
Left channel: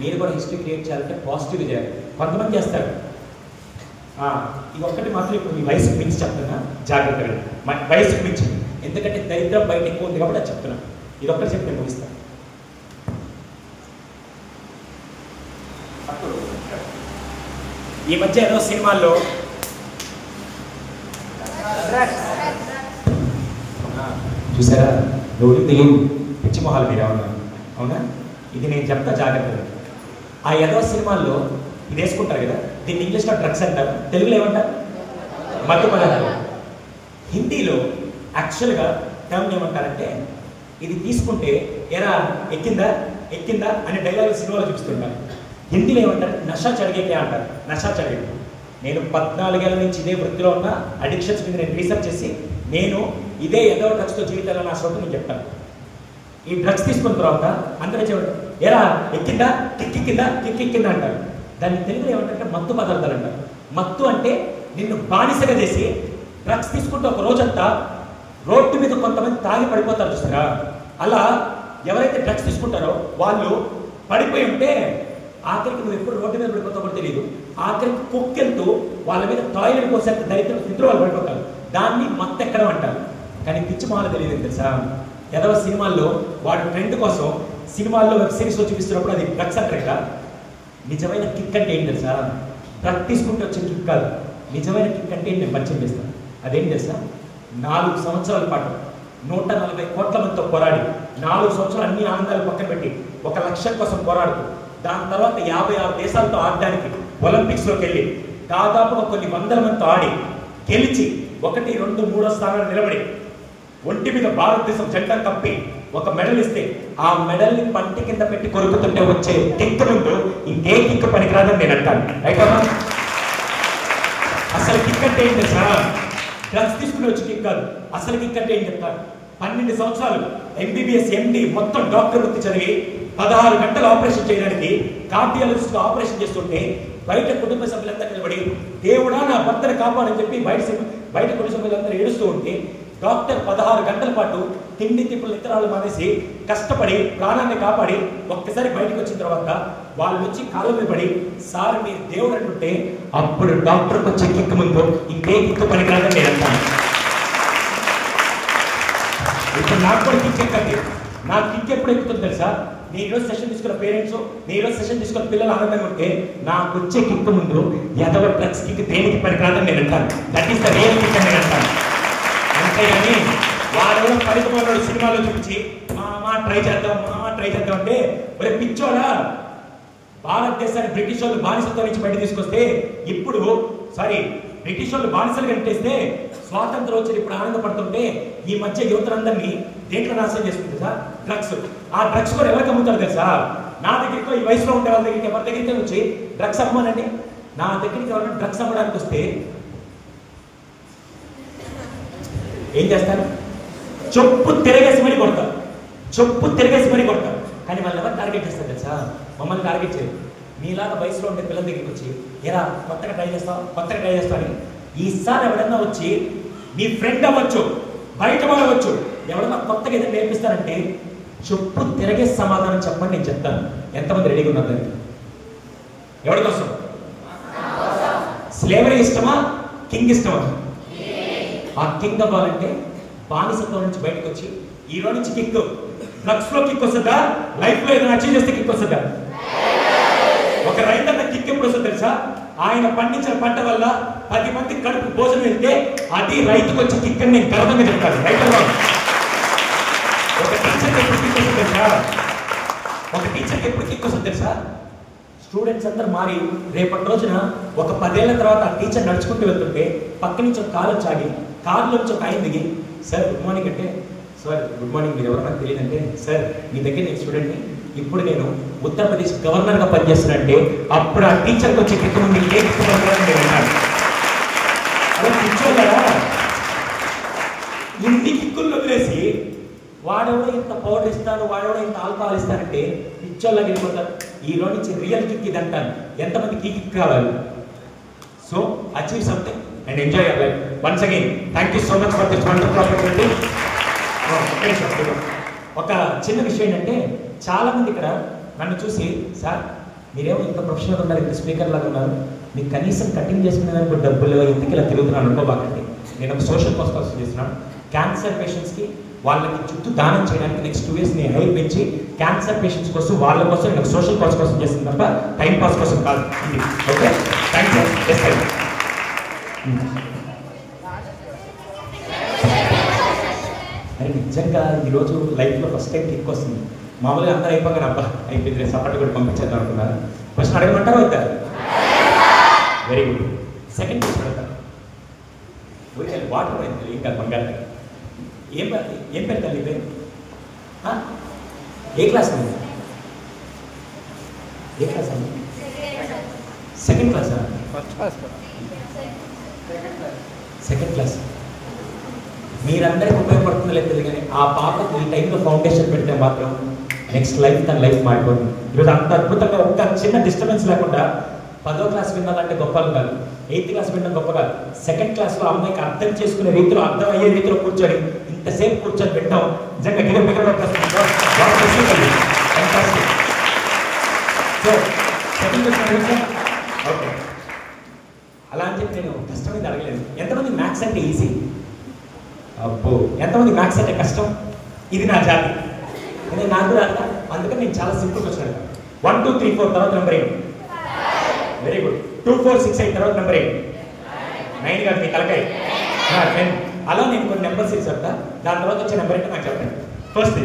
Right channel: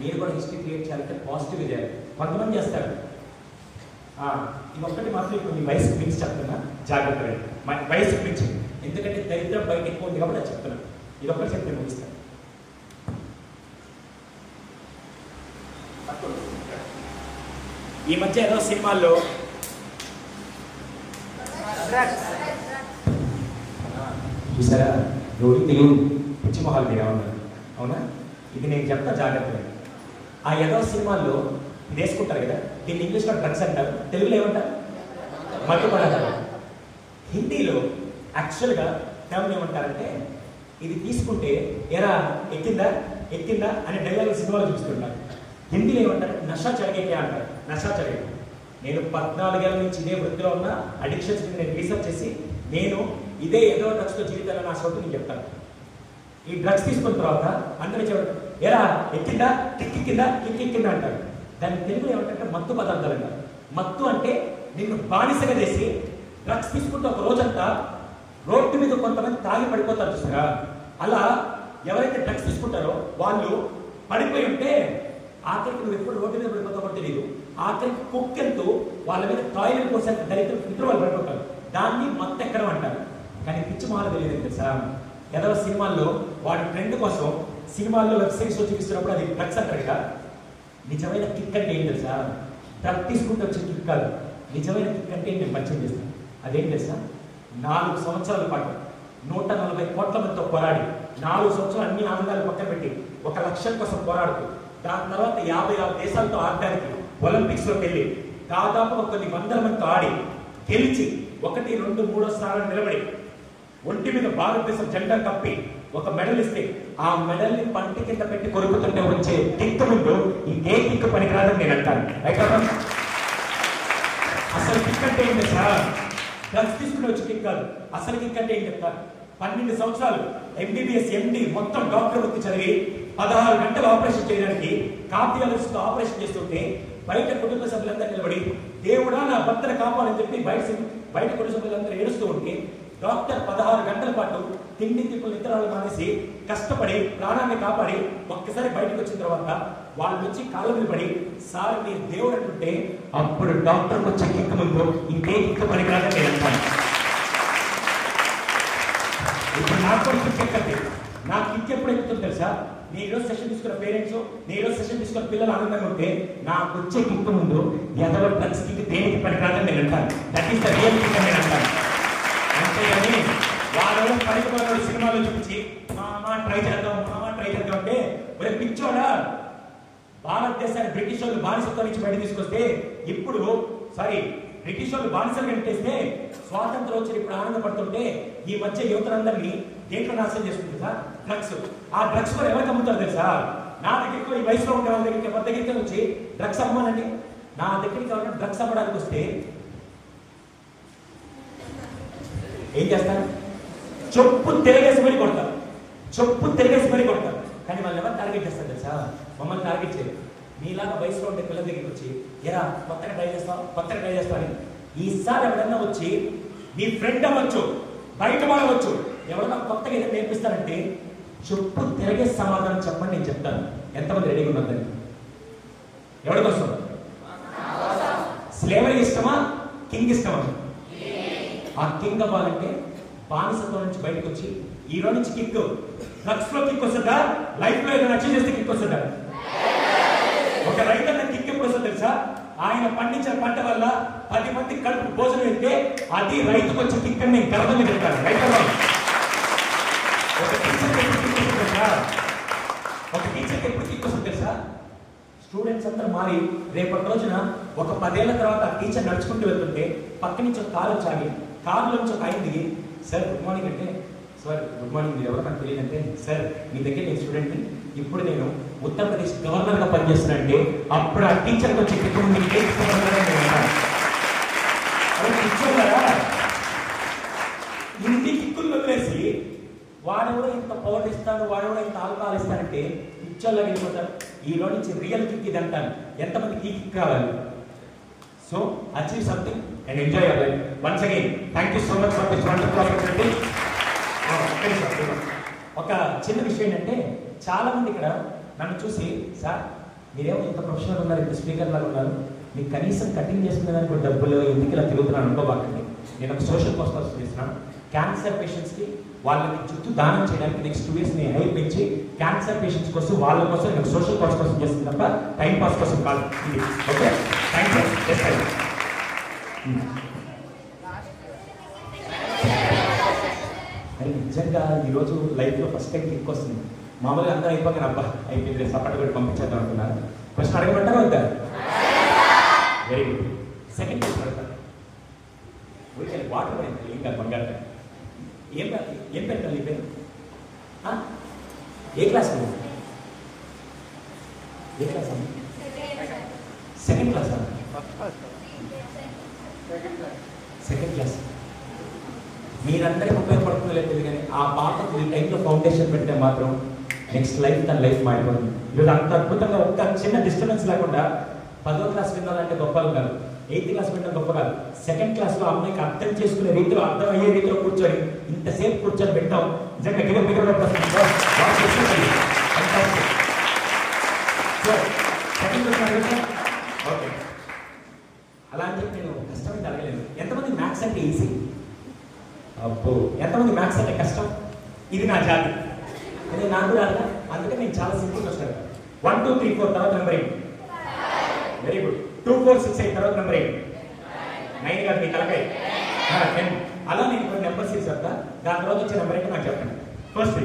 మీరు కూడా హిస్టరీ క్రియేట్ చేయాలంటే పాజిటివ్గా చేయాలి. కొంతమంది చేస్తారు. ఇది ఒక్కటి మాత్రం ఇప్పుడు మీ వయసుకు మించి చెప్తున్నా, జాగ్రత్తగా వయసుకు మించి, ఎందుకంటే దరిద్రం బయట ఎక్కువ ఉంది కాబట్టి అది చెప్తున్నాను. ఇది ఒక్కటి చెప్పి నేను ముగిస్తాను. ఈ మధ్య ఏదో సినిమాల్లో చూసారా ఎవరు తెలియదు పిచ్చి మొహాలు మీరు ఉన్నారు, అవునా? ఇది నేను చెప్తా జాగ్రత్తగా. ఆ ఏదో సినిమాల్లో ఇది వేసుకుంటారు కదా, దీన్ని ఇంగ్లీష్లో డ్రగ్స్ అంటారు, తెలుగులో ఏమంటారు? మత్తు పదార్థాలు. హిందీలో యాక్చువల్గా టర్మ్ ఏమంటారంటే ఇది తీసుకుంటే ఎరా ఎక్కిందా అనే డైలాగ్ సినిమాలో చూపిస్తుంటారు. హిందీలో ఏమంటారు? నషా చడిగేకే అంటారు. నషా చడిగే. నేను 14 ఏళ్ళ నుంచి ఇదే వృత్తిలో ఉన్న అడిక్షన్స్ మీద నేను రీసెర్చ్ చేసి నేను ఇదే ఏదో డ్రగ్స్తో జీవితాలను నా చోటు నేను చెప్తాను. ఈ డ్రగ్స్ తీసుకున్న తర్వాత అందరూ చెప్పడం ఎరా ఎక్కిందా కిక్కిందా అంటారు. దాన్ని తెలుగులో ఏమంటారంటే మత్తు పదార్థాలు అంటారు. మత్తు అంటే నిన్ను బానిసగా చేసి డ్రగ్స్ తీసుకుంటే ఒక రోజంతా రోడ్డు మీద కొంతమంది తాగి పడిపోతారు చూస్తారా, అలా ఎవరైతే డ్రగ్స్ తీసుకుంటారో వాళ్ళు పడిపోయి ఉంటే ఆఖరికి నువ్వు ఎప్పుడు రోడ్డు మీద పడిపోతావో తెలియదు, ఆఖరికి కుక్కెళ్తూ వాళ్ళ మీద టాయిలెట్ కోసం దరిద్ర పితృ వాళ్ళు పడిపోతారు. దాన్ని మత్తెక్కడం అంటారు. కానీ పిచ్చి మాల తెలియదు తెలుసా, ఏదో సినిమాల్లో వాడి ఫ్రెండ్ కోసం సినిమాల్లో వెబ్ సిరీస్ చూపిస్తున్నప్పుడు అది డ్రగ్స్ అంటారు. నిజమైన కిక్ అంటే ఏంటి తెలుసా, డ్రగ్ తీసుకుంటే వచ్చే కిక్ కాదు. నిజమైన కిక్ అంటే నేను పరిచయం చేస్తాను. అదేం తెలుసా, 4 సంవత్సరాల పాటు 140 కోట్ల మందితో పోరాడి 4 సంవత్సరాలు అన్ని ఆనందాలు పక్కన పెట్టి 1 లక్ష్యం కోసం పోరాడుతూ దాని తర్వాత 56 దేశాలతో ఆడడానికి ఒలింపిక్స్లోకి వెళ్ళి దాదాపుగా కొన్ని వందల మందితో ఆడి గెలిచి 1, 2, 3 స్థానాలు నిలబడి ఒంటి మీద భారతదేశం జెండా కప్పి ఒక మెడల్ ఇస్తే ఆ మెడల్ని పంటి కింద పెట్టి కొరుకుతుంటే వచ్చే కిక్ ముందు ఇంకే కిక్ పనికిరాదని నేను అంటాను. అయితే అసలు కిక్ అంటే ఏంటి సార్, డ్రగ్స్ తీసుకుని వచ్చి కిక్ కాదు. అసలు కిక్ అంటే ఏం చెప్తారు, 12 సంవత్సరాలు MBBS MD మొత్తం డాక్టర్ వృత్తి చదివి 16 గంటలు ఆపరేషన్ చేయడానికి కార్డియాలజిస్ట్ ఆపరేషన్ చేస్తుంటే బయట కుటుంబ సభ్యులందరూ నిలబడి దేవుడా నా భర్తని కాపాడని చెప్పి బయట కుటుంబ సభ్యులందరూ ఏడుస్తూ ఉంటే డాక్టర్ 16 గంటల పాటు తిండి తిప్పులు నిద్రాలు మానేసి కష్టపడి ప్రాణాన్ని కాపాడి ఒక్కసారి బయటకు వచ్చిన తర్వాత వాళ్ళు వచ్చి కాళ్ళ మీద పడి సార్ మీరు దేవుడు అంటుంటే అప్పుడు డాక్టర్కి వచ్చే కిక్ ముందు ఇంకే కిక్ పనికిరాదని నేను అంటాను. ఇప్పుడు నాకు కూడా కిక్ ఎక్కద్ది. నాకు కిక్ ఎప్పుడు ఎక్కుతుంది తెలుసా, నేను ఈరోజు సెషన్ తీసుకున్న పేరెంట్స్, నేను ఈరోజు సెషన్ తీసుకున్న పిల్లలు ఆనందంగా ఉంటే నాకు వచ్చే కిక్ ముందు ఎదవ డ్రగ్స్ కిక్ దేనికి పనికిరాదని నేను అంటాను. That is the real kick అని నేను అంటాను. అంతేగాని వాడు పనికిపోయిన సినిమాలో చూపించి మామా ట్రై చేద్దాం అంటే ఒరే పిచ్చోడా, భారతదేశాన్ని బ్రిటిష్ వాళ్ళు బానిసత్వం నుంచి బయట తీసుకొస్తే ఇప్పుడు బ్రిటిష్ వాళ్ళు బానిసలు కట్టేస్తే స్వాతంత్రం వచ్చి ఇప్పుడు ఆనందపడుతుంటే ఈ మధ్య యువతలందరినీ దేంట్లో నాశనం చేసుకుంటుంది సార్, డ్రగ్స్. ఆ డ్రగ్స్ కూడా ఎలా కమ్ముతారు కదా, నా దగ్గరికి ఈ వయసులో ఉండే వాళ్ళ దగ్గరికి ఎవరి దగ్గరికి వచ్చి డ్రగ్స్ అమ్మానండి, నా దగ్గరికి ఎవరైనా డ్రగ్స్ అమ్మడానికి వస్తే ఏం చేస్తారు, చెప్పు తిరగేసి మరీ కొడతారు. కానీ వాళ్ళు ఎవరు టార్గెట్ చేస్తారు తెలుసా, మమ్మల్ని టార్గెట్ చేయరు. మీలాగా వయసులో ఉండే పిల్లల దగ్గరికి వచ్చి ఎలా కొత్తగా ట్రై చేస్తావు అని ఈసారి ఎవడన్నా వచ్చి మీ ఫ్రెండ్ అవ్వచ్చు, బయట అవ్వచ్చు, ఎవడన్నా కొత్తగా ఏదైనా నేర్పిస్తారంటే చెప్పు తిరగే సమాధానం చెప్పండి నేను చెప్తాను. ఎంతమంది రెడీగా ఉన్నారు దానికి? ఎవరి కోసం? స్లేవరీ ఇష్టమా, కింగ్ ఇష్టమా? ఆ కింగ్ అవ్వాలంటే బానిసత్వం నుంచి బయటకు వచ్చి ఈ రోజు నుంచి కిక్, డ్రగ్స్ లో కిక్ వస్తుందా, లైఫ్ లో ఏదైనా అచీవ్ చేస్తే కిక్ వస్తుందా? ఒక రైతన్న కిక్ ఎప్పుడు వస్తుంది తెలుసా, ఆయన పండించిన పంట వల్ల 10 మంది కడుపు భోజనం వెళ్తే అది రైతుకు వచ్చే కిక్ అని నేను గర్వంగా చెప్తాను. రైతులు ఒక టీచర్కి ఎప్పుడు కిక్ వస్తుంది తెలుసా, స్టూడెంట్స్ అందరూ మారి రేపటి రోజున ఒక 10 ఏళ్ల తర్వాత ఆ టీచర్ నడుచుకుంటూ వెళ్తుంటే పక్క నుంచి ఒక కారు వచ్చాగి కారులో నుంచి ఒక ఆయన దిగి సార్ గుడ్ మార్నింగ్ అంటే, సార్ గుడ్ మార్నింగ్ మీరు ఎవరన్నా తెలియదంటే, సార్ మీ దగ్గర నేను స్టూడెంట్ని, ఇప్పుడు నేను ఉత్తరప్రదేశ్ గవర్నర్గా పనిచేస్తున్నానంటే అప్పుడు ఆ టీచర్కి వచ్చే కిక్ ముందు అలా కూర్చోగలరా? ఇన్ని కిక్కుల్లో వదిలేసి వాడెవడో ఇంత పౌడర్ ఇస్తాడు, వాడెవడో ఇంత ఆల్కహాల్ ఇస్తారంటే పిచ్చోళ్ళకి వెళ్ళిపోతారు. ఈ రోజు నుంచి రియల్ కిక్ ఇది అంటాను. ఎంతమందికి ఈ కిక్ కావాలి? So achieve something and enjoy your life. Once again thank you so much for this wonderful opportunity. ఒక చిన్న విషయం ఏంటంటే చాలా మంది ఇక్కడ నన్ను చూసి సార్ మీరేమో ఇంత ప్రొఫెషనల్ ఉన్నారు, ఇంత స్పీకర్ లాగా ఉన్నారు, మీకు కనీసం కటింగ్ చేసుకునే దానికి డబ్బులు ఎందుకు ఇలా తిరుగుతున్నాను అనుకోబాకండి. నేను ఒక సోషల్ కాజ్ కోసం చేస్తున్నాను. క్యాన్సర్ పేషెంట్స్కి వాళ్ళకి చుట్టూ దానం చేయడానికి నెక్స్ట్ 2 years నేను హెల్ప్ ఇచ్చి క్యాన్సర్ పేషెంట్స్ కోసం వాళ్ళ కోసం నేను సోషల్ కాజ్ కోసం చేస్తుంది తప్ప టైం పాస్ కోసం కాదు ఇది. Okay thank you. అరే నిజంగా ఈరోజు లైఫ్లో ఫస్ట్ టైం కిక్ వస్తుంది. మామూలుగా అందరూ అయిపోగానే అబ్బా అయిపోయింది సపరేట్ కూడా పంపించేద్దాం అనుకున్నారు. క్వశ్చన్ అడగమంటారా వద్దా? Very good. సెకండ్ క్వశ్చన్ అడగండి. వాటర్ పడింది ఇంకా బంగారు ఏం పెట్టాలి ఈ పేరు? ఏ క్లాస్ అండి? ఏ క్లాస్ అండి? సెకండ్ క్లాసా? Second class. మీరందరికీ ఉపయోగపడుతుందో లేదు కానీ ఆ పాపకు ఈ టైంలో ఫౌండేషన్ పెడితే మాత్రం నెక్స్ట్ లైఫ్ తన లైఫ్ మారిపోతుంది. ఈరోజు అంత అద్భుతంగా ఒక్క చిన్న డిస్టర్బెన్స్ లేకుండా 10వ క్లాస్ విన్నదంటే గొప్పలు కాదు, 8th క్లాస్ వినడం గొప్ప కాదు. 2nd క్లాస్లో అమ్మాయికి అర్థం చేసుకునే రీతిలో, అర్థమయ్యే రీతిలో కూర్చొని ఇంతసేపు కూర్చొని వింటాం. నిజంగా గివ బిగలో ప్రశ్న. So second question okay. అలా అని చెప్పి నేను కష్టమైంది అడగలేదు. ఎంతమంది మ్యాథ్స్ అంటే ఈజీ? అబ్బో, ఎంతమంది మ్యాథ్స్ అంటే కష్టం? ఇది నా జాతి, అంటే నాకు రాదు. అందుకని నేను చాలా సింపుల్ క్వశ్చన్ అడిగాను. 1 2 3 4 తర్వాత నెంబర్ ఏంటి? Very good. 2 4 6 8 తర్వాత నెంబర్ ఏంటి? 9 కాదు మీ తలకాయ 10. అలా నేను కొన్ని నెంబర్ సిరీస్ చెప్తా, దాని తర్వాత వచ్చే నెంబర్ ఏంటో నాకు చెప్పండి. ఫస్ట్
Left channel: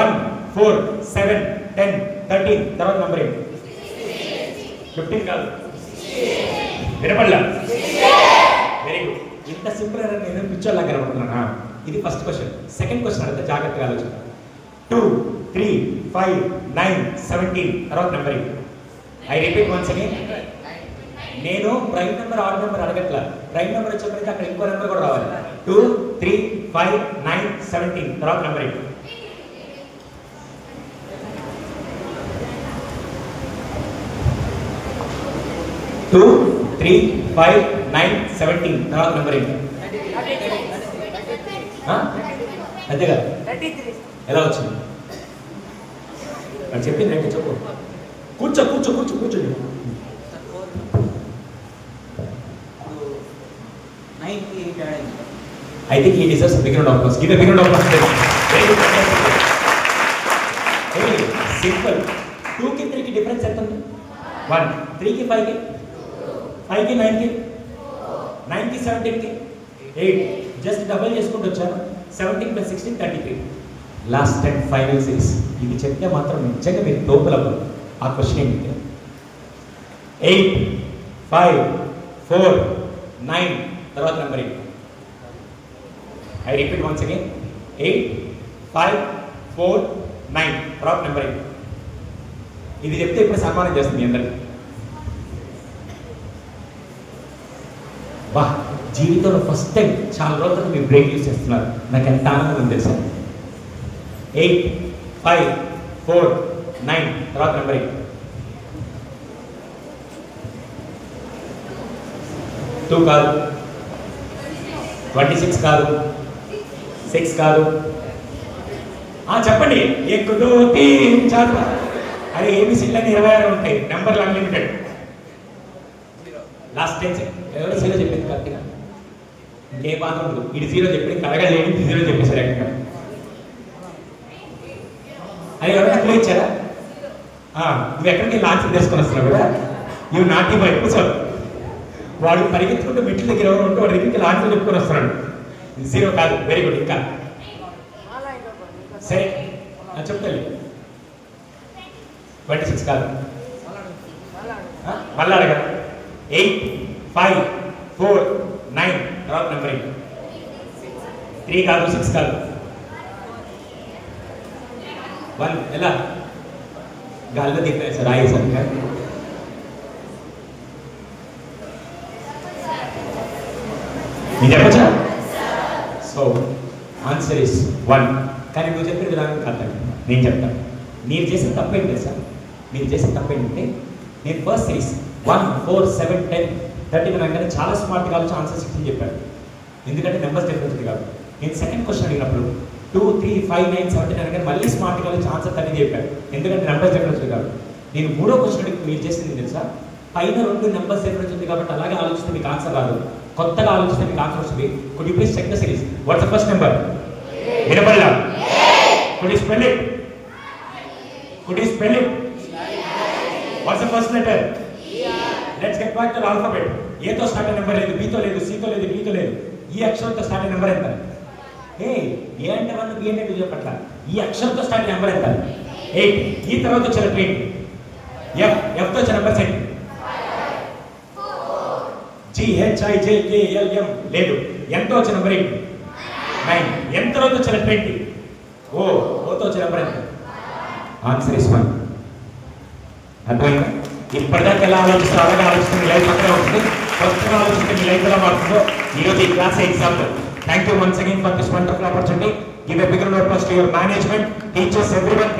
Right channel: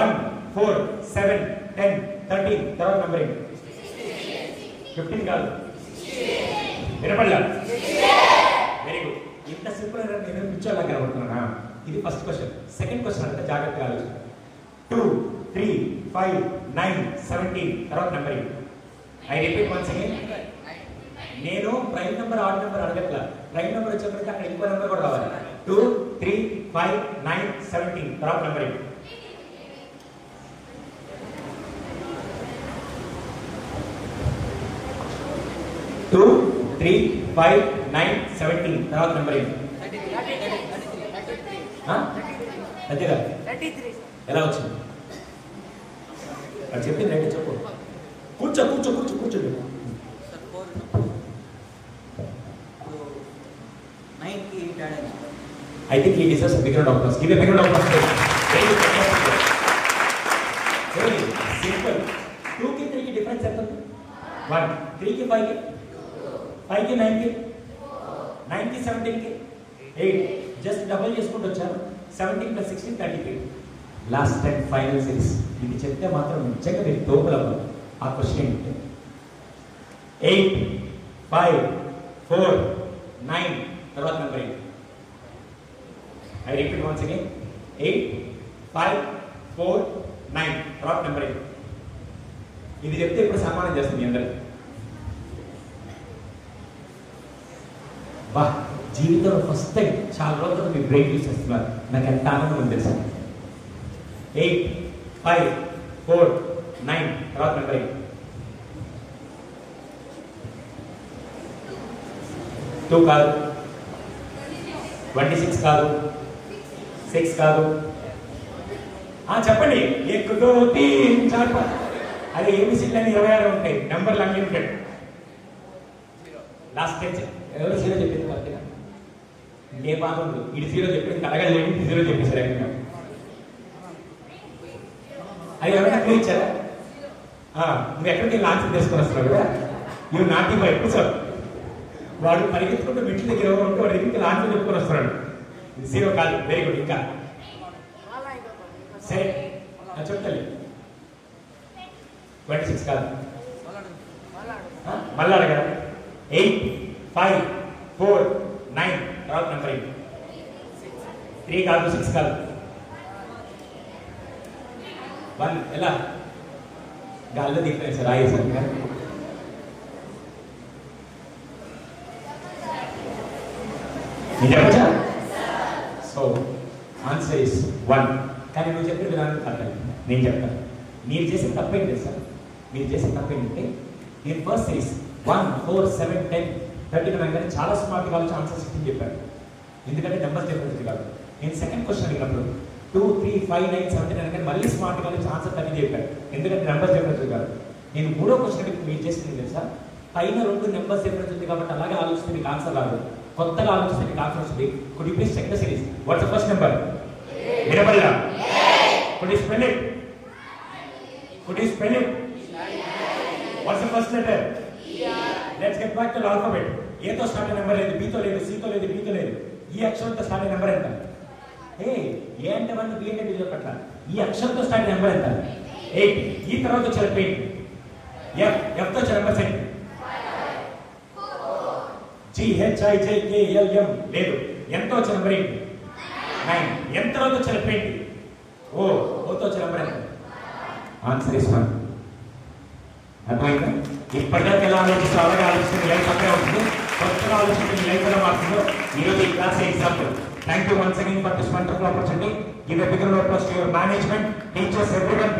1 4 7 10 13 తర్వాత నెంబర్ ఏంటి? 15 కాదు, వినపడలా? Very good. ఇంత సింపుల్ అయినా నేను పిచ్చోళ్ళ కనుకుంటున్నానా? ఇది ఫస్ట్ క్వశ్చన్. సెకండ్ క్వశ్చన్ అంటే జాగ్రత్తగా ఆలోచన. 2 3 5 9 17 తర్వాత నెంబర్ ఏంటి? I repeat once again. నేను ప్రైమ్ నెంబర్ ఆడ్ నెంబర్ అడగట్లా. ప్రైమ్ నెంబర్ వచ్చేప్పటికి అక్కడ ఇంకో నెంబర్ కూడా రావాలి. 2 3 5 9 17 తర్వాత నెంబర్ ఏంటి? 2 3 5 9 17 తర్వాత నెంబర్ ఏంటి? అంతే కదా? ఎలా వచ్చింది? అది చెప్పింది అంటే చెప్పు. కూర్చో కూర్చో కూర్చో కూర్చోండి. I think he deserves a big round of applause. Give a big round of applause. Very good. Very simple. 2 की 3 की difference ఎంత ఉంది? 1. 3 की 5 की 5 की 9 की 9 की 17 की 8. జస్ట్ డబుల్ చేసుకుంటూ వచ్చారు. 17 + 16 33. Last and final 6. ఇది చెప్తే మాత్రం నిజంగా మీరు తోపులవ్వరు. ఆ క్వశ్చన్ ఏంటంటే 8 5 4 9 తర్వాత నెంబర్ ఏంటి? I repeat once again. 8 5 4 9 తర్వాత నెంబర్ ఏంటి? ఇది చెప్తే ఇప్పుడు సన్మానం చేస్తుంది అందరు. బా, జీవితంలో ఫస్ట్ టైం చాలా రోజులు మీరు బ్రేక్ యూస్ చేస్తున్నారు. నాకు ఎంత ఆనందం ఉంది తెలుసా? 8 5 4 9 తర్వాత నెంబర్ ఏంటి? 2 కాదు, 26 కాదు, 6 కాదు. చెప్పండి. ఎక్కుదో తీన్ చాలు. అరే ఏబిసిడ్లన్నీ 26 ఉంటాయి, నెంబర్లు అన్లిమిటెడ్. లాస్ట్ 10 ఎవరు 0 చెప్పింది కరెక్ట్గా? ఏ బాధ ఉండదు. ఇది 0 చెప్పింది, కడగలేడు. 0 చెప్పేసారు ఎక్కడ? అది ఎవరైనా క్లూ ఇచ్చారా? నువ్వు ఎక్కడికి లాంచ్ చేసుకొని వస్తున్నావు కూడా ఇవి నాటి వైపు సార్. వాడు పరిగెత్తుకుంటూ మెట్ల దగ్గర ఎవరు ఉంటే వాడి దగ్గరికి లాంచ్ చెప్పుకొని వస్తున్నాడు. 0 కాదు. Very good. ఇంకా సరే చెప్తాను. 26 కాదు, మళ్ళీ అడగదా? 8 5 4 9 తర్వాత నెంబర్ ఏంటి? 3 కాదు, 6 కాదు, 1. ఎలా గాల్లో దిక్కున్నాయి సార్ ఆయేసాను. మీరు చెప్పచ్చా? So answer is 1. కానీ నువ్వు చెప్పిన విధానం కాదు, నేను చెప్తాను. మీరు చేసిన తప్పేంటి సార్? మీరు చేసిన తప్పేంటంటే నేను ఫస్ట్ సిరీస్ 1 4 7 10 13 అనగానే చాలా స్మార్ట్గా ఆలోచన ఆన్సర్ 16 చెప్పాను. ఎందుకంటే నెంబర్స్ డిఫరెన్స్ కాదు. నేను సెకండ్ క్వశ్చన్ అడిగినప్పుడు 2 3 5 9 17 అనగానే మళ్ళీ స్మార్ట్గా ఆలోచన ఆన్సర్ 30 చెప్పాను. ఎందుకంటే నెంబర్స్ డిఫరెన్స్ కాదు. నేను మూడో క్వశ్చన్ అడిగి మీరు చేసింది తెలుసా? పైన 2 నెంబర్స్ డిఫరెన్స్ ఉంది కాబట్టి అలాగే ఆలోచిస్తే మీకు ఆన్సర్ రాదు. కొత్తగా ఆలోచిస్తే మీకు ఆన్సర్ వస్తుంది. Could you please check the series? What's the first number? వినపడలా? Could you spell it? Could you spell it? What's the first letter? Let's get back to the alphabet. A to start number లేదు, B తో లేదు, C తో లేదు, D తో లేదు. ఈ అక్షరంతో స్టార్ట్ నెంబర్ ఎంత? A అంటే 1, B అంటే 2 చెప్పట్లా. ఈ అక్షరంతో స్టార్ట్ నెంబర్ ఎంత? 8. ఈ తర్వాత వచ్చే లెటర్ ఏంటి? F తో వచ్చే నెంబర్స్ ఏంటి? 4 G H I J K L M లేదు. N తో వచ్చే నెంబర్ ఏంటి? 9. N తర్వాత వచ్చే లెటర్ ఏంటి? O తో వచ్చే నెంబర్ ఎంత? Answer is 1. అర్థమైందా? ఇప్పటిదాకా ఎలా ఆలోచిస్తూ అలాగే ఆలోచిస్తే మీ లైఫ్ అక్కడ ఉంటుంది. కొత్తగా ఆలోచిస్తే మీ లైఫ్ ఎలా మారుతుందో ఈరోజు ఈ class example. Thank you once again for this wonderful opportunity. Give a big round of applause to your management, teachers, everyone.